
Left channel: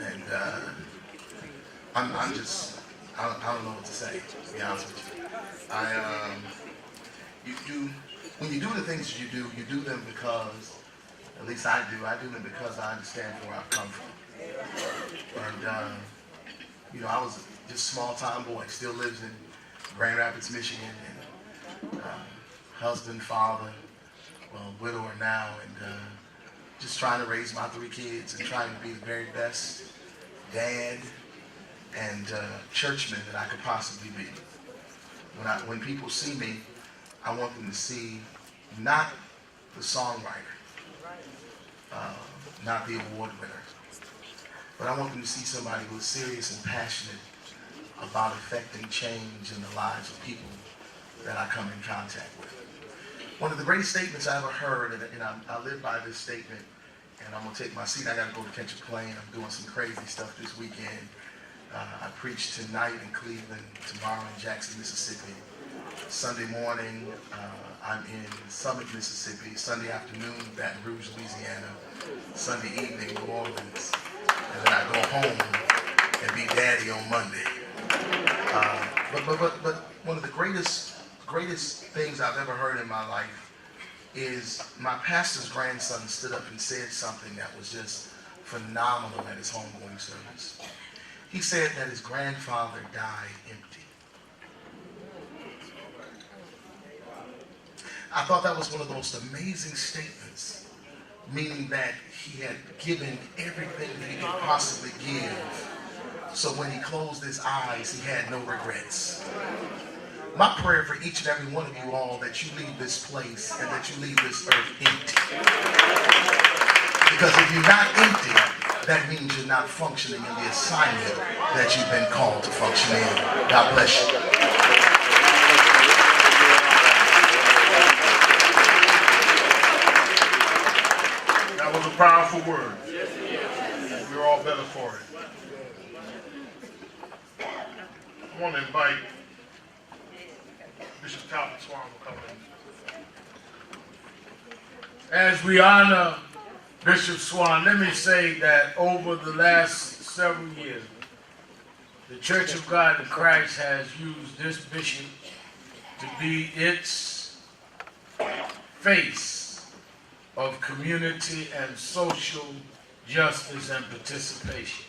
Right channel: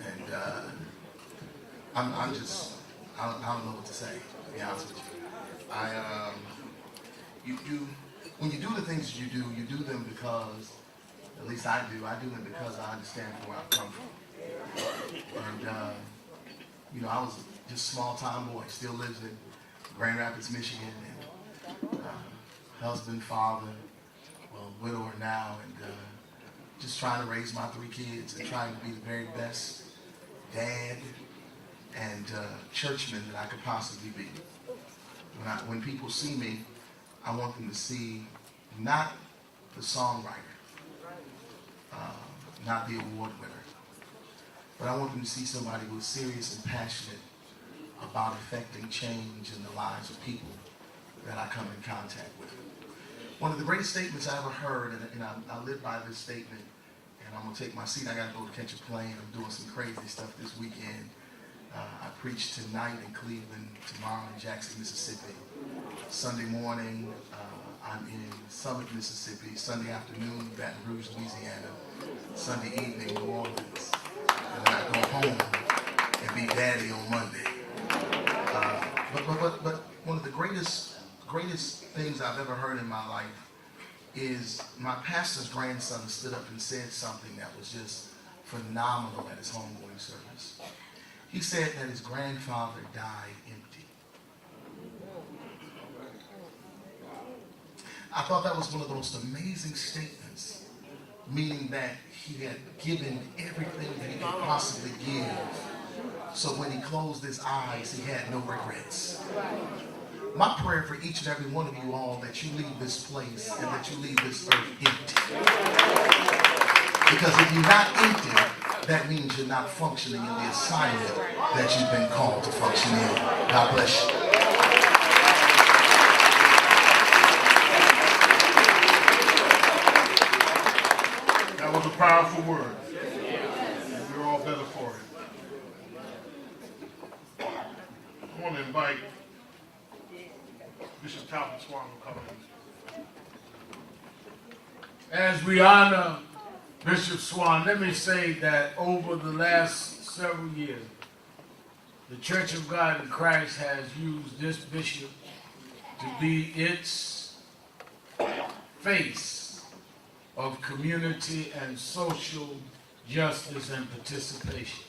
and I'm just, I don't know what to say, to be honest with you. When you do the things you do them because, at least I do them because I understand where I've come from. And, you know, I was just a small-time boy, still lives in Grand Rapids, Michigan, and husband, father, well, widower now, and just trying to raise my 3 kids and trying to be the very best dad and churchman that I could possibly be. When people see me, I want them to see not the songwriter, not the award winner, but I want them to see somebody who is serious and passionate about affecting change in the lives of people that I come in contact with. One of the greatest statements I ever heard, and I live by this statement, and I'm going to take my seat. I got to go to catch a plane. I'm doing some crazy stuff this weekend. I preach tonight in Cleveland, tomorrow in Jackson, Mississippi. Sunday morning, I'm in Summit, Mississippi. Sunday afternoon, Baton Rouge, Louisiana. Sunday evening, New Orleans. And then I go home and be daddy on Monday. But one of the greatest things I've ever heard in my life is my pastor's grandson stood up and said something that was just phenomenal at his homegoing service. He said that his grandfather died empty. I thought that was one of the most amazing statements, meaning that he had given everything that he could possibly give. So when he closed his eyes, he had no regrets. My prayer for each and every one of you all, that you leave this place and that you leave this earth empty. Because if you're not empty, that means you're not functioning in the assignment that you've been called to function in. God bless you. That was a powerful word. We're all better for it. I want to invite Bishop Talbot Swan to come in. As we honor Bishop Swan, let me say that over the last several years, the Church of God in Christ has used this bishop to be its face of community and social justice and participation.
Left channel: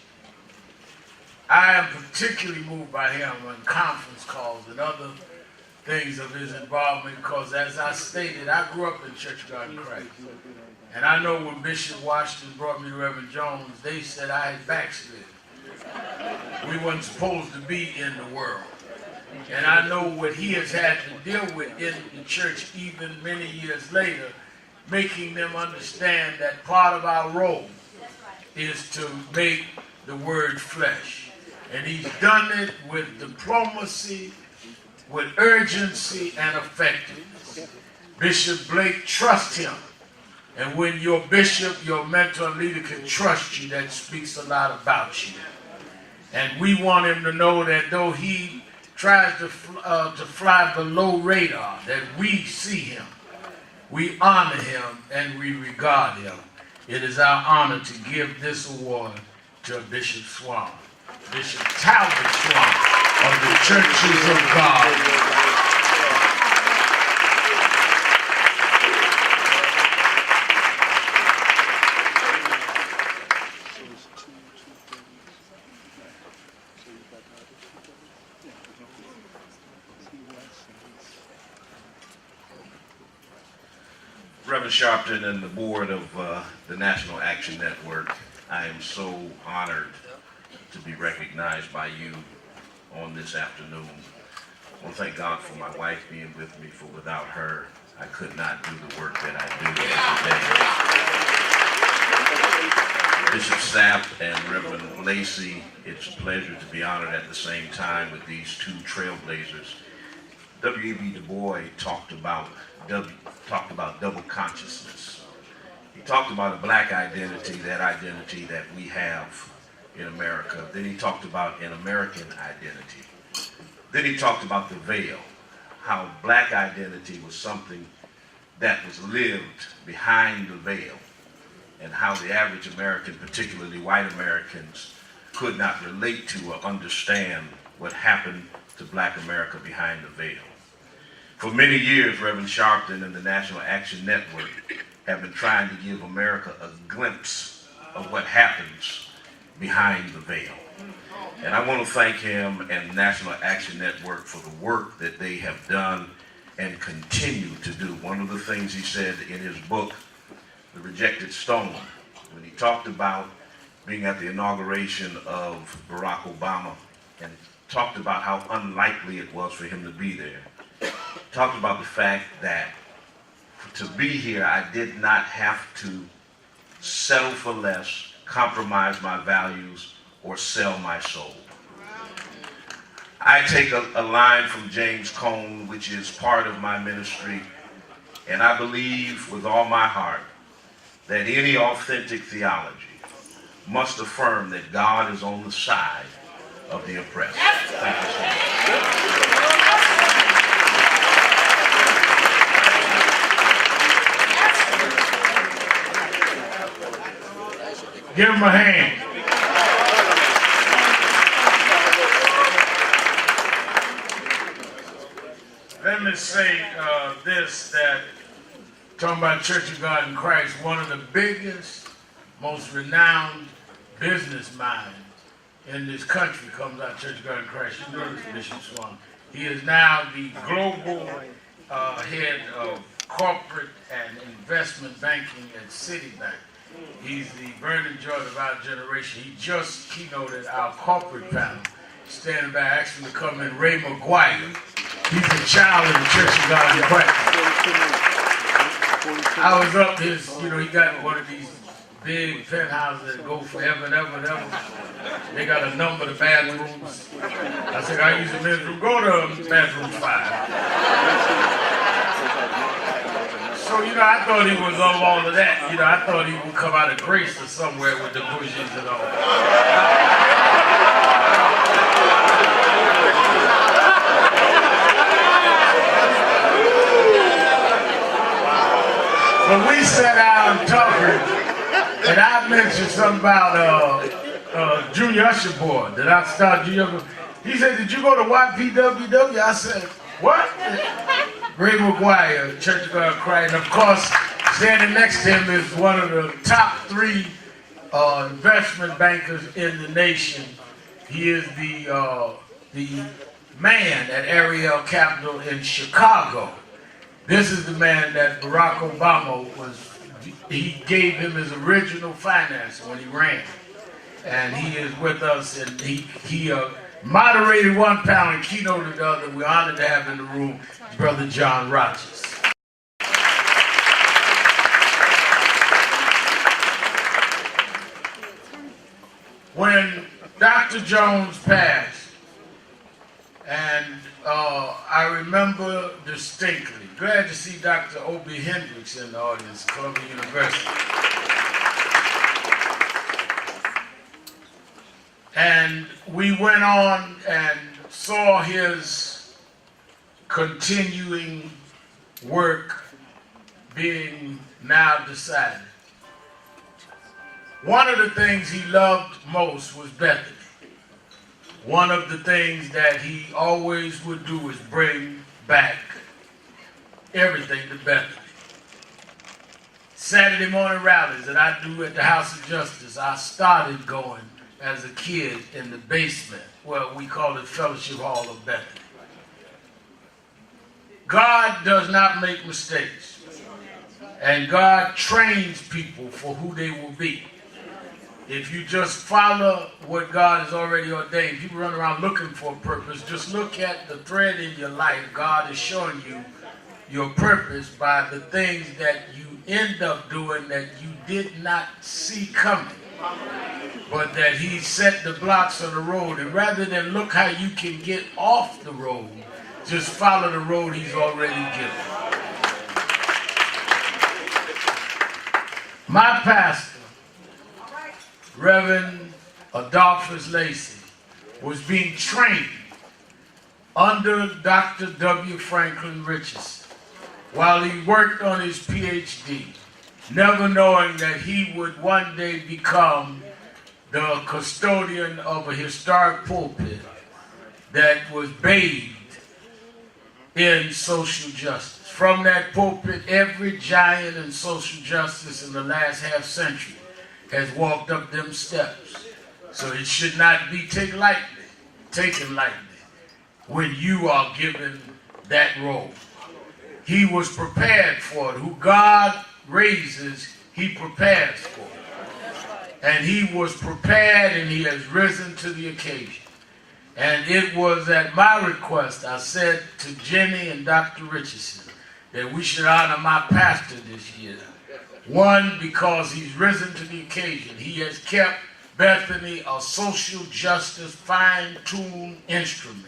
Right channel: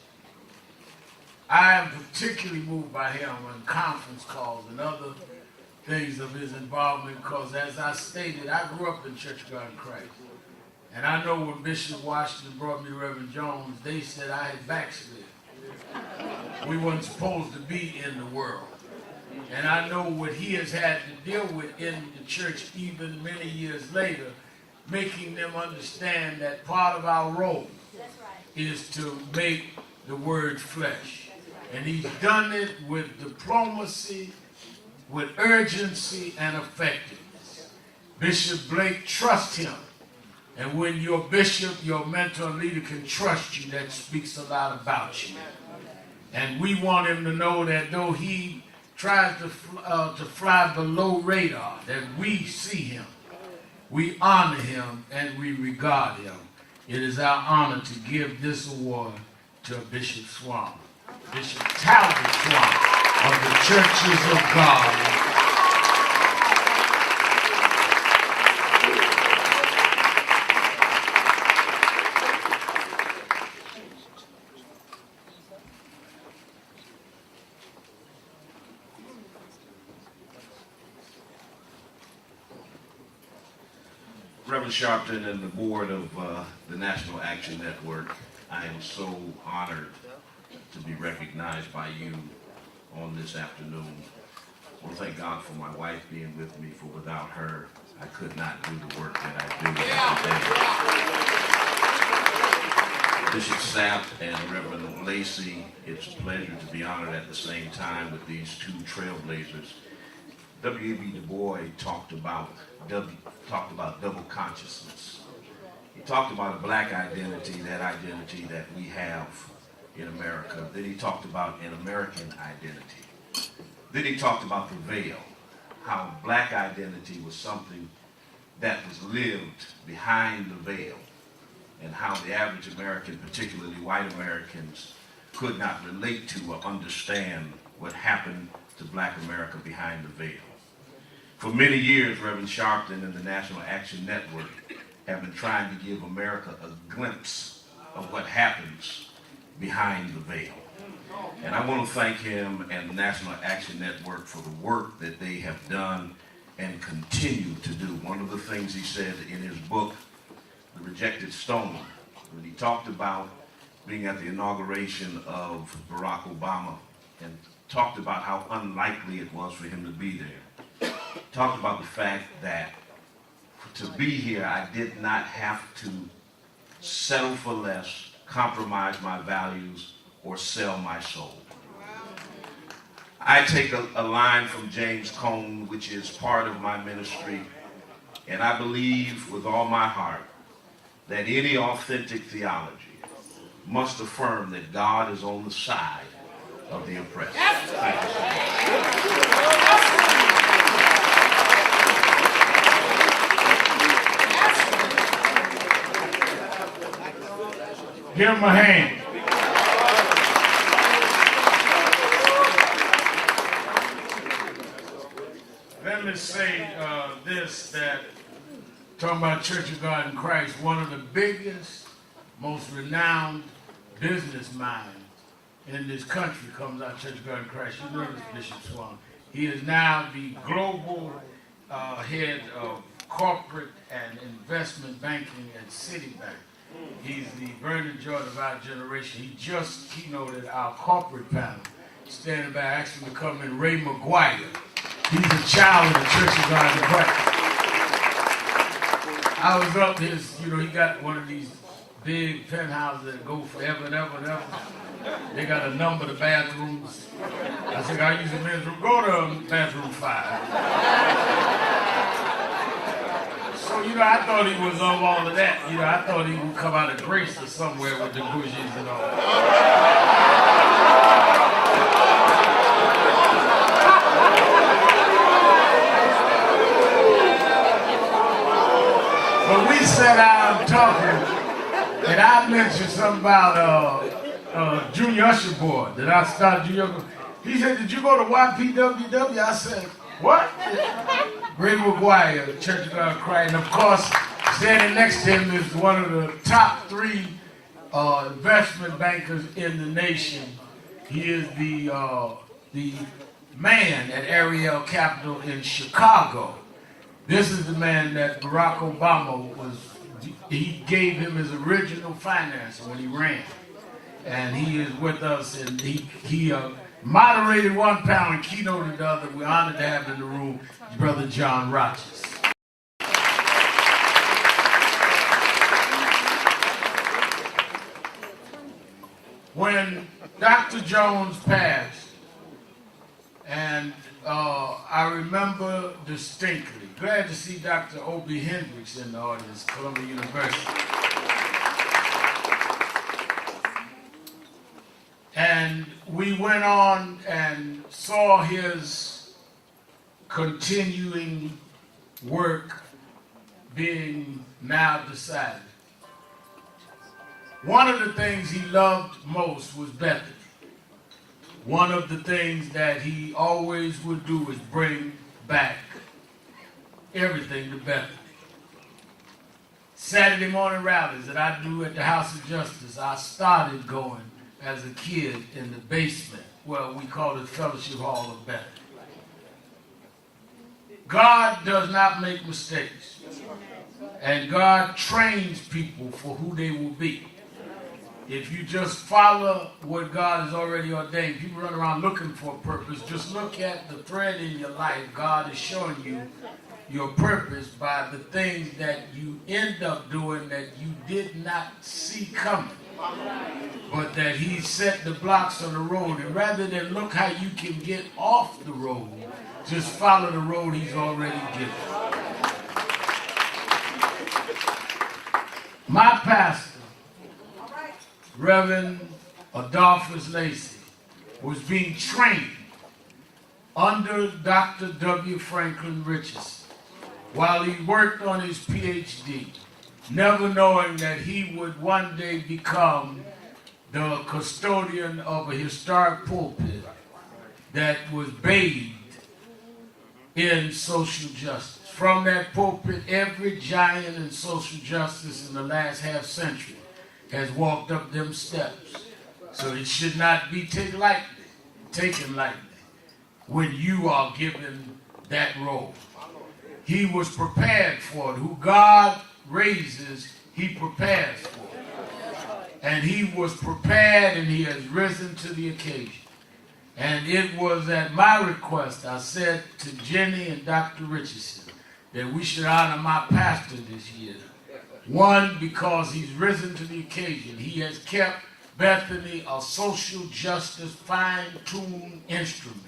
I am particularly moved by him on conference calls and other things of his involvement, because as I stated, I grew up in Church of God in Christ. And I know when Bishop Washington brought me to Reverend Jones, they said I had backslid. We weren't supposed to be in the world. And I know what he has had to deal with in the church even many years later, making them understand that part of our role is to make the word flesh. And he's done it with diplomacy, with urgency and effectiveness. Bishop Blake, trust him. And when your bishop, your mentor, leader can trust you, that speaks a lot about you. And we want him to know that though he tries to fly below radar, that we see him, we honor him, and we regard him. It is our honor to give this award to Bishop Swan, Bishop Talbot Swan of the Churches of God. Reverend Sharpton and the board of the National Action Network, I am so honored to be recognized by you on this afternoon. I want to thank God for my wife being with me, for without her, I could not do the work that I do every day. Bishop Sapp and Reverend Lacey, it's a pleasure to be honored at the same time with these two trailblazers. W.E.B. Du Bois talked about double consciousness. He talked about a black identity, that identity that we have in America. Then he talked about an American identity. Then he talked about the veil, how black identity was something that was lived behind the veil, and how the average American, particularly white Americans, could not relate to or understand what happened to black America behind the veil. For many years, Reverend Sharpton and the National Action Network have been trying to give America a glimpse of what happens behind the veil. And I want to thank him and the National Action Network for the work that they have done and continue to do. One of the things he said in his book, The Rejected Stone, when he talked about being at the inauguration of Barack Obama and talked about how unlikely it was for him to be there, talked about the fact that to be here, I did not have to settle for less, compromise my values, or sell my soul. I take a line from James Cone, which is part of my ministry, and I believe with all my heart that any authentic theology must affirm that God is on the side of the oppressed. Thank you so much. Give him a hand. Let me say this, that talking about Church of God in Christ, one of the biggest, most renowned business minds in this country comes out of Church of God in Christ. You know this, Bishop Swan. He is now the global head of corporate and investment banking at Citibank. He's the Vernon Jordan of our generation. He just keynoted our corporate panel. Standing by, asking to come in, Ray McGuire. He's a child of the Church of God in Christ. I was up his, he got one of these big penthouses that go forever and ever and ever. They got a number of bathrooms. I said, I use the men's room. Go to bathroom 5. So, I thought he was on all of that. I thought he would come out of grace or somewhere with the bushes and all. But we sat down talking, and I mentioned something about Junior Usher Board, that I started Junior. He said, did you go to YPWW? I said, what? Ray McGuire, Church of God in Christ. And of course, standing next to him is one of the top 3 investment bankers in the nation. He is the man at Ariel Capital in Chicago. This is the man that Barack Obama he gave him his original finance when he ran. And he is with us, and he moderated one panel and keynoted the other. We're honored to have in the room Brother John Rogers. When Dr. Jones passed, and I remember distinctly, glad to see Dr. Obie Hendricks in the audience, Columbia University. And we went on and saw his continuing work being now decided. One of the things he loved most was Bethany. One of the things that he always would do is bring back everything to Bethany. Saturday morning rallies that I do at the House of Justice, I started going as a kid in the basement. Well, we call it Fellowship Hall of Bethany. God does not make mistakes. And God trains people for who they will be. If you just follow what God has already ordained, people run around looking for a purpose. Just look at the thread in your life. God is showing you your purpose by the things that you end up doing that you did not see coming. But that he set the blocks on the road. And rather than look how you can get off the road, just follow the road he's already given. My pastor, Reverend Adolphus Lacey, was being trained under Dr. W. Franklin Richardson while he worked on his PhD, never knowing that he would one day become the custodian of a historic pulpit that was bathed in social justice. From that pulpit, every giant in social justice in the last half century has walked up them steps. So it should not be taken lightly when you are given that role. He was prepared for it. Who God raises, he prepares for it. And he was prepared, and he has risen to the occasion. And it was at my request, I said to Jenny and Dr. Richardson, that we should honor my pastor this year. One, because he's risen to the occasion. He has kept Bethany a social justice fine-tuned instrument,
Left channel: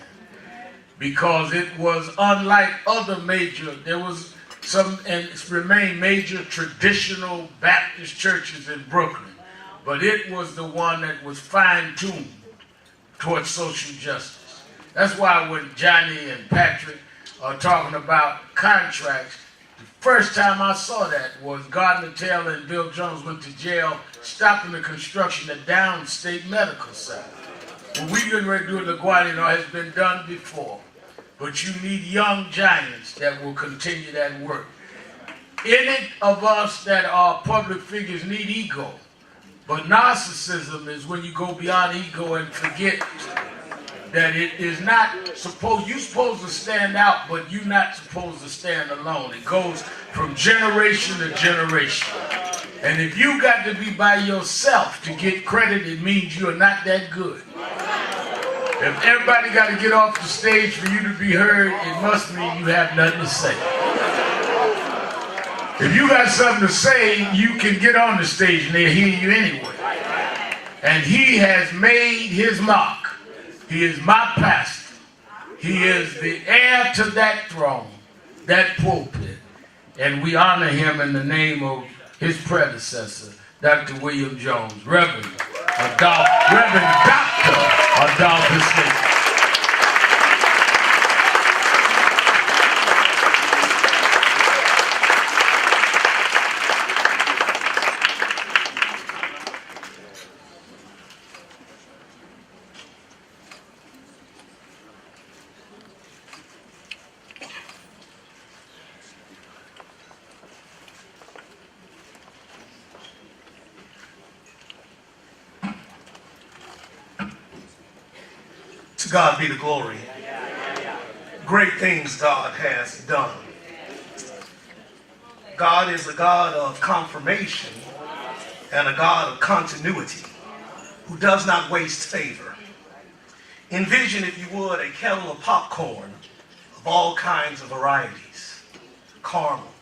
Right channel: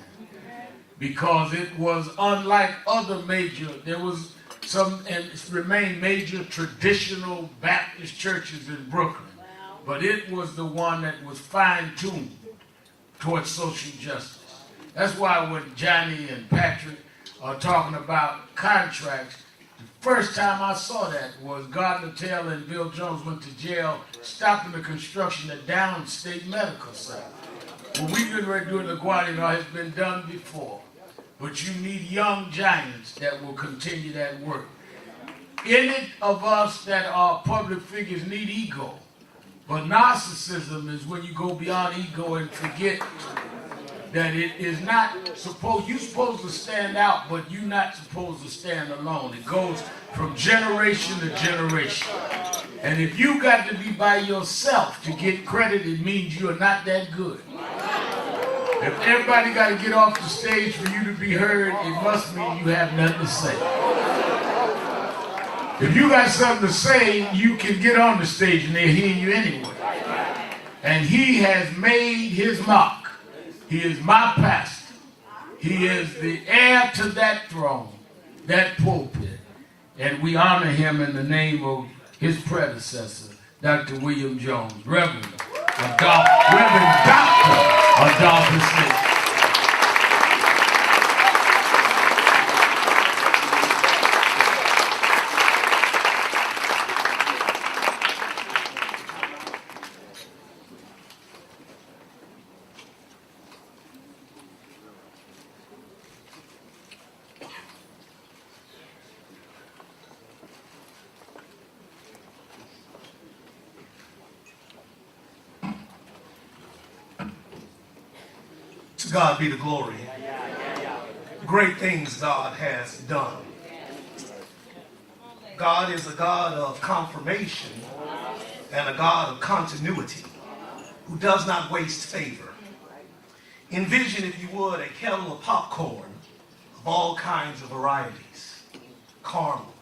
because it was unlike other there was some, and it's remained major traditional Baptist churches in Brooklyn, but it was the one that was fine-tuned towards social justice. That's why when Johnny and Patrick are talking about contracts, the first time I saw that was Gardner Taylor and Bill Jones went to jail stopping the construction of Downstate Medical Center. What we've been doing in LaGuardia has been done before, but you need young giants that will continue that work. Any of us that are public figures need ego, but narcissism is when you go beyond ego and forget that it is not supposed, you're supposed to stand out, but you're not supposed to stand alone. It goes from generation to generation. And if you got to be by yourself to get credit, it means you're not that good. If everybody got to get off the stage for you to be heard, it must mean you have nothing to say. If you got something to say, you can get on the stage and they'll hear you anyway. And he has made his mark. He is my pastor. He is the heir to that throne, that pulpit. And we honor him in the name of his predecessor, Dr. William Jones, Reverend Dr. Adolphus Nate. To God be the glory. Great things God has done. God is a God of confirmation and a God of continuity who does not waste favor. Envision, if you would, a kettle of popcorn of all kinds of varieties: caramel,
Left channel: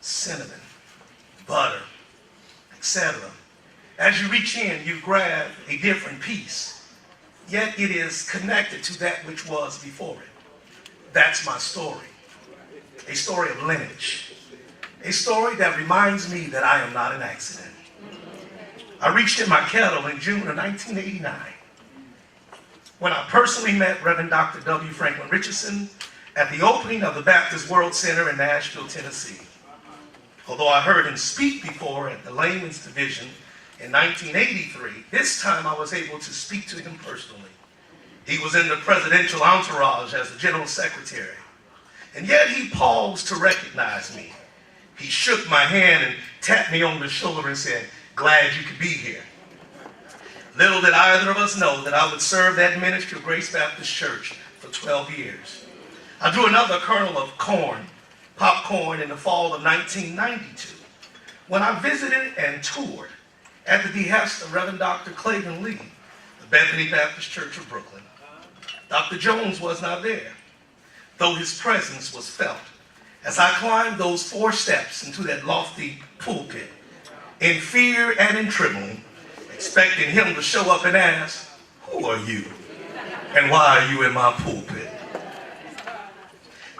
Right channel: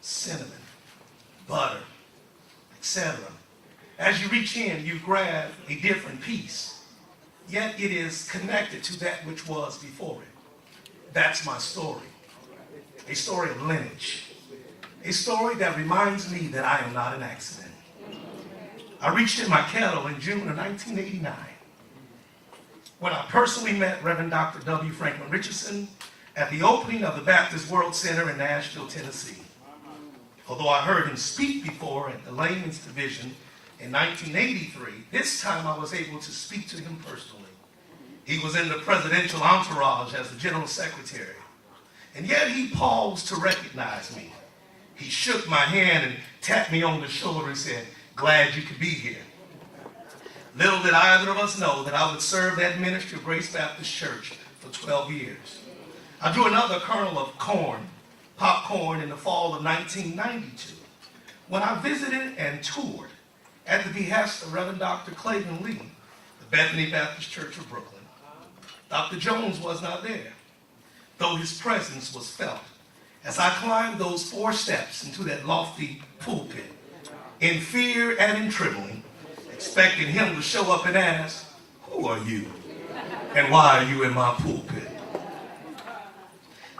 cinnamon, butter, etc. As you reach in, you grab a different piece, yet it is connected to that which was before it. That's my story. A story of lineage. A story that reminds me that I am not an accident. I reached in my kettle in June of 1989 when I personally met Reverend Dr. W. Franklin Richardson at the opening of the Baptist World Center in Nashville, Tennessee. Although I heard him speak before at the Layman's Division in 1983, this time I was able to speak to him personally. He was in the presidential entourage as the general secretary, and yet he paused to recognize me. He shook my hand and tapped me on the shoulder and said, "Glad you could be here." Little did either of us know that I would serve that ministry of Grace Baptist Church for 12 years. I drew another kernel of popcorn in the fall of 1992 when I visited and toured at the behest of Reverend Dr. Clayton Lee, the Bethany Baptist Church of Brooklyn. Dr. Jones was not there, though his presence was felt as I climbed those 4 steps into that lofty pulpit, in fear and in trembling, expecting him to show up and ask, "Who are you? And why are you in my pulpit?"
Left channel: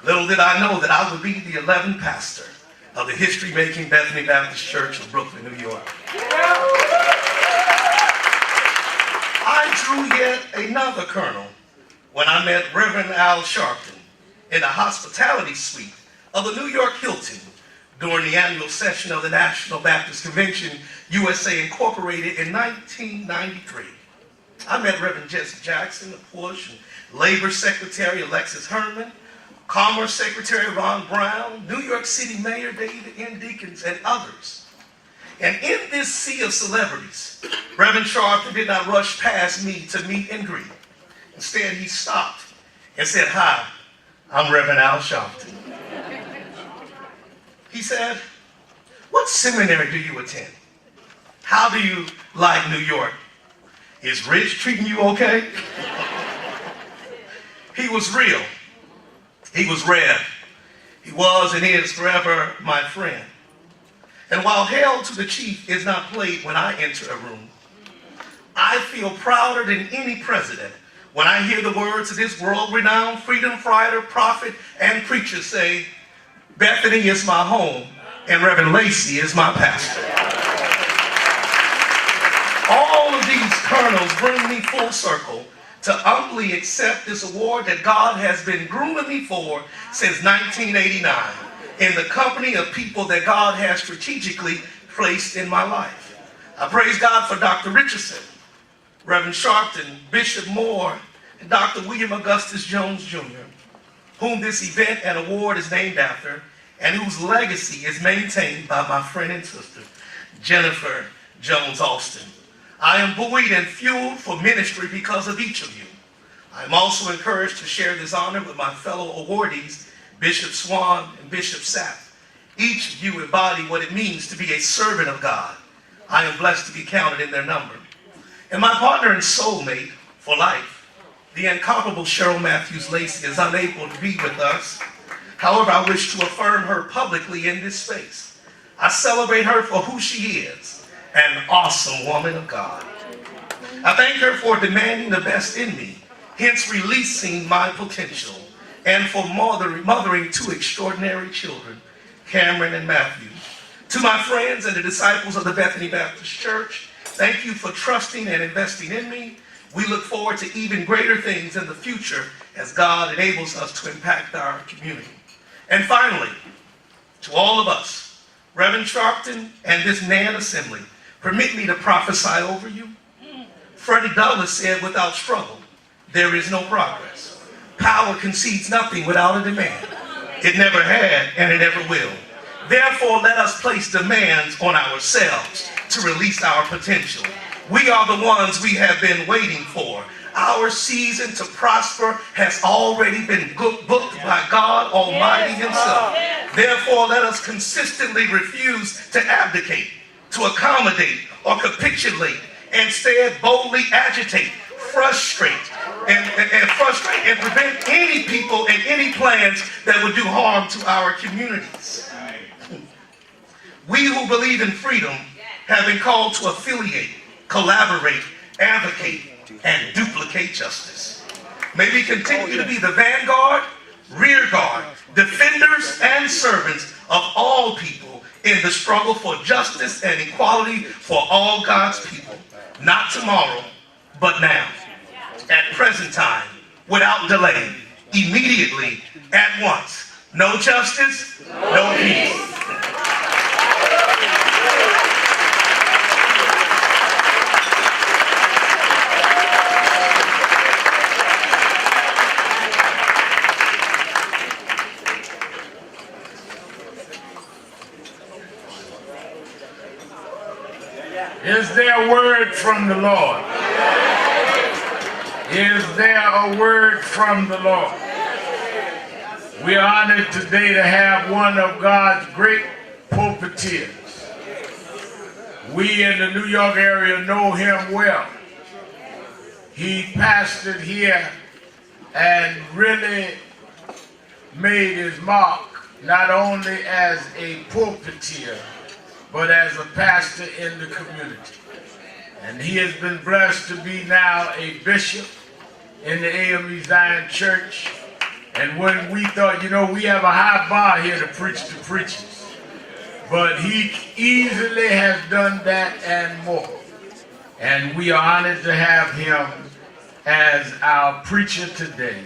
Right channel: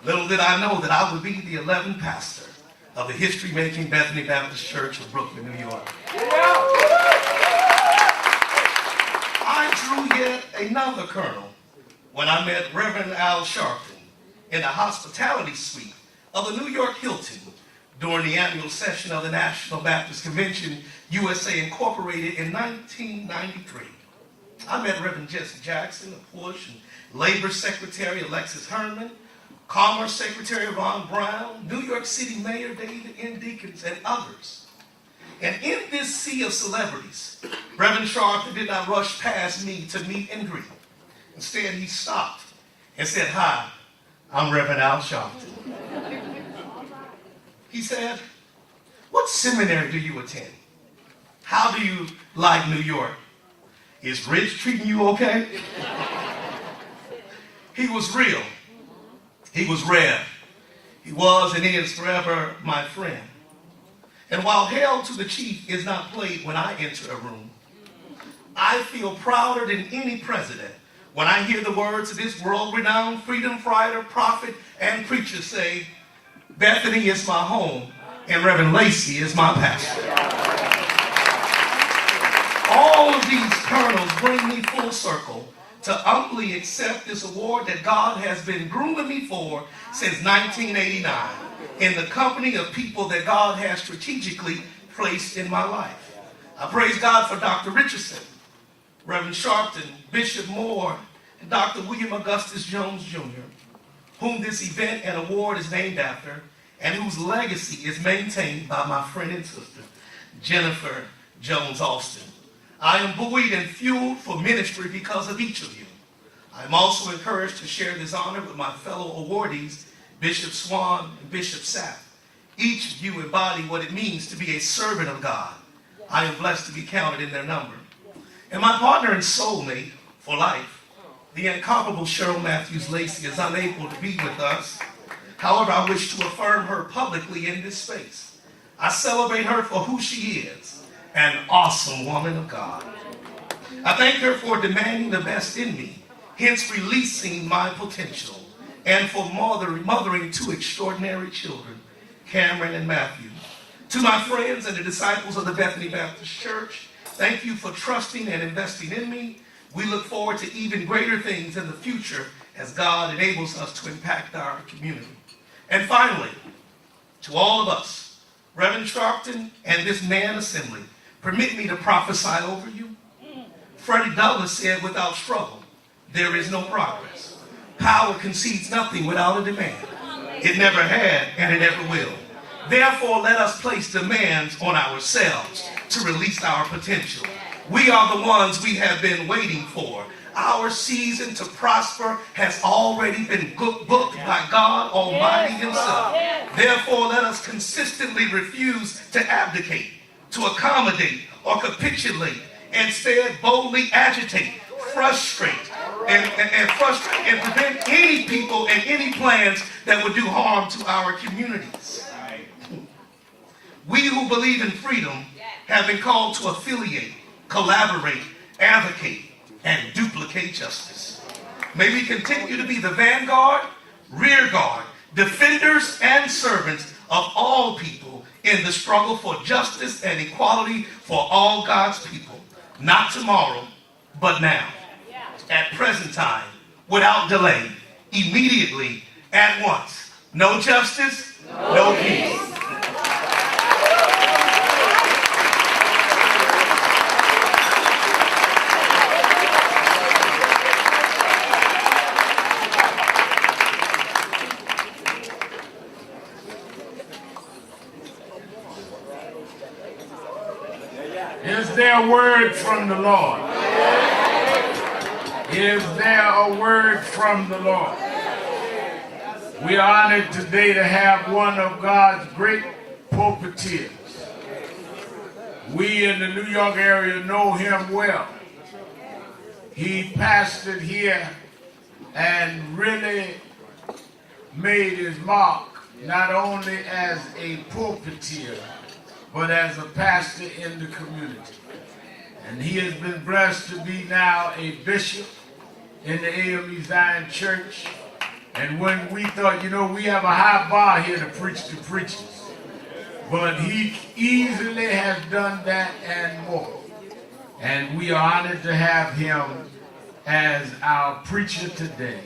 Little did I know that I would be the 11th pastor of the history-making Bethany Baptist Church of Brooklyn, New York. I drew yet another kernel when I met Reverend Al Sharpton in the hospitality suite of the New York Hilton during the annual session of the National Baptist Convention, USA Incorporated in 1993. I met Reverend Jesse Jackson of Push, and Labor Secretary Alexis Herman, Commerce Secretary Ron Brown, New York City Mayor David N. Deacons, and others. And in this sea of celebrities, Reverend Sharpton did not rush past me to meet and greet. Instead, he stopped and said, "Hi, I'm Reverend Al Sharpton." He said, "What seminary do you attend? How do you like New York? Is Rich treating you okay?" He was real. He was rare. He was and is forever my friend. And while Hail to the Chief is not played when I enter a room, I feel prouder than any president when I hear the words of this world-renowned freedom fighter, prophet, and preacher say, "Bethany is my home, and Reverend Lacey is my pastor." All of these kernels bring me full circle to humbly accept this award that God has been grooming me for since 1989 in the company of people that God has strategically placed in my life. I praise God for Dr. Richardson, Reverend Sharpton, Bishop Moore, and Dr. William Augustus Jones Jr., whom this event and award is named after, and whose legacy is maintained by my friend and sister, Jennifer Jones Austin. I am buoyed and fueled for ministry because of each of you. I am also encouraged to share this honor with my fellow awardees, Bishop Swan and Bishop Sapp. Each of you embody what it means to be a servant of God. I am blessed to be counted in their number. And my partner and soulmate for life, the incomparable Cheryl Matthews Lacey, is unable to be with us. However, I wish to affirm her publicly in this space. I celebrate her for who she is, an awesome woman of God. I thank her for demanding the best in me, hence releasing my potential, and for mothering two extraordinary children, Cameron and Matthew. To my friends and the disciples of the Bethany Baptist Church, thank you for trusting and investing in me. We look forward to even greater things in the future as God enables us to impact our community. And finally, to all of us, Reverend Sharpton and this NAN assembly, permit me to prophesy over you. Freddie Douglass said, "Without struggle, there is no progress. Power concedes nothing without a demand. It never had and it never will. Therefore, let us place demands on ourselves to release our potential. We are the ones we have been waiting for. Our season to prosper has already been booked by God Almighty Himself. Therefore, let us consistently refuse to abdicate, to accommodate, or capitulate. Instead, boldly agitate, frustrate, and prevent any people and any plans that would do harm to our communities. We who believe in freedom have been called to affiliate, collaborate, advocate, and duplicate justice. May we continue to be the vanguard, rear guard, defenders, and servants of all people in the struggle for justice and equality for all God's people. Not tomorrow, but now. At present time, without delay, immediately, at once. No justice, no peace. Is there a word from the Lord? Is there a word from the Lord? We are honored today to have one of God's great pulpiteers. We in the New York area know him well. He pastored here and really made his mark not only as a pulpiteer, but as a pastor in the community. And he has been blessed to be now a bishop in the AME Zion Church. And when we thought, you know, we have a high bar here to preach to preachers, but he easily has done that and more. And we are honored to have him as our preacher today.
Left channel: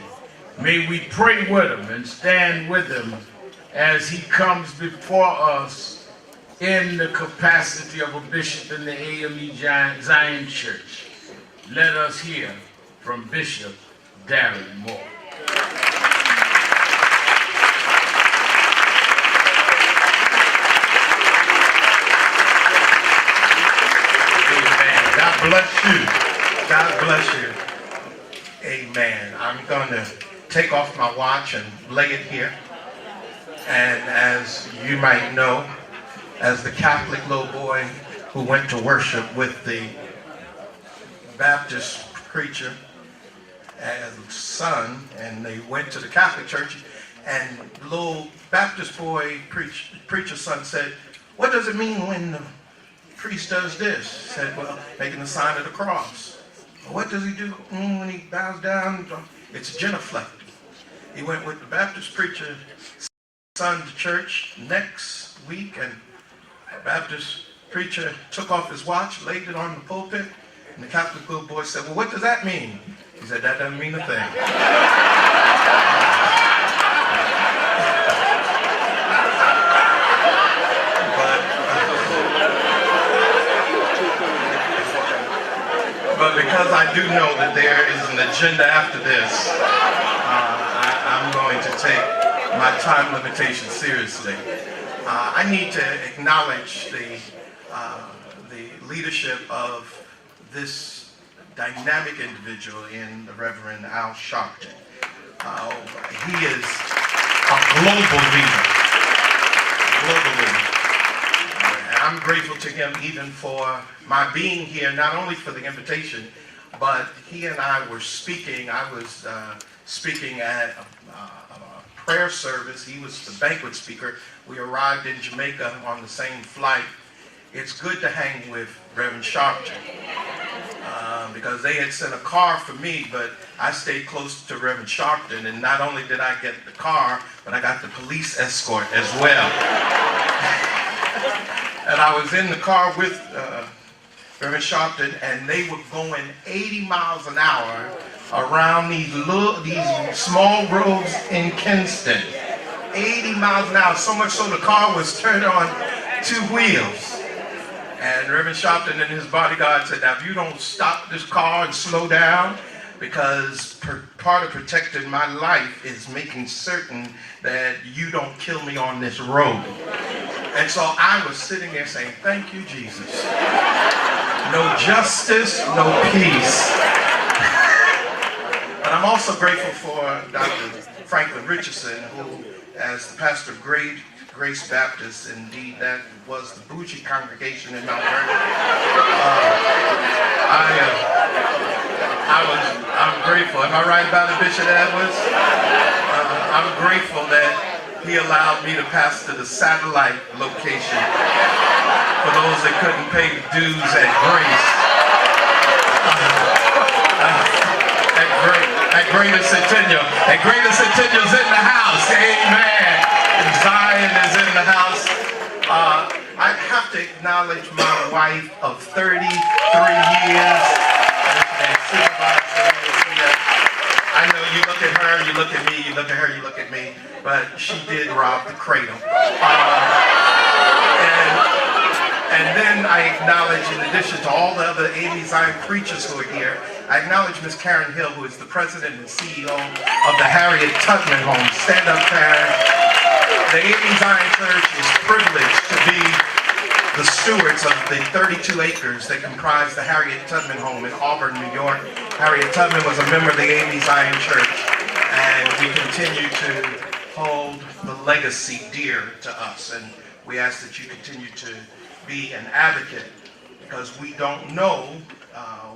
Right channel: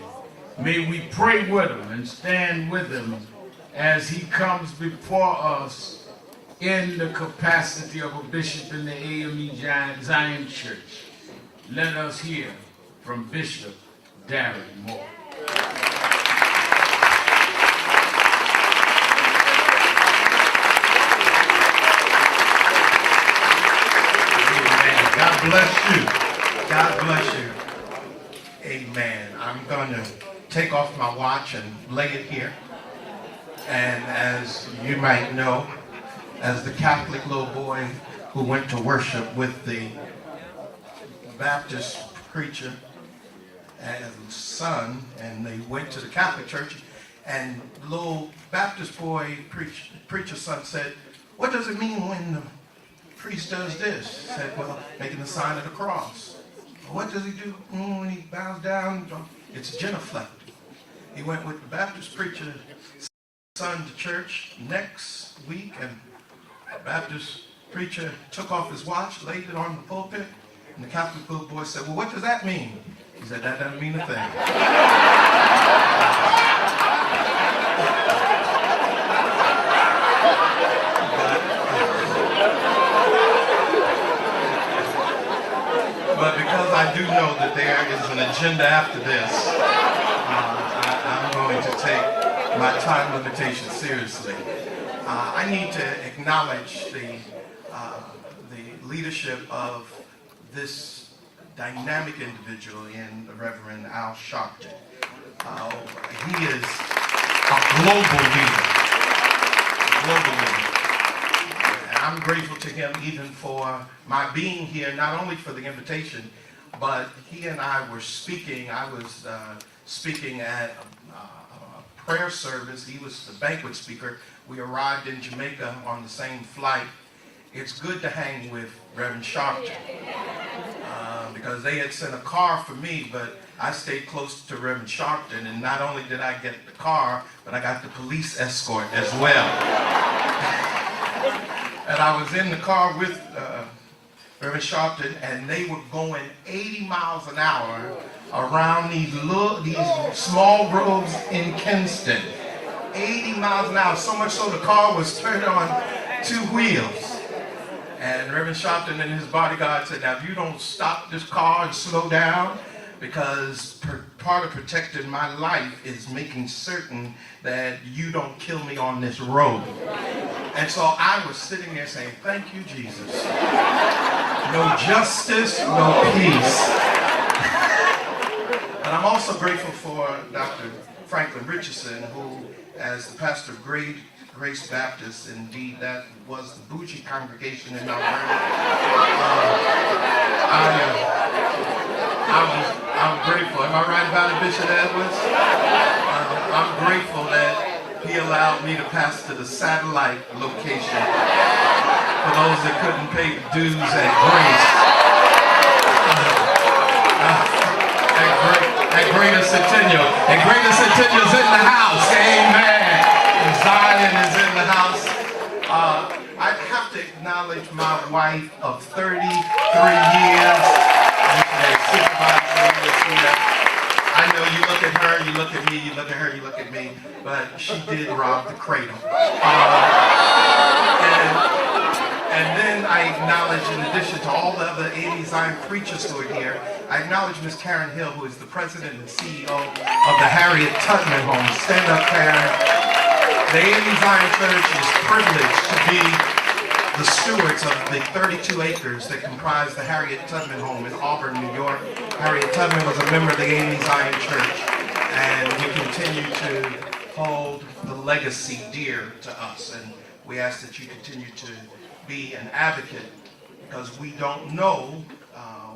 May we pray with him and stand with him as he comes before us in the capacity of a bishop in the AME Zion Church. Let us hear from Bishop Darren Moore. bless you. God bless you. Amen. I'm going to take off my watch and lay it here. And as you might know, as the Catholic little boy who went to worship with the Baptist preacher as son, and they went to the Catholic church, and the little Baptist boy preacher's son said, "What does it mean when the priest does this?" He said, "Well, making the sign of the cross." "What does he do when he bows down?" "It's genuflecting." He went with the Baptist preacher's son to church next week, and the Baptist preacher took off his watch, laid it on the pulpit, and the Catholic little boy said, "Well, what does that mean?" He said, "That doesn't mean a thing." But because I do know that there is an agenda after this, I'm going to take my time limitation seriously. I need to acknowledge the leadership of this dynamic individual in the Reverend Al Sharpton. He is a global leader. I'm grateful to him even for my being here, not only for the invitation, but he and I were speaking. I was speaking at a prayer service. He was the banquet speaker. We arrived in Jamaica on the same flight. It's good to hang with Reverend Sharpton because they had sent a car for me, but I stayed close to Reverend Sharpton, and not only did I get the car, but I got the police escort as well. And I was in the car with Reverend Sharpton, and they were going 80 miles an hour around these small roads in Kingston. 80 miles an hour, so much so the car was turned on 2 wheels. And Reverend Sharpton and his bodyguard said, "Now if you don't stop this car and slow down, because part of protecting my life is making certain that you don't kill me on this road." And so I was sitting there saying, "Thank you, Jesus. No justice, no peace." But I'm also grateful for Dr. Franklin Richardson, who, as the pastor of Grace Baptist, indeed that was the bougie congregation in Mount Vernon. I'm grateful. Am I right about it, Bishop Edwards? I'm grateful that he allowed me to pastor the satellite location for those that couldn't pay the dues at Grace. At Greater Centennial. And Greater Centennial's in the house. Amen. And Zion is in the house. I have to acknowledge my wife of 33 years. I know you look at her, you look at me, you look at her, you look at me, but she did rob the cradle. And then I acknowledge, in addition to all the other AME Zion preachers who are here, I acknowledge Ms. Karen Hill, who is the president and CEO of the Harriet Tubman Home. Stand up, Karen. The AME Zion Church is privileged to be the stewards of the 32 acres that comprise the Harriet Tubman Home in Auburn, New York. Harriet Tubman was a member of the AME Zion Church, and we continue to hold the legacy dear to us. And we ask that you continue to be an advocate, because we don't know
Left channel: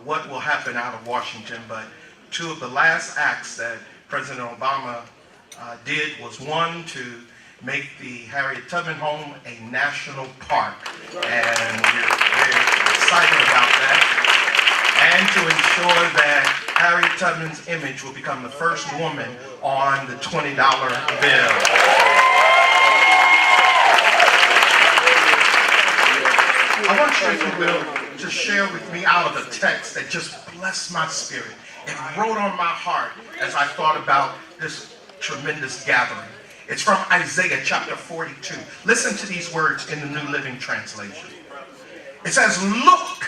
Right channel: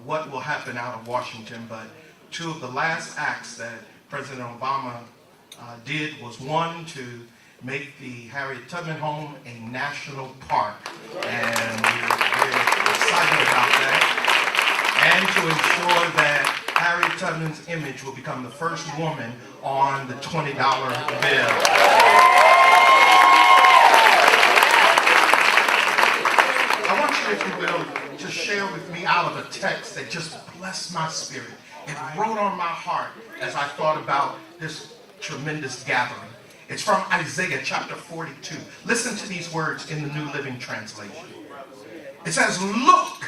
what will happen out of Washington, but 2 of the last acts that President Obama did was, 1, to make the Harriet Tubman Home a national park, and we're excited about that, and to ensure that Harriet Tubman's image will become the first woman on the $20 bill. I want you, if you will, to share with me out of a text that just blessed my spirit. It wrote on my heart as I thought about this tremendous gathering. It's from Isaiah chapter 42. Listen to these words in the New Living Translation. It says, "Look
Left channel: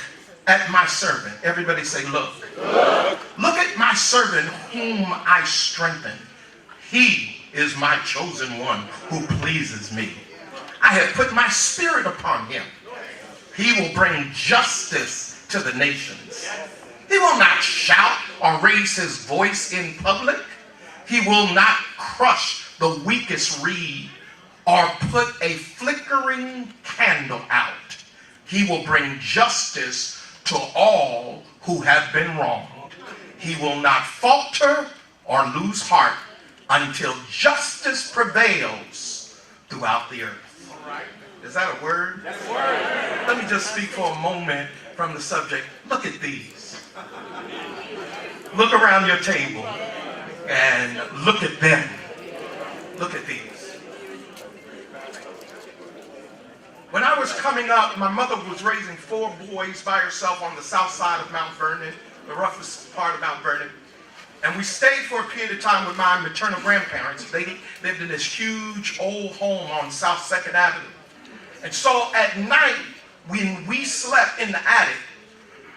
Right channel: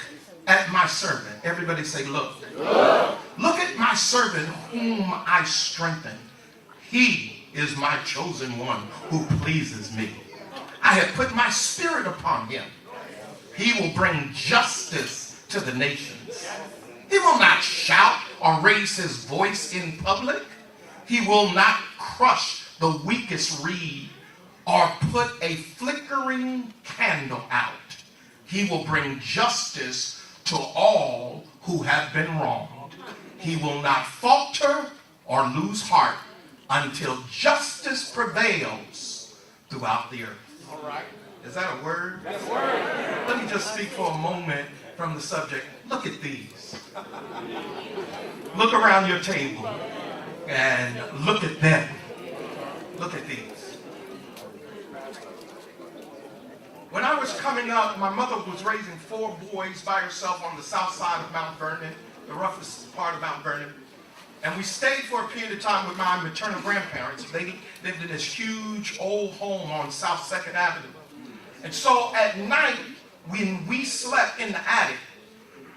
at my servant." Everybody say, look. Look. Look at my servant whom I strengthen. He is my chosen one who pleases me. I have put my spirit upon him. He will bring justice to the nations. He will not shout or raise his voice in public. He will not crush the weakest reed or put a flickering candle out. He will bring justice to all who have been wronged. He will not falter or lose heart until justice prevails throughout the earth. All right. Is that a word? That's a word. Let me just speak for a moment from the subject. Look at these. Look around your table and look at them. Look at these. When I was coming up, my mother was raising 4 boys by herself on the south side of Mount Vernon, the roughest part of Mount Vernon. And we stayed for a period of time with my maternal grandparents. They lived in this huge old home on South 2nd Avenue. And so at night, when we slept in the attic,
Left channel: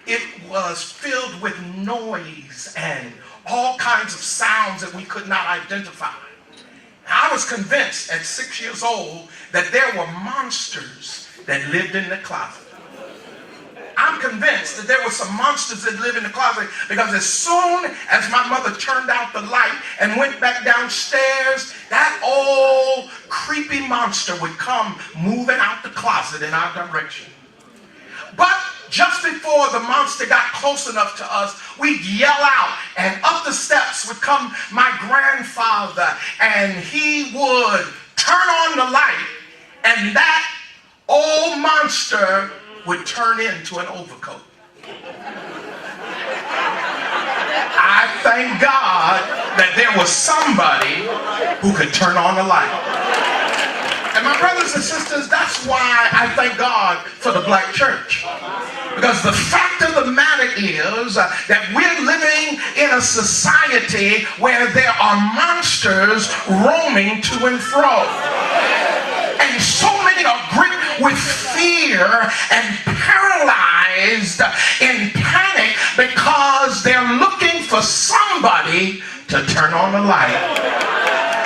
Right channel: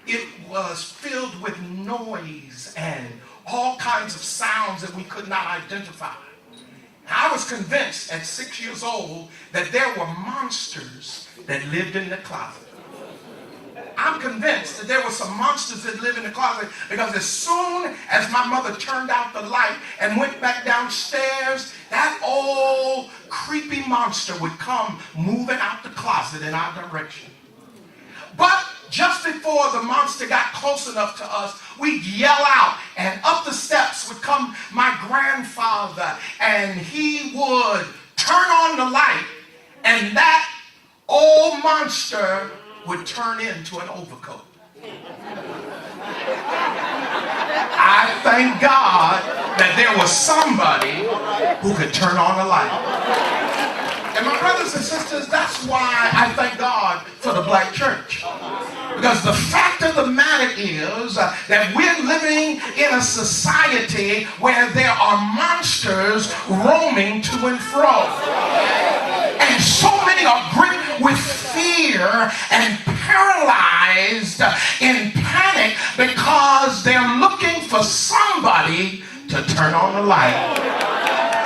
it was filled with noise and all kinds of sounds that we could not identify. I was convinced at 6 years old that there were monsters that lived in the closet. I'm convinced that there were some monsters that lived in the closet because as soon as my mother turned out the light and went back downstairs, that old creepy monster would come moving out the closet in our direction. But just before the monster got close enough to us, we'd yell out, and up the steps would come my grandfather, and he would turn on the light, and that old monster would turn into an overcoat. I thank God that there was somebody who could turn on the light. And my brothers and sisters, that's why I thank God for the black church. Because the fact of the matter is that we're living in a society where there are monsters roaming to and fro. And so many are gripped with fear and paralyzed in panic because they're looking for somebody to turn on the light.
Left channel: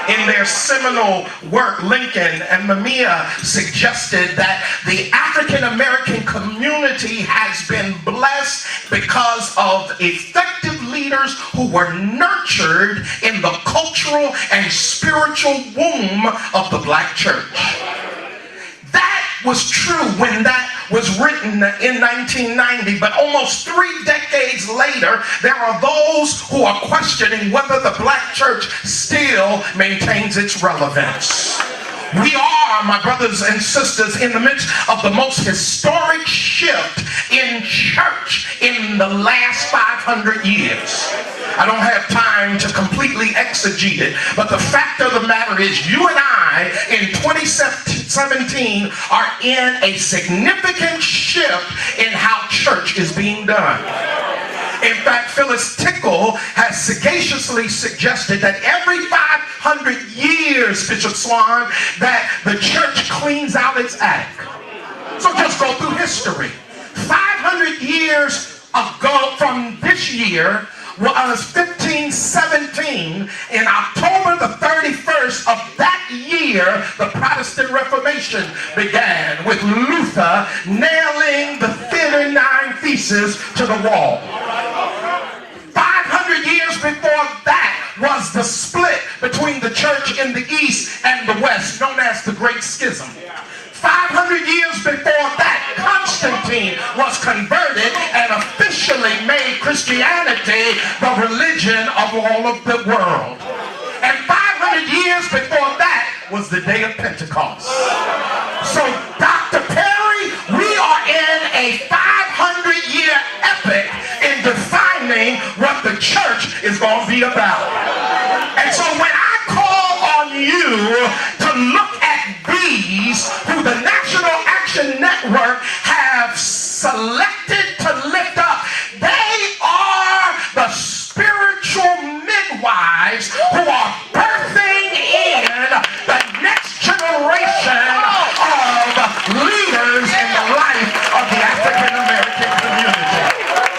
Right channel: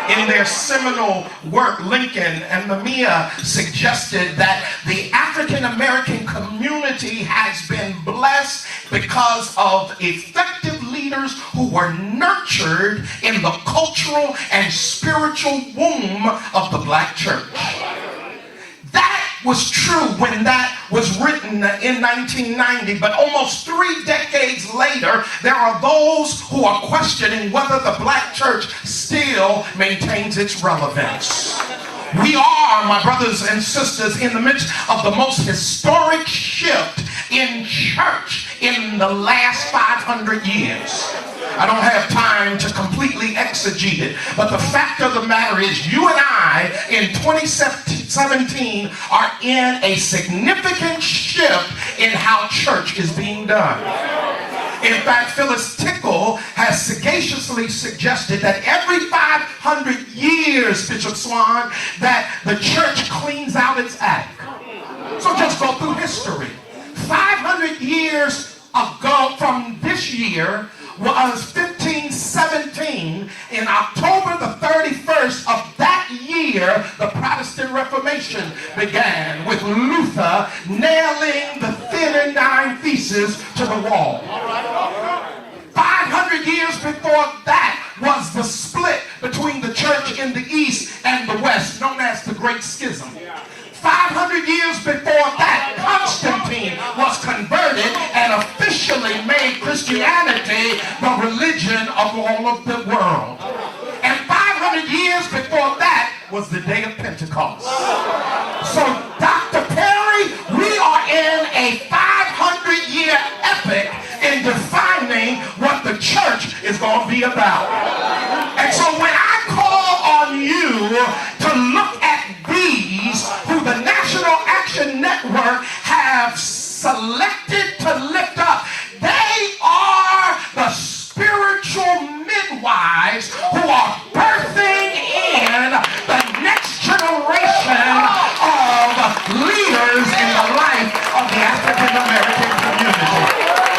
In their seminal work, Lincoln and Mamiya suggested that the African American community has been blessed because of effective leaders who were nurtured in the cultural and spiritual womb of the black church. That was true when that was written in 1990, but almost 3 decades later, there are those who are questioning whether the black church still maintains its relevance. We are, my brothers and sisters, in the midst of the most historic shift in church in the last 500 years. I don't have time to completely exegete it, but the fact of the matter is you and I in 2017 are in a significant shift in how church is being done. In fact, Phyllis Tickle has sagaciously suggested that every 500 years, Bishop Swan, that the church cleans out its attic. So just go through history. 500 years ago from this year was 1517. In October the 31st of that year, the Protestant Reformation began with Luther nailing the 39 Theses to the wall. 500 years before that was the split between the church in the East and the West, known as the Great Schism. 500 years before that, Constantine was converted and officially made Christianity the religion of all of the world. And 500 years before that was the day of Pentecost. So, Dr. Perry, we are in a 500-year epic in defining what the church is going to be about. And so when I call on you to look at these who the National Action Network have selected to lift up, they are the spiritual midwives who are birthing in the next generation of leaders in the life of the African American community.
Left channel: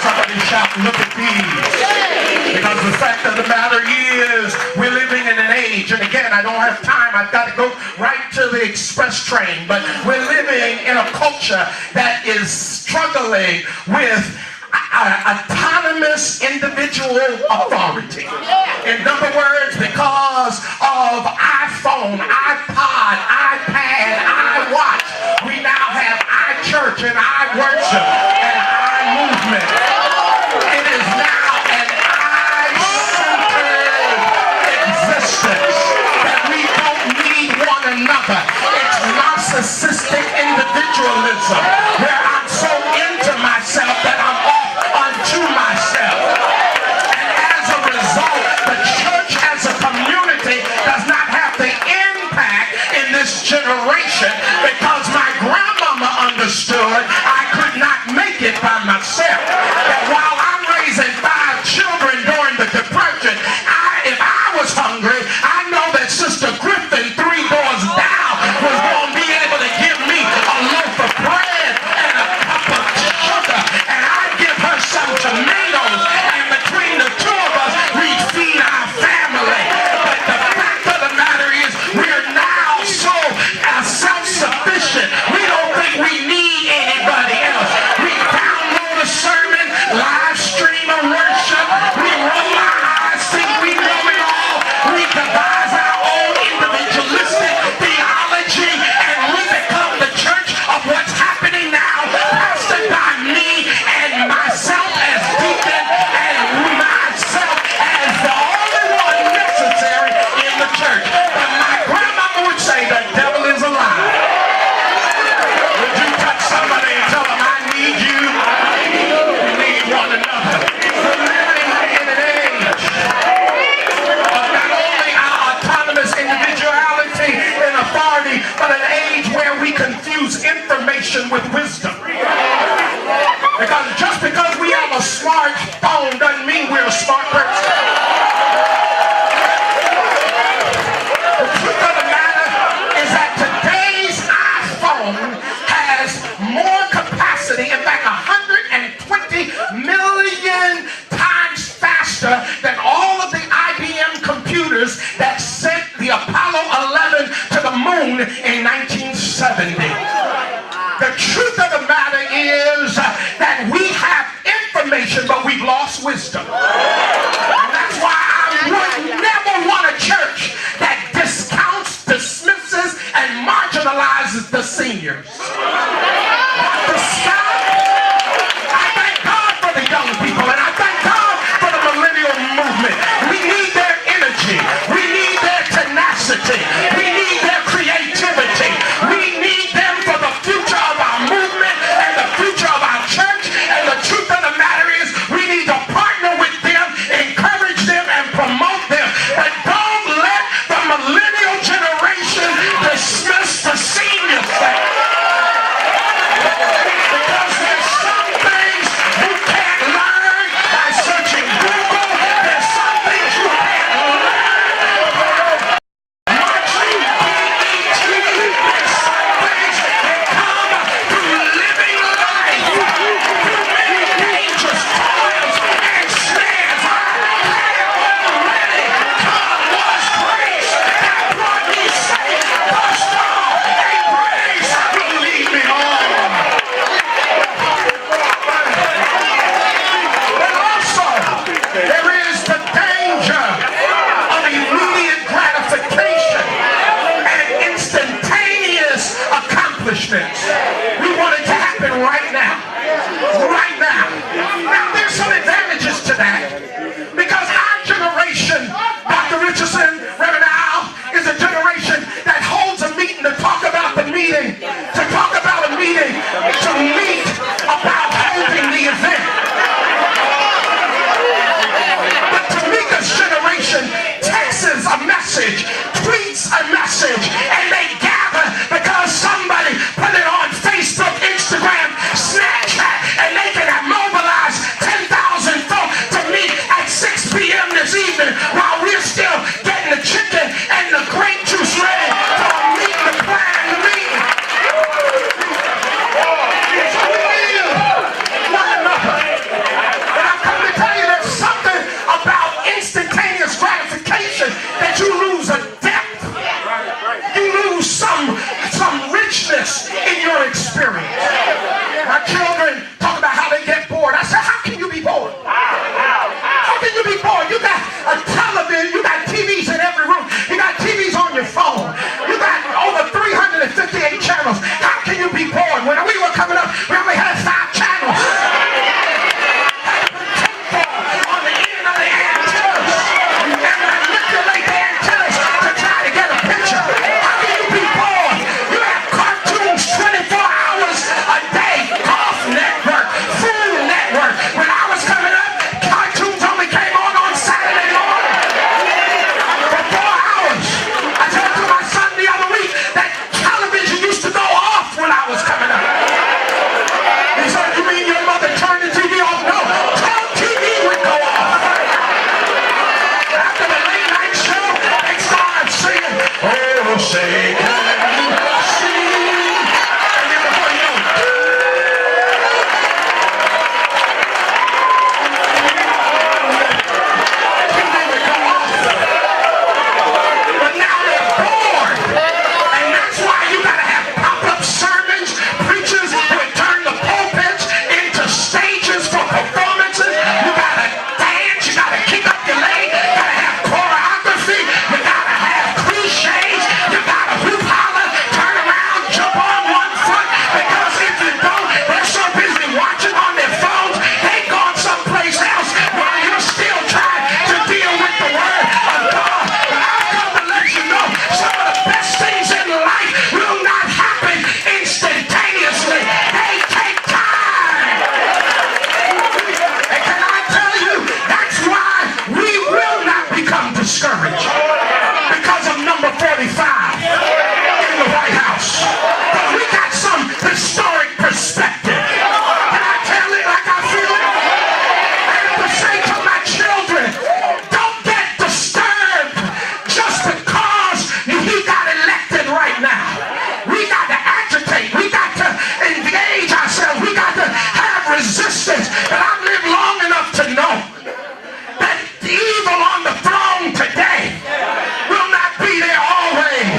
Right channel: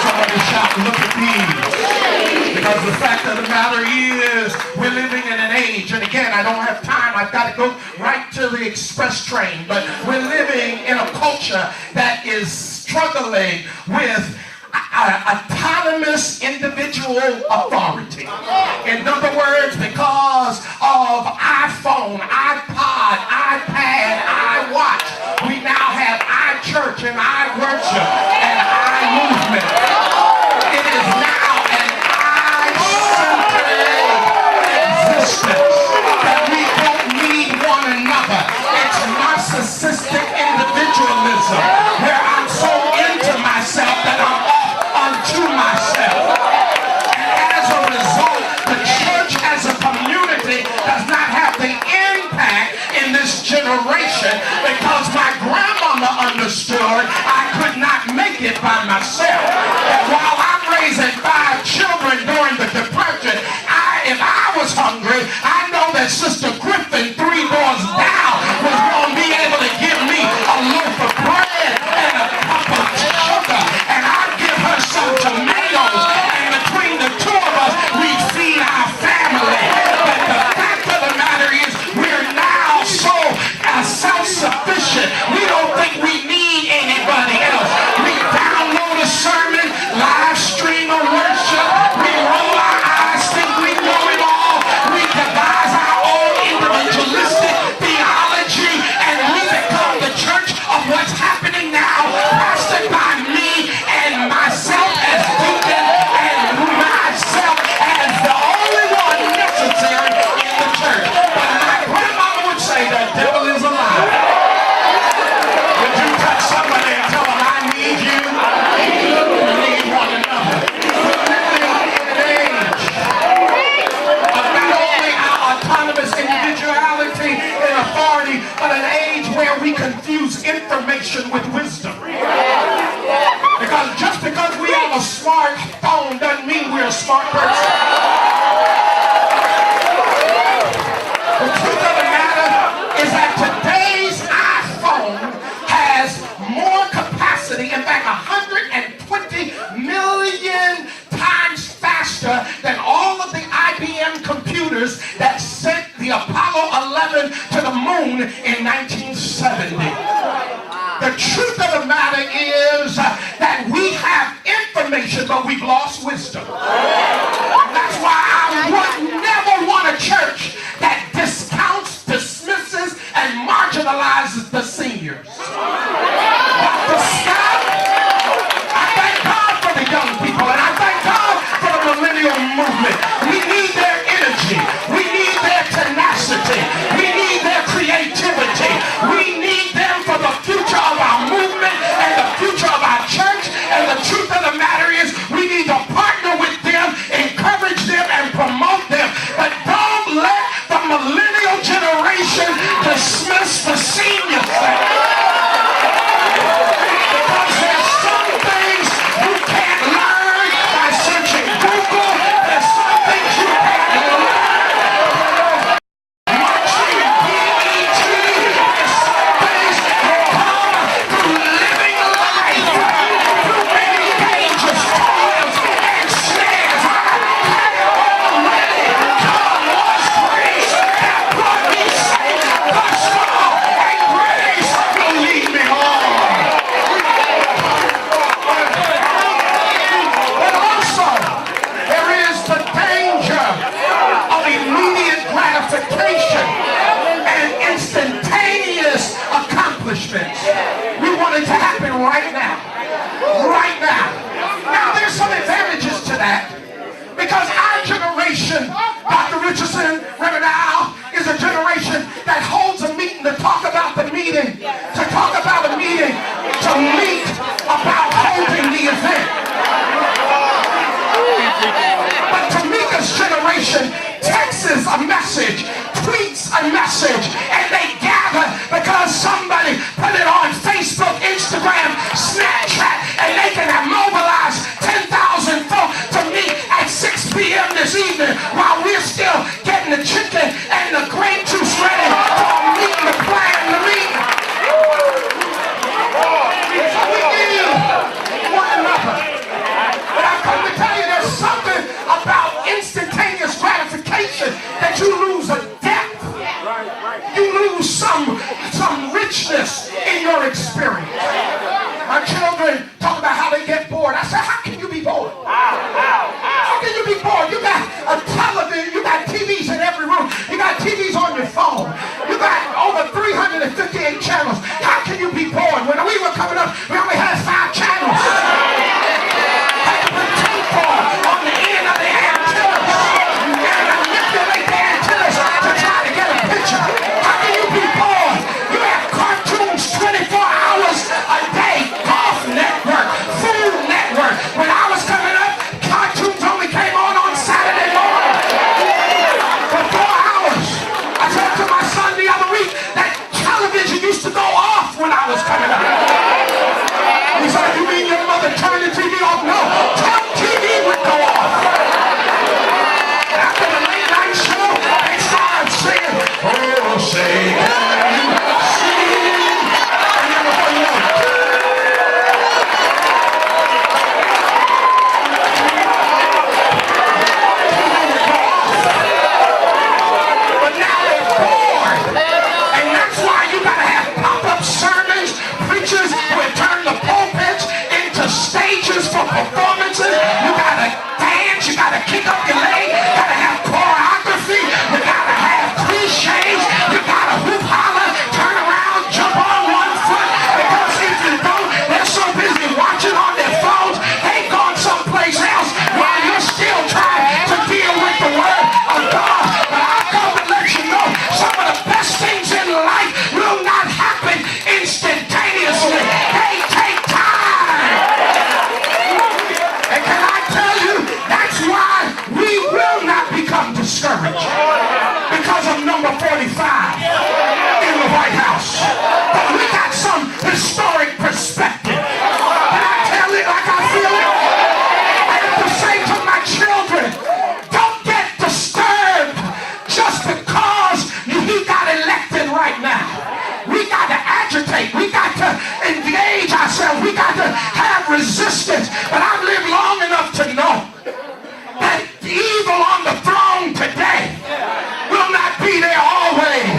Somebody shout, look at these. Because the fact of the matter is, we're living in an age, and again, again. I don't have time. I've got to go right to the express train. But we're living in a culture that is struggling with autonomous individual authority. In other words, because of iPhone, iPod, iPad, iWatch, we now have iChurch and iWorship and iMovement. It is now an I-centered existence that we don't need one another. It's narcissistic individualism where I'm so into myself that I'm off unto myself. And as a result, the church as a community does not have the impact in this generation because my grandmama understood I could not make it by myself. That while I'm raising 5 children during the Depression, if I was hungry, I know that Sister Griffin 3 doors down was going to be able to give me a loaf of bread and a cup of sugar, and I'd give her some tomatoes, and between the two of us, we'd feed our family. But the fact of the matter is, we're now so self-sufficient, we don't think we need anybody else. We download a sermon, live stream a worship, we roll our eyes, think we know it all, we devise our own individualistic theology, and we become the church of what's happening now, pastored by me and myself as deacon and myself as the only one necessary in the church. But my grandmama would say the devil is a lie. Would you touch somebody and tell them I need you? We need one another. We're living in an age of not only our autonomous individuality and authority, but an age where we confuse information with wisdom. Because just because we have a smartphone doesn't mean we're a smart person. The truth of the matter is that today's iPhone has more capacity, in fact 120 million times faster than all of the IBM computers that sent the Apollo 11 to the moon in 1970. The truth of the matter is that we have information, but we've lost wisdom. And that's why I never want a church that discounts, dismisses, and marginalizes the seniors. Dr. Scott, I thank God for the young people, and I thank God for the millennial movement. We need their energy. We need their tenacity. We need their creativity. We need them for the future of our movement and the future of our church. And the truth of the matter is, we need to partner with them, encourage them, and promote them. But don't let the millennial generation dismiss the seniors. Because there's some things you can't learn by searching Google. There's some things you can't learn watching BET. There's some things that come through living life, through many dangerous toils and snares. I have already come was grace that brought me safe thus far, and grace will lead me on. But also, there is the danger of immediate gratification and instantaneous accomplishments. We want it to happen right now. Right now. Now, there's some advantages to that. Because our generation, Dr. Richardson, Reverend Al, is a generation that holds a meeting to talk about the meeting, to talk about a meeting, to meet about holding the event. But Tamika's generation texts a message, tweets a message, and they gather because somebody put it on Facebook, Instagram, Snapchat, and they He said, you mean your mother turned the TV off? No, tell TV would go off. After the late night show, they started singing, oh, say, can you sing? And you know, but now they're bored. And that's why you gotta have pop-up sermons, preachers who would turn the pulpits into stages for performances. You gotta dance, you gotta kick up your leg, you gotta have choreography, you gotta have cliches, you gotta hoop holler, turn around, jump on one foot, because if you don't, they're so busy watching on their phones, they gone someplace else while you're still trying to deal with the word of God. But I've come to let you know some of the best things in life will not happen instantaneously. They take time. And can I tell you, that's why we will not become discouraged because of number 45 in the White House. But we got some historic perspective. Can I tell it like I feel it? I have to say to my children, don't get disturbed just because he got elected right now. We got to agitate. We got to engage ourselves. We got to have resistance. But I've lived long enough to know that the evil on the throne today will not be there always.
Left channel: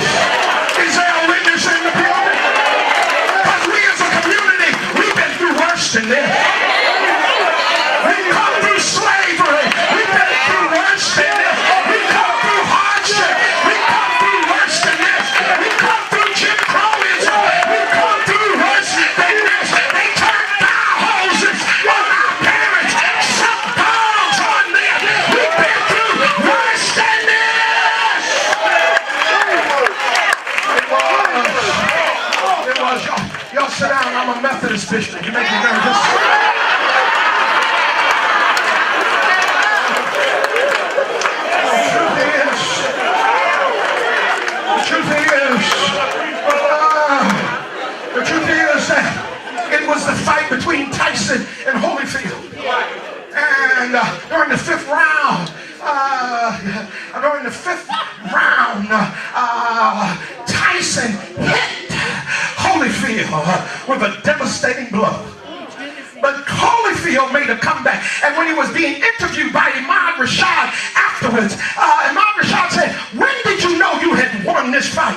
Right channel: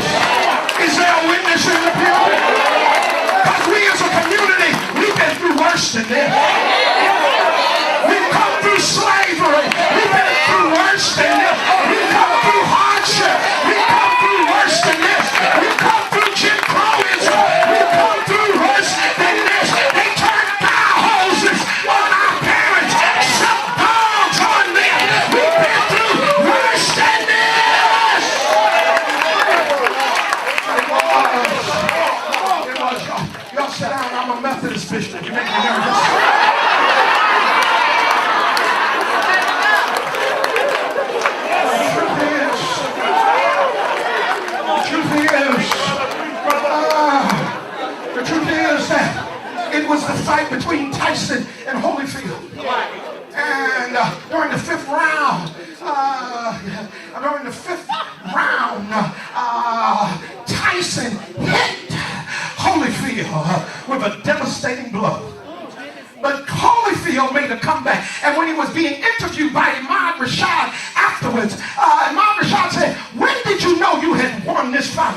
Is there a witness in the building? Because we as a community, we've been through worse than this. We've come through slavery. We've been through worse than this. We've come through hardship. We've come through worse than this. We've come through Jim Crowism. We've come through worse than this. They turned fire hoses on our parents. Some dogs on them. We've been through worse than this. It was. Y'all sit down. I'm a Methodist bishop. You make me nervous. The truth is that it was the fight between Tyson and Holyfield. And during the fifth round, Tyson hit Holyfield with a devastating blow. But Holyfield made a comeback. And when he was being interviewed by Imad Rashad afterwards, Imad Rashad said, when did you know you had won this fight?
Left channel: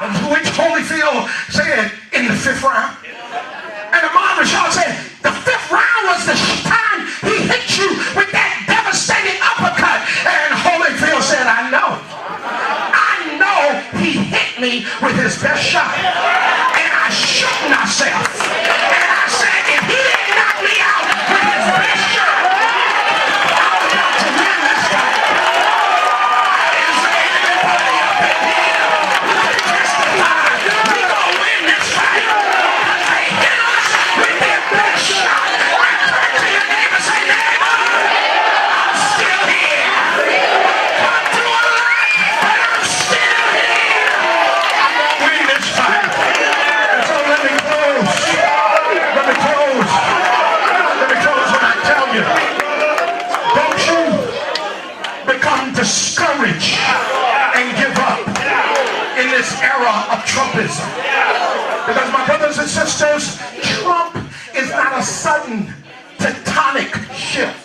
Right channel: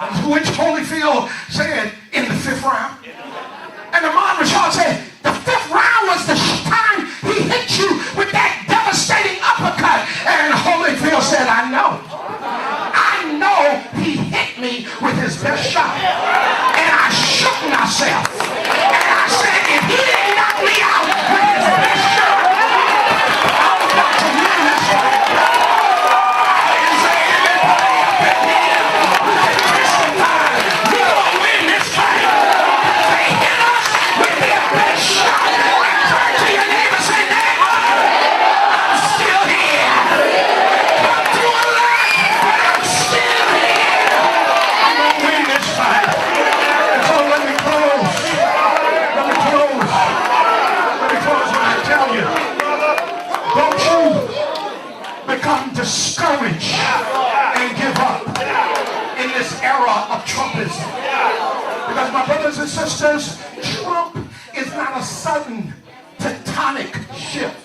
To which Holyfield said, in the fifth round. And Imad Rashad said, the fifth round was the time he hit you with that devastating uppercut. And Holyfield said, I know he hit me with his best shot. And I shook myself. And I said, if he didn't knock me out with his best shot, I was about to win this fight. I didn't say anybody up in here who can testify we gonna win this fight. Because they hit us with their best shot. And turn to your neighbor and say, neighbor, I'm still here. Come through a lot, but I'm still here. I'm gonna win this fight. So let me close when I tell you, don't you become discouraged and give up in this era of Trumpism. Because my brothers and sisters, Trump is not a sudden tectonic shift.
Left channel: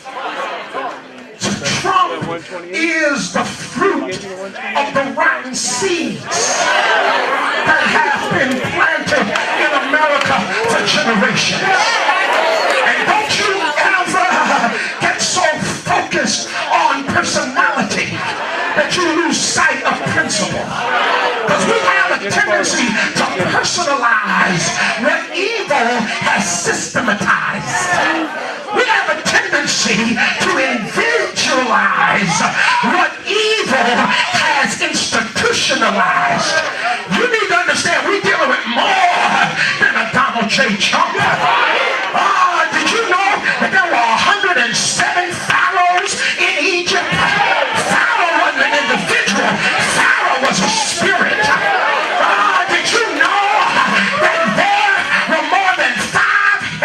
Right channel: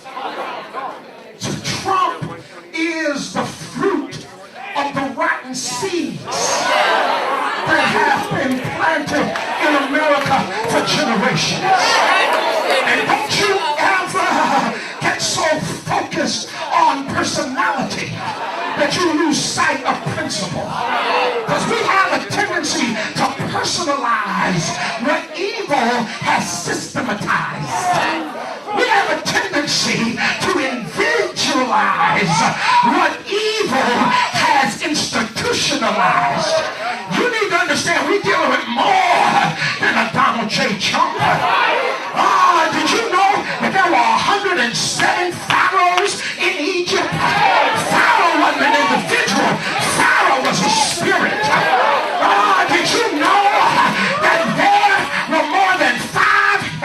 Trump is the fruit of the rotten seeds that have been planted in America for generations. And don't you ever get so focused on personality that you lose sight of principle. Because we have a tendency to personalize what evil has systematized. We have a tendency to individualize what evil has institutionalized. You need to understand we're dealing with more than a Donald J. Trump. Did you know that there were 107 pharaohs in Egypt? Pharaoh wasn't an individual. Pharaoh was a spirit. Did you know that there were more than 5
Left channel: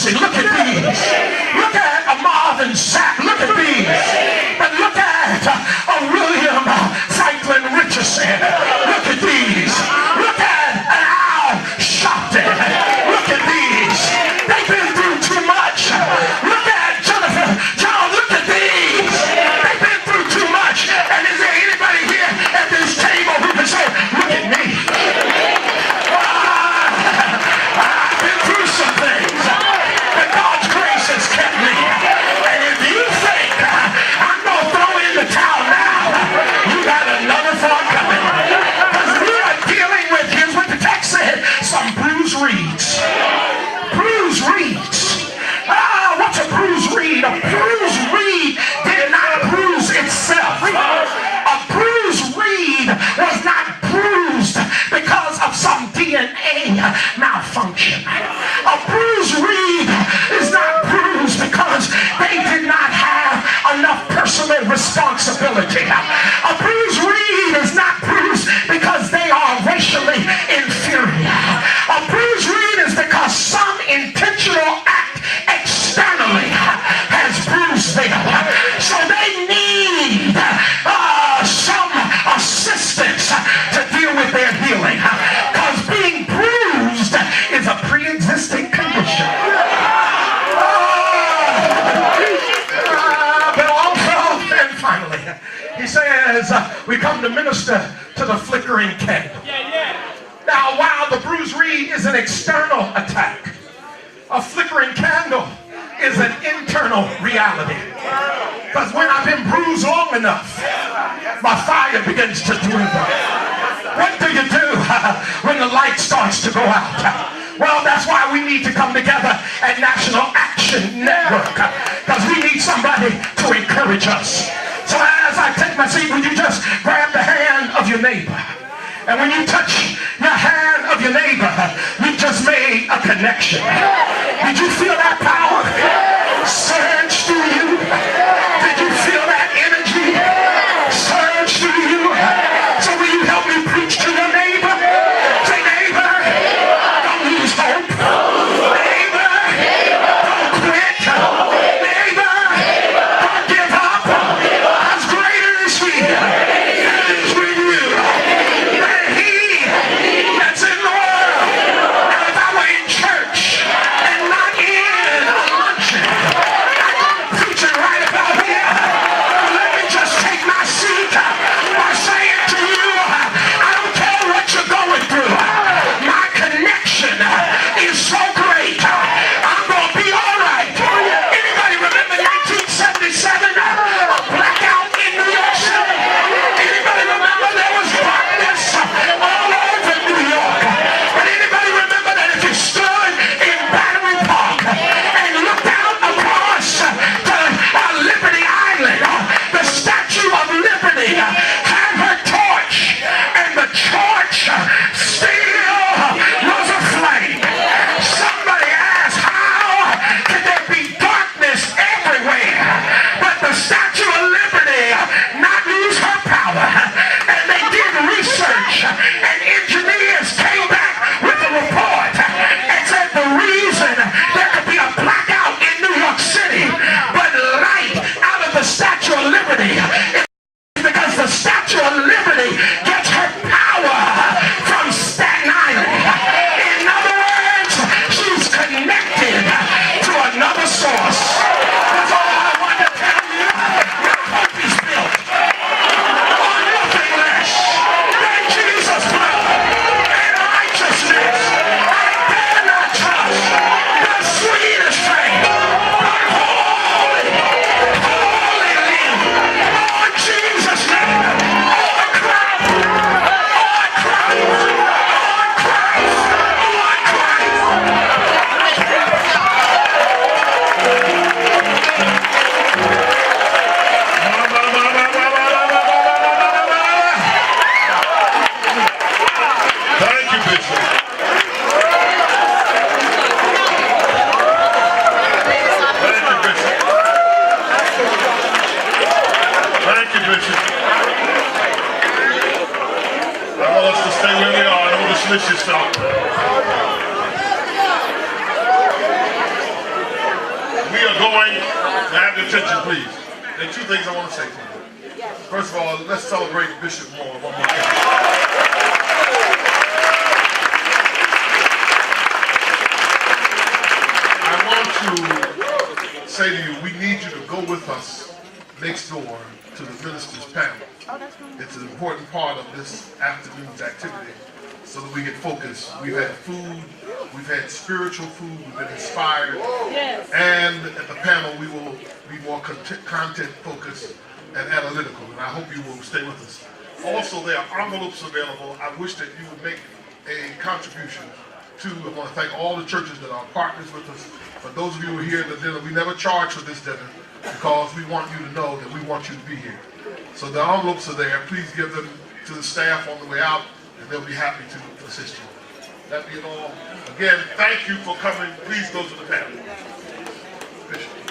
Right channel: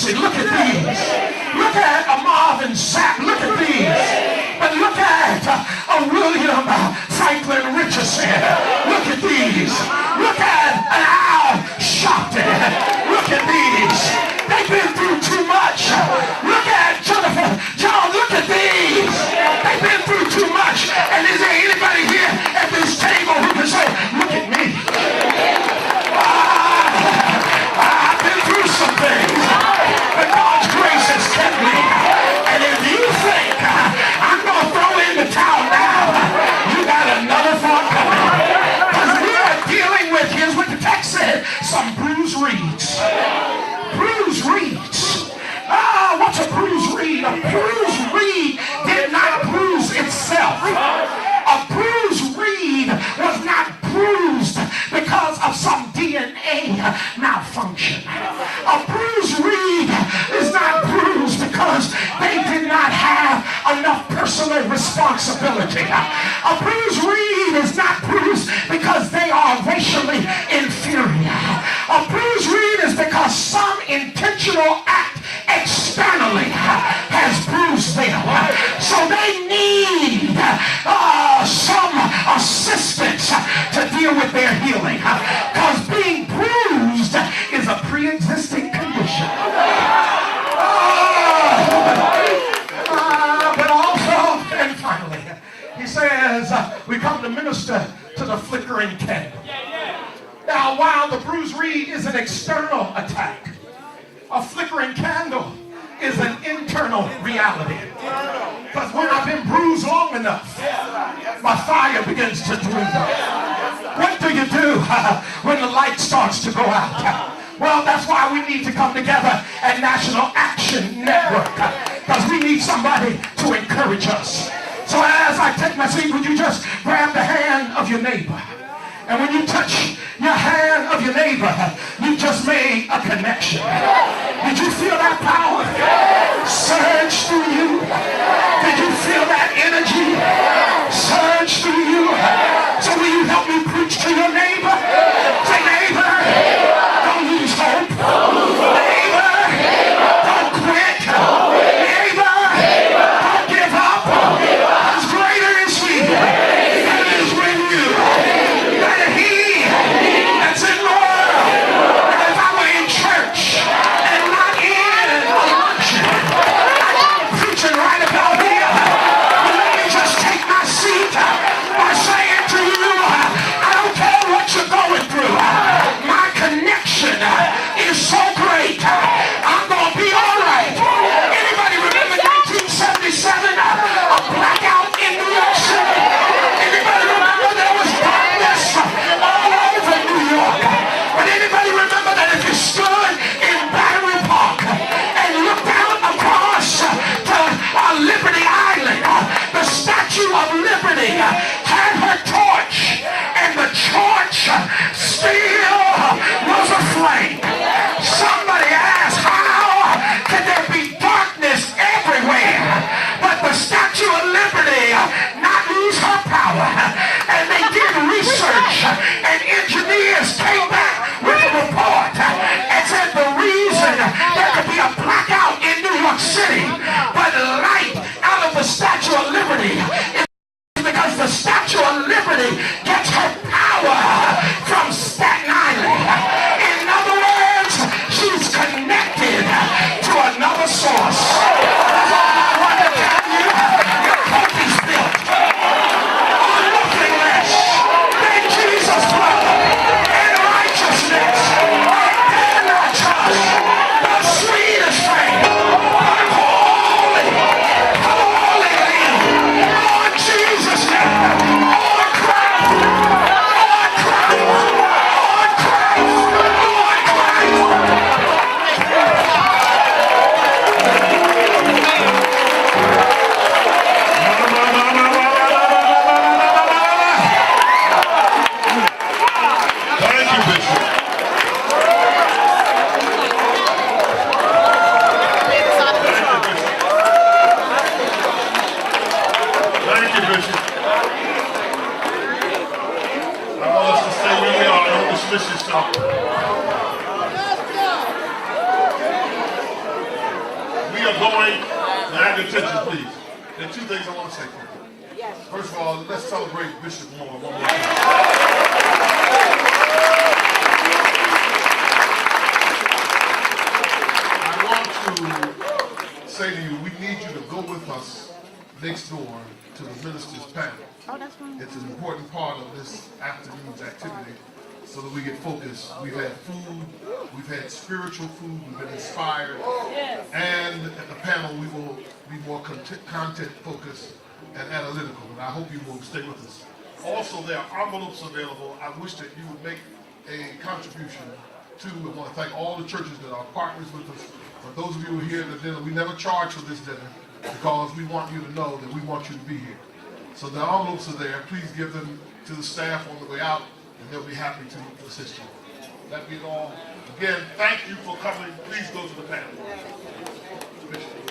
Morrissey. Look at these. Look at a Marvin Sapp. Look at these. But look at a William Franklin Richardson. Look at these. Look at an Al Sharpton. Look at these. They've been through too much. Look at Jennifer John. Look at these. They've been through too much. And is there anybody here at this table who can say, look at me? I've been through some things. But God's grace has kept me. And if you think I'm going to throw in the towel now, you got another thought coming. Because we are dealing with, here's what the text said, some bruised reeds. Bruised reeds. What's a bruised reed? A bruised reed did not bruise itself. A bruised reed was not bruised because of some DNA malfunction. A bruised reed is not bruised because they did not have enough personal responsibility. A bruised reed is not bruised because they are racially inferior. A bruised reed is because some intentional act externally has bruised them. So they need some assistance to deal with their healing. Because being bruised is a pre-existing condition. But also, and finally, he says, we come to minister to the flickering candle. Now, while the bruised reed is an external attack, a flickering candle is an internal reality. Because when I've been bruised long enough, my fire begins to dwindle. What do you do when the light starts to go out? Well, that's why we need to come together at National Action Network. Because we need somebody to encourage us. So as I take my seat, would you just grab the hand of your neighbor? And when you touch your hand of your neighbor, you just made a connection. Did you feel that power surge through you? Did you feel that energy surge through you? So will you help me preach to your neighbor? Say, neighbor, don't lose hope. Neighbor, don't quit. Neighbor, don't give up. As greater is he that is with you than he that's in the world. And if I were in church and not in going. Now have your attention, please. There are two things I want to say to you. First of all, let's celebrate Bishop Moore one more time. I want to say to you, we need you to go with us next door to the ministers' panel. It's an important part of this afternoon's activity so that we get focused. We've had food, we've had spiritual food, we've been inspired, and at the panel we will be more content focused and analytical, and I hope you will stay with us. Also, there are envelopes available. I wish that you would make a contribution to, I want to thank all the churches that are partners with us, but those of you who are here at the dinner, we never charge for this dinner because we want you to know that we want you to be here. So the envelopes are there. Please give them to the staff on the way out, and they'll be happy to assist you. That being all, again, thank you for coming. Please go to the panel. Bishop.